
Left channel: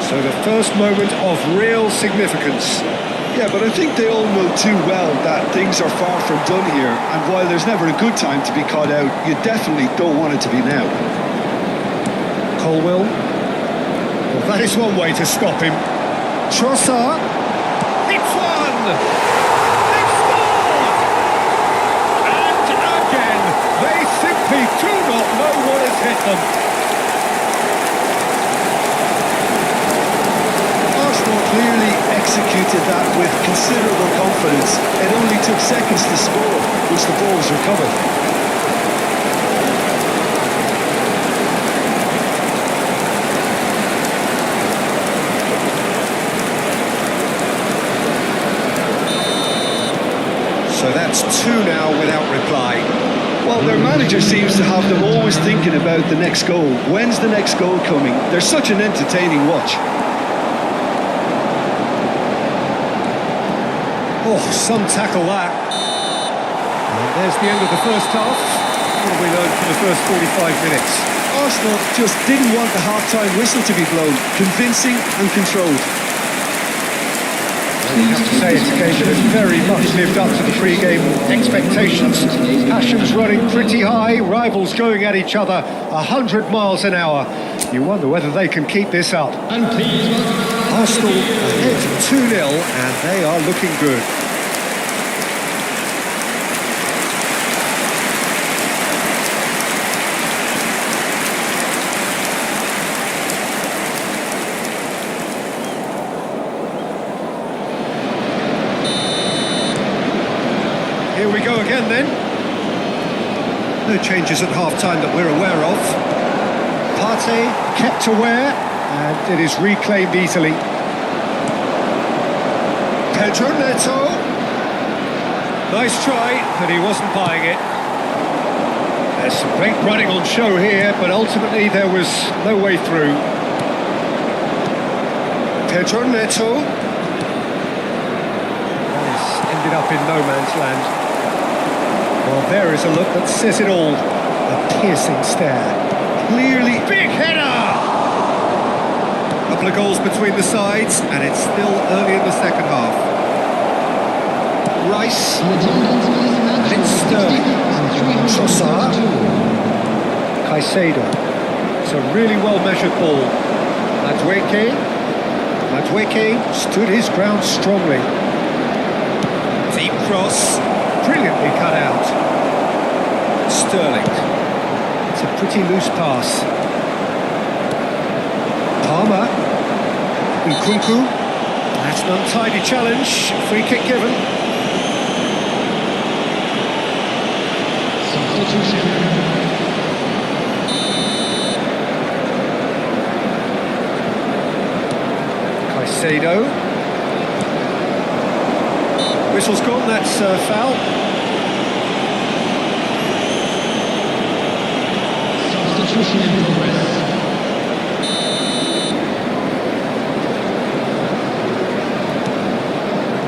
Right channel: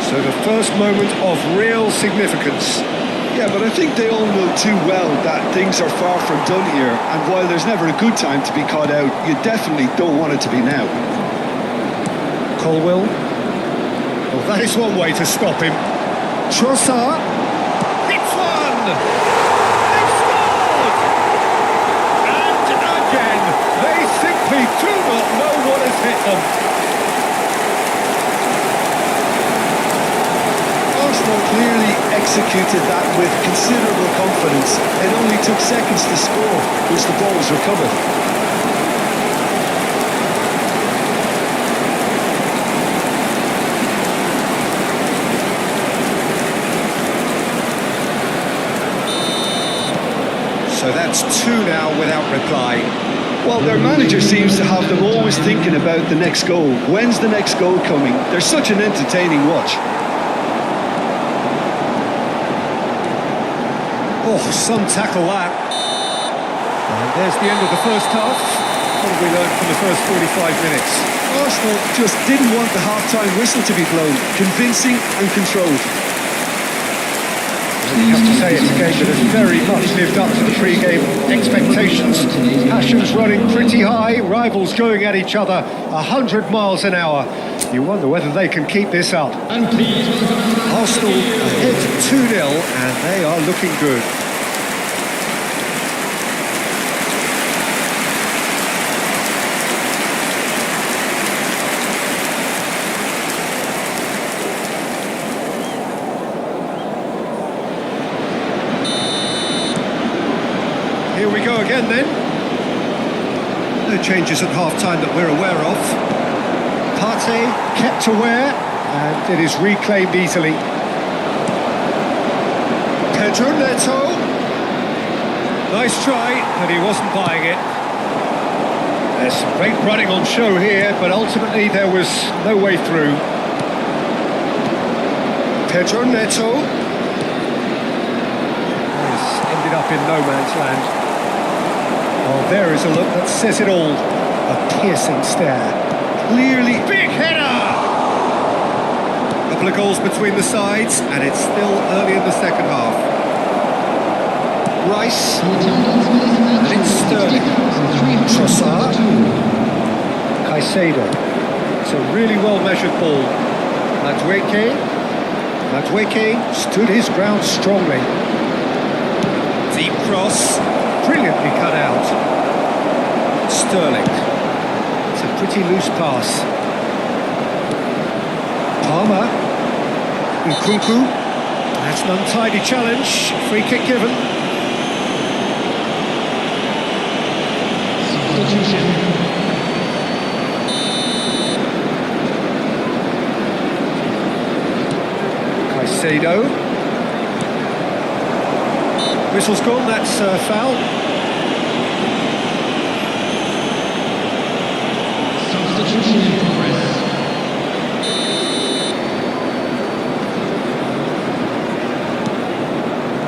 So the first moment of real significance. Yeah, but I think they all know too well that things are far from done here, and while there's never a good time to be caught out, you definitely don't want it to be now. Colwill. Well, that is one way to stop him. Trossard. Hits one! They've scored! And again, they simply do not know what has hit them. Arsenal clearly executed that with considerable confidence. It only took seconds to score once the ball was recovered. So that's two now without reply. Well, their manager seems to have them always thinking about the next goal. When's the next goal coming? They're such an entertaining watch. Oh, some tackle that. And there's the end of the first half. What have we learned from the first 45 minutes? Arsenal just didn't want the half-time whistle to be blown. Convincing and controlled. Well, you have to say it's a game that has very much lived up to the pre-game expectations. Passions running pretty high, rivals going at each other 100 miles an hour. You wonder whether they can keep this up. And please welcome our lads Arsenal to the field. ahead 2-0 and they are looking good. Here we go again then. No changes at half-time that we're aware of. Partey kept aware, and it is reclaimed easily. Pedro Neto. Nice try, but he wasn't buying it. There's some great running on show here, but ultimately there was no way through. Pedro Neto. That has ended up in no man's land. Well, there is a look that says it all. A piercing stare. Clearly, big header! Couple of goals between the sides, and it's still early in the second half. Rice. The attendance for this match And it's was Sterling. 60,332. Caicedo. It's a really well-measured ball. Madueke stood his ground strongly. Deep cross. Brilliantly cut out. Sterling. It's a pretty loose pass. Palmer. Nkunku. That's an untidy challenge. Free kick given. Substitution. Caicedo. Whistle's gone, that's foul. Substitution in progress.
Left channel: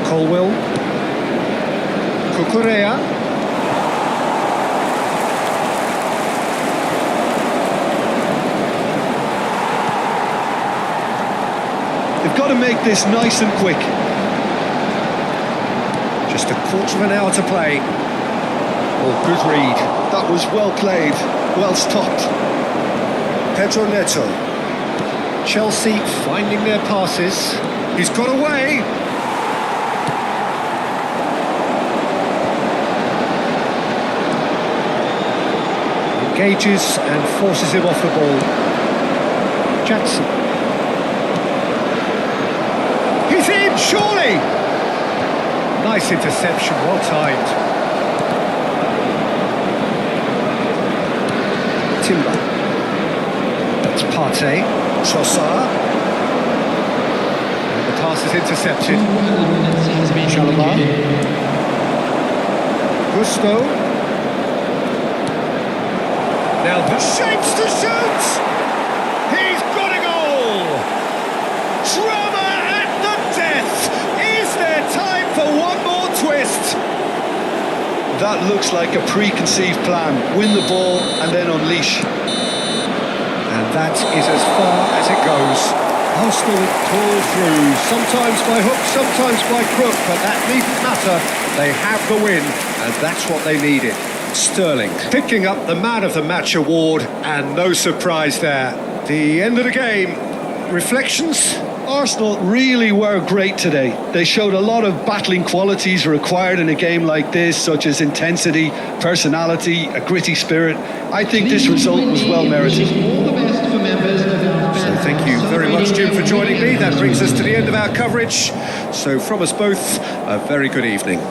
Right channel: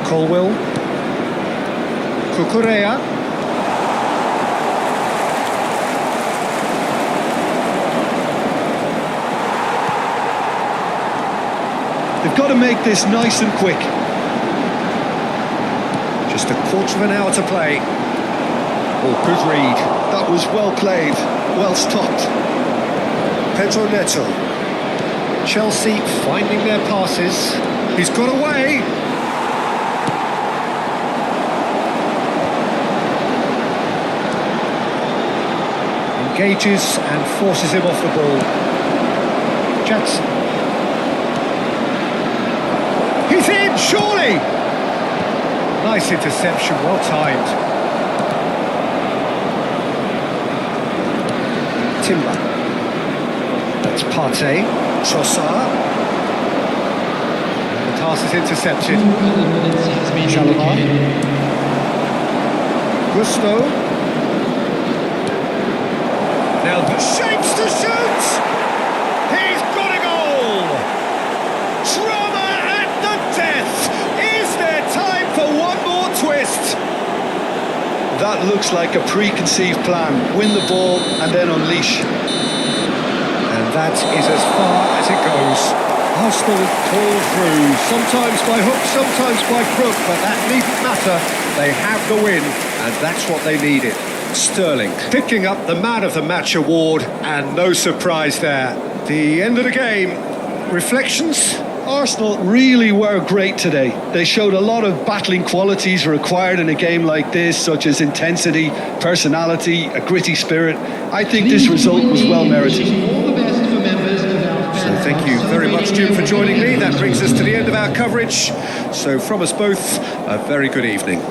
Colwill. Cucurella. They've got to make this nice and quick. Just a quarter of an hour to play. Oh, good read. That was well played, well stopped. Pedro Neto. Chelsea finding their passes. He's got away. Engages and forces him off the ball. Jackson. He's in, surely! Nice interception, well timed. Timber. That's Partey. Trossard. And the pass is intercepted. 2 added minutes has been Chalobah. indicated. Gusto. Now the shapes to shoot! He's got a goal! Drama at the death! Is there time for one more twist? That looks like a preconceived plan. Win the ball and then unleash. And that is as far as it goes. Arsenal pull through, sometimes by hook, sometimes by crook, but that needn't matter. They have the win, and that's what they needed. Sterling picking up the Man of the Match award, and no surprise there. The end of the game. Reflections? Arsenal really were great today. They showed a lot of battling qualities required in a game like this, such as intensity, personality, a gritty spirit. I think this result was well merited. All the best for members of our fan So thank club you very much, celebrating Jim, for their joining me. That brings us to the anniversary. end of our coverage. So from us both, a very good evening.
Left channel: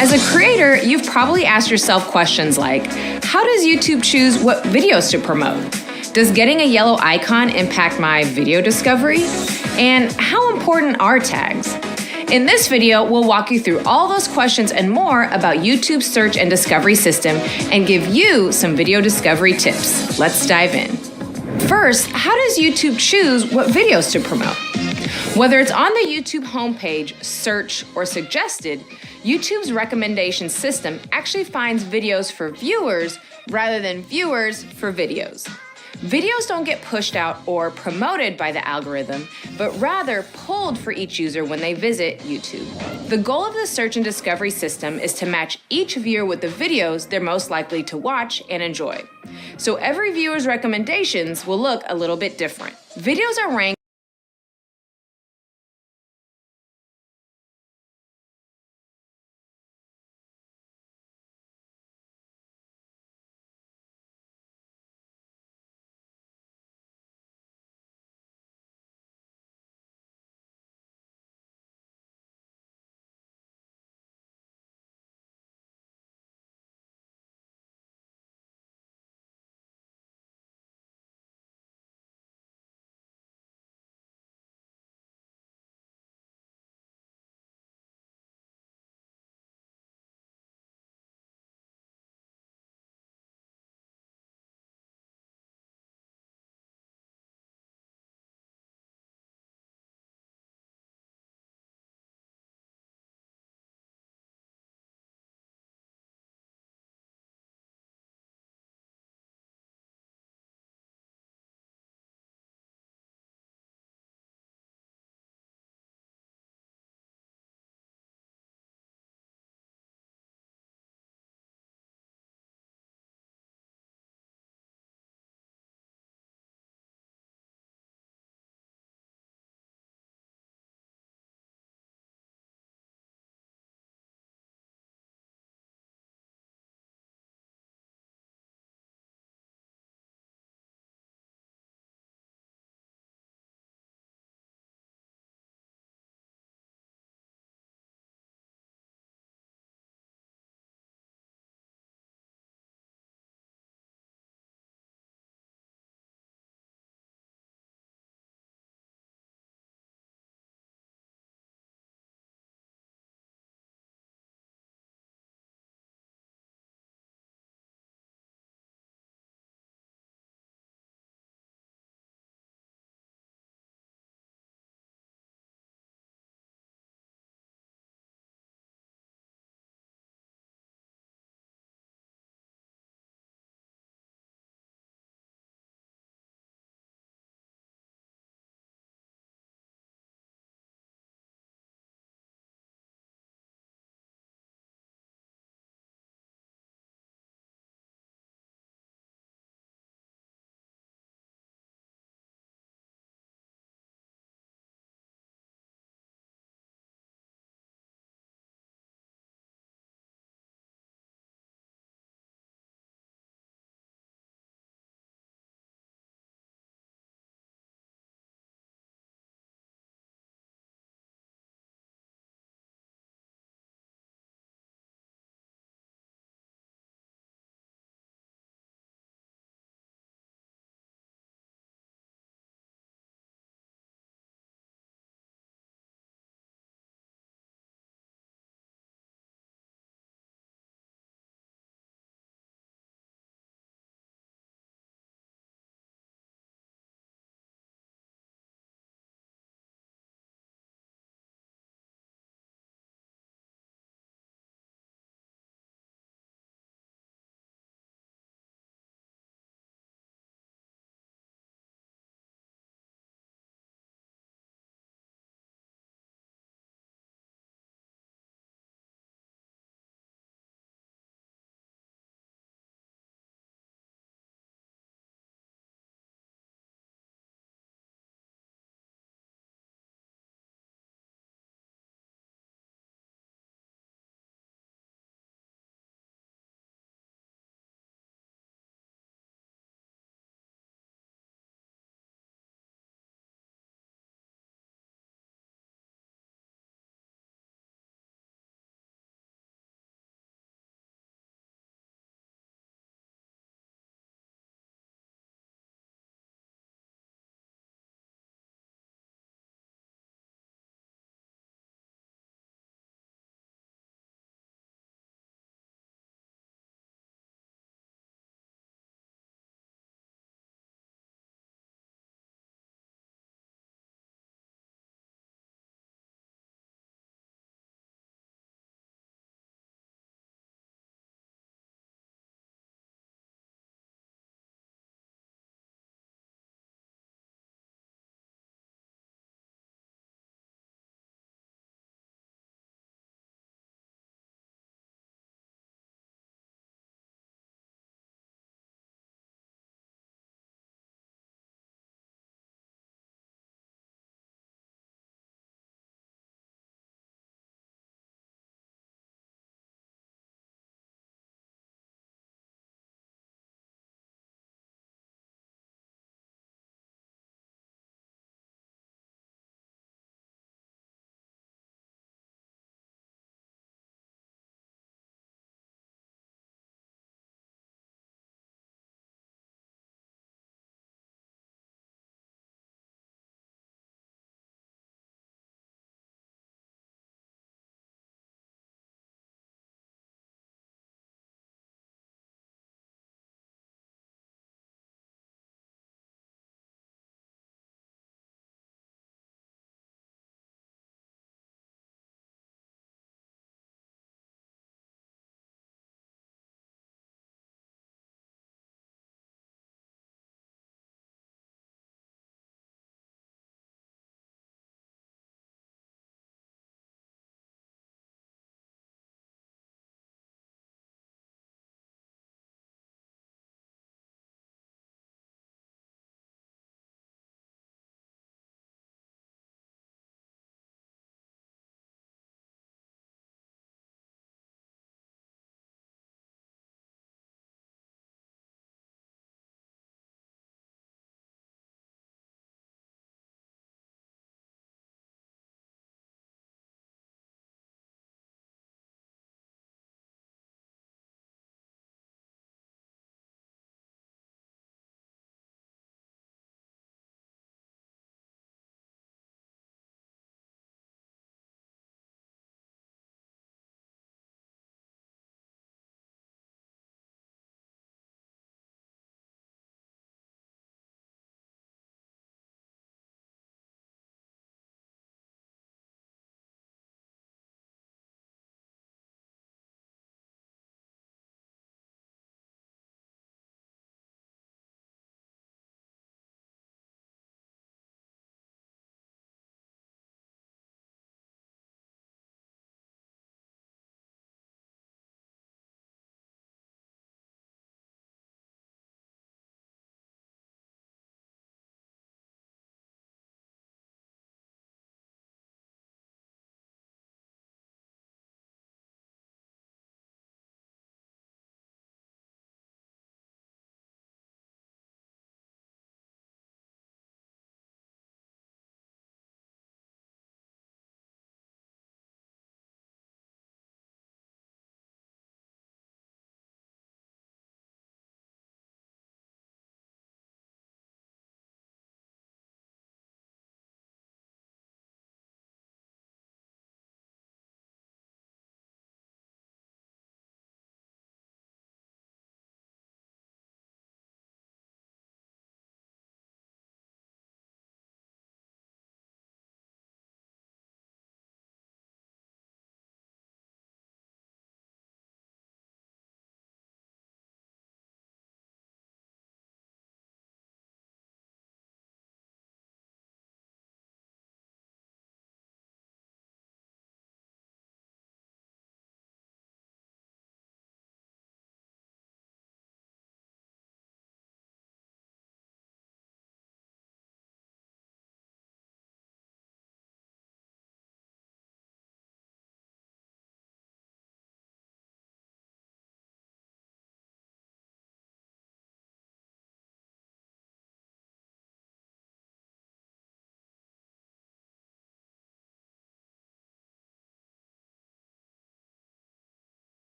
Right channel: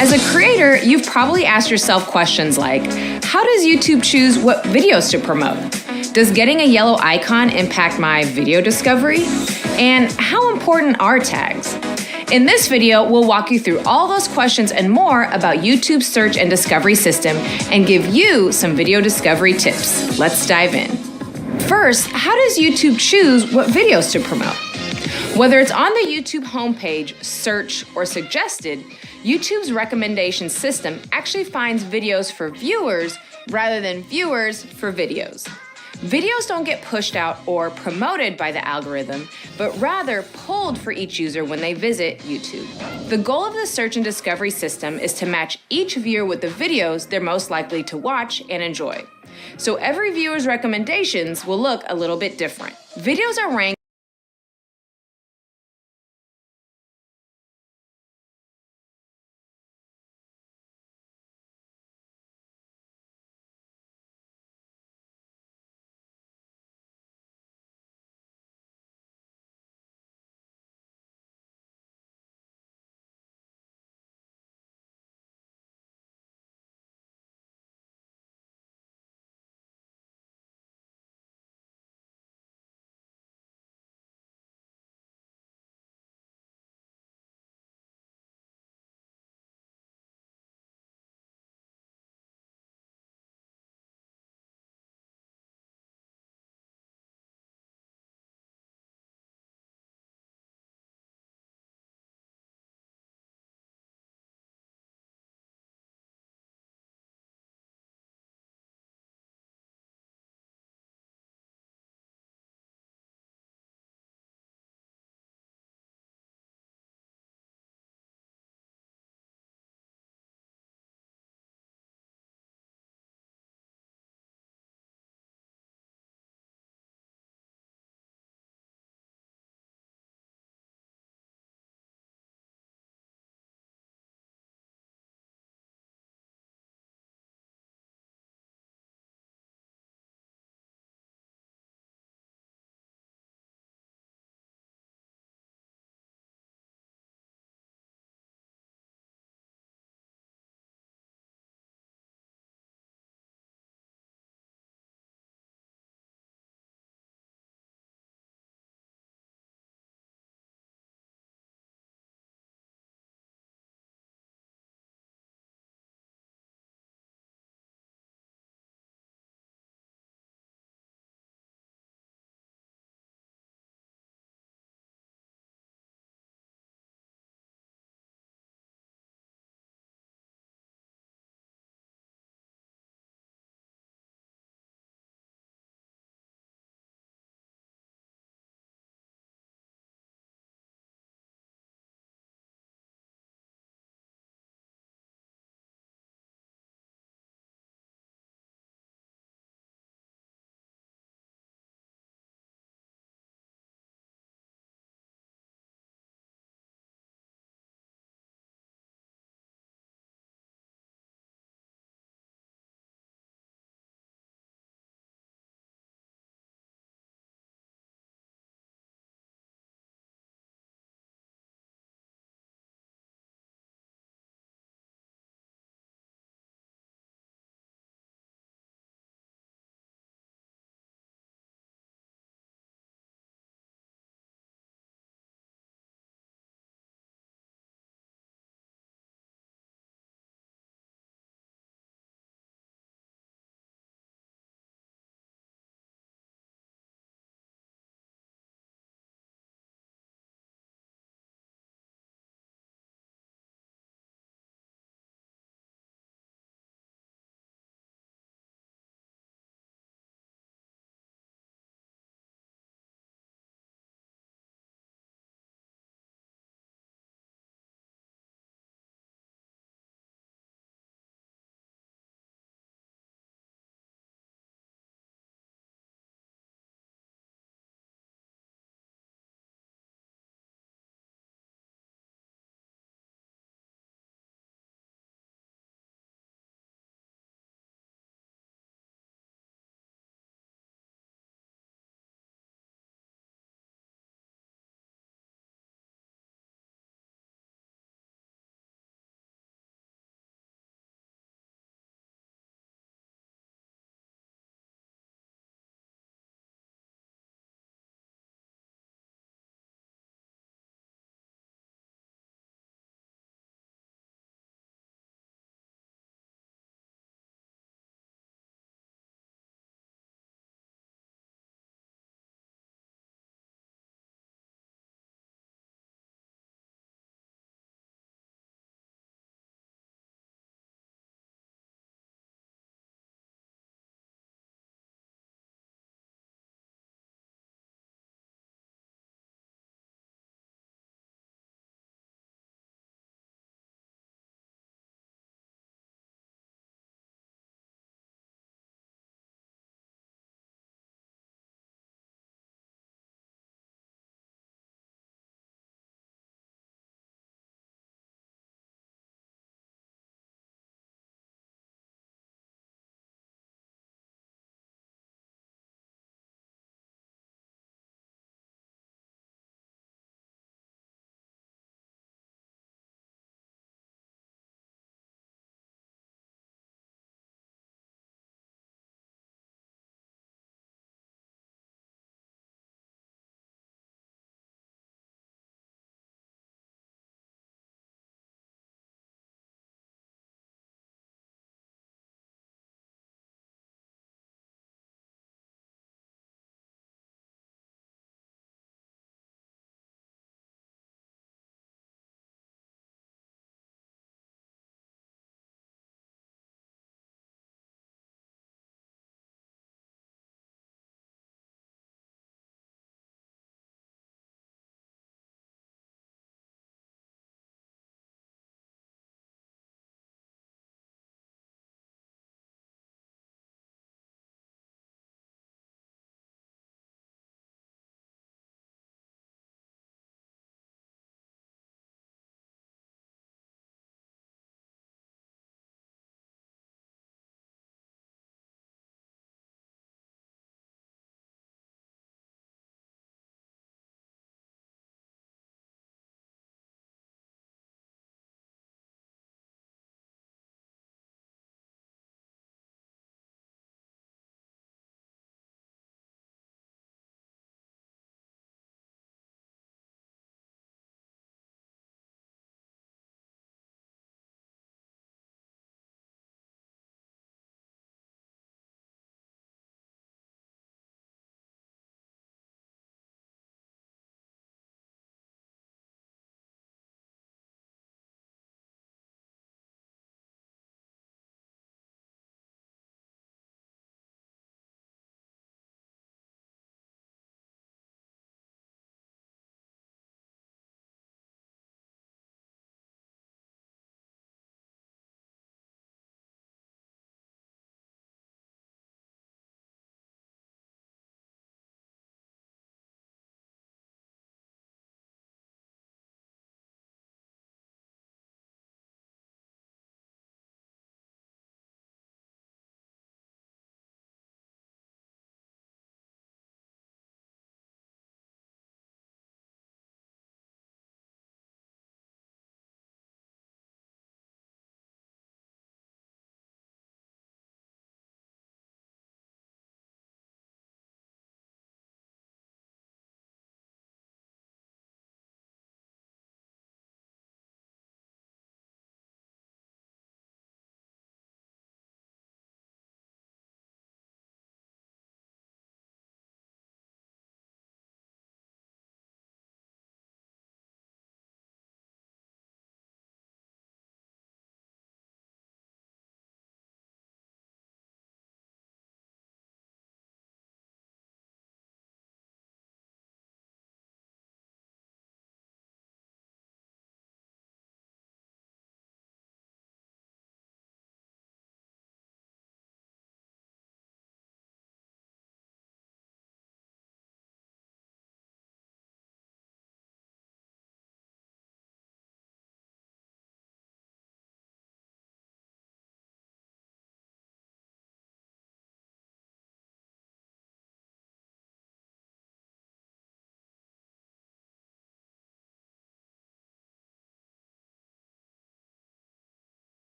As a creator, you've probably asked yourself questions like, how does YouTube choose what videos to promote? Does getting a yellow icon impact my video discovery? And how important are tags? In this video, we'll walk you through all those questions and more about YouTube's search and discovery system and give you some video discovery tips. Let's dive in. First, how does YouTube choose what videos to promote? Whether it's on the YouTube homepage, search, or suggested, YouTube's recommendation system actually finds videos for viewers rather than viewers for videos. Videos don't get pushed out or promoted by the algorithm, but rather pulled for each user when they visit YouTube. The goal of the search and discovery system is to match each viewer with the videos they're most likely to watch and enjoy. So every viewer's recommendations will look a little bit different. Videos are ranked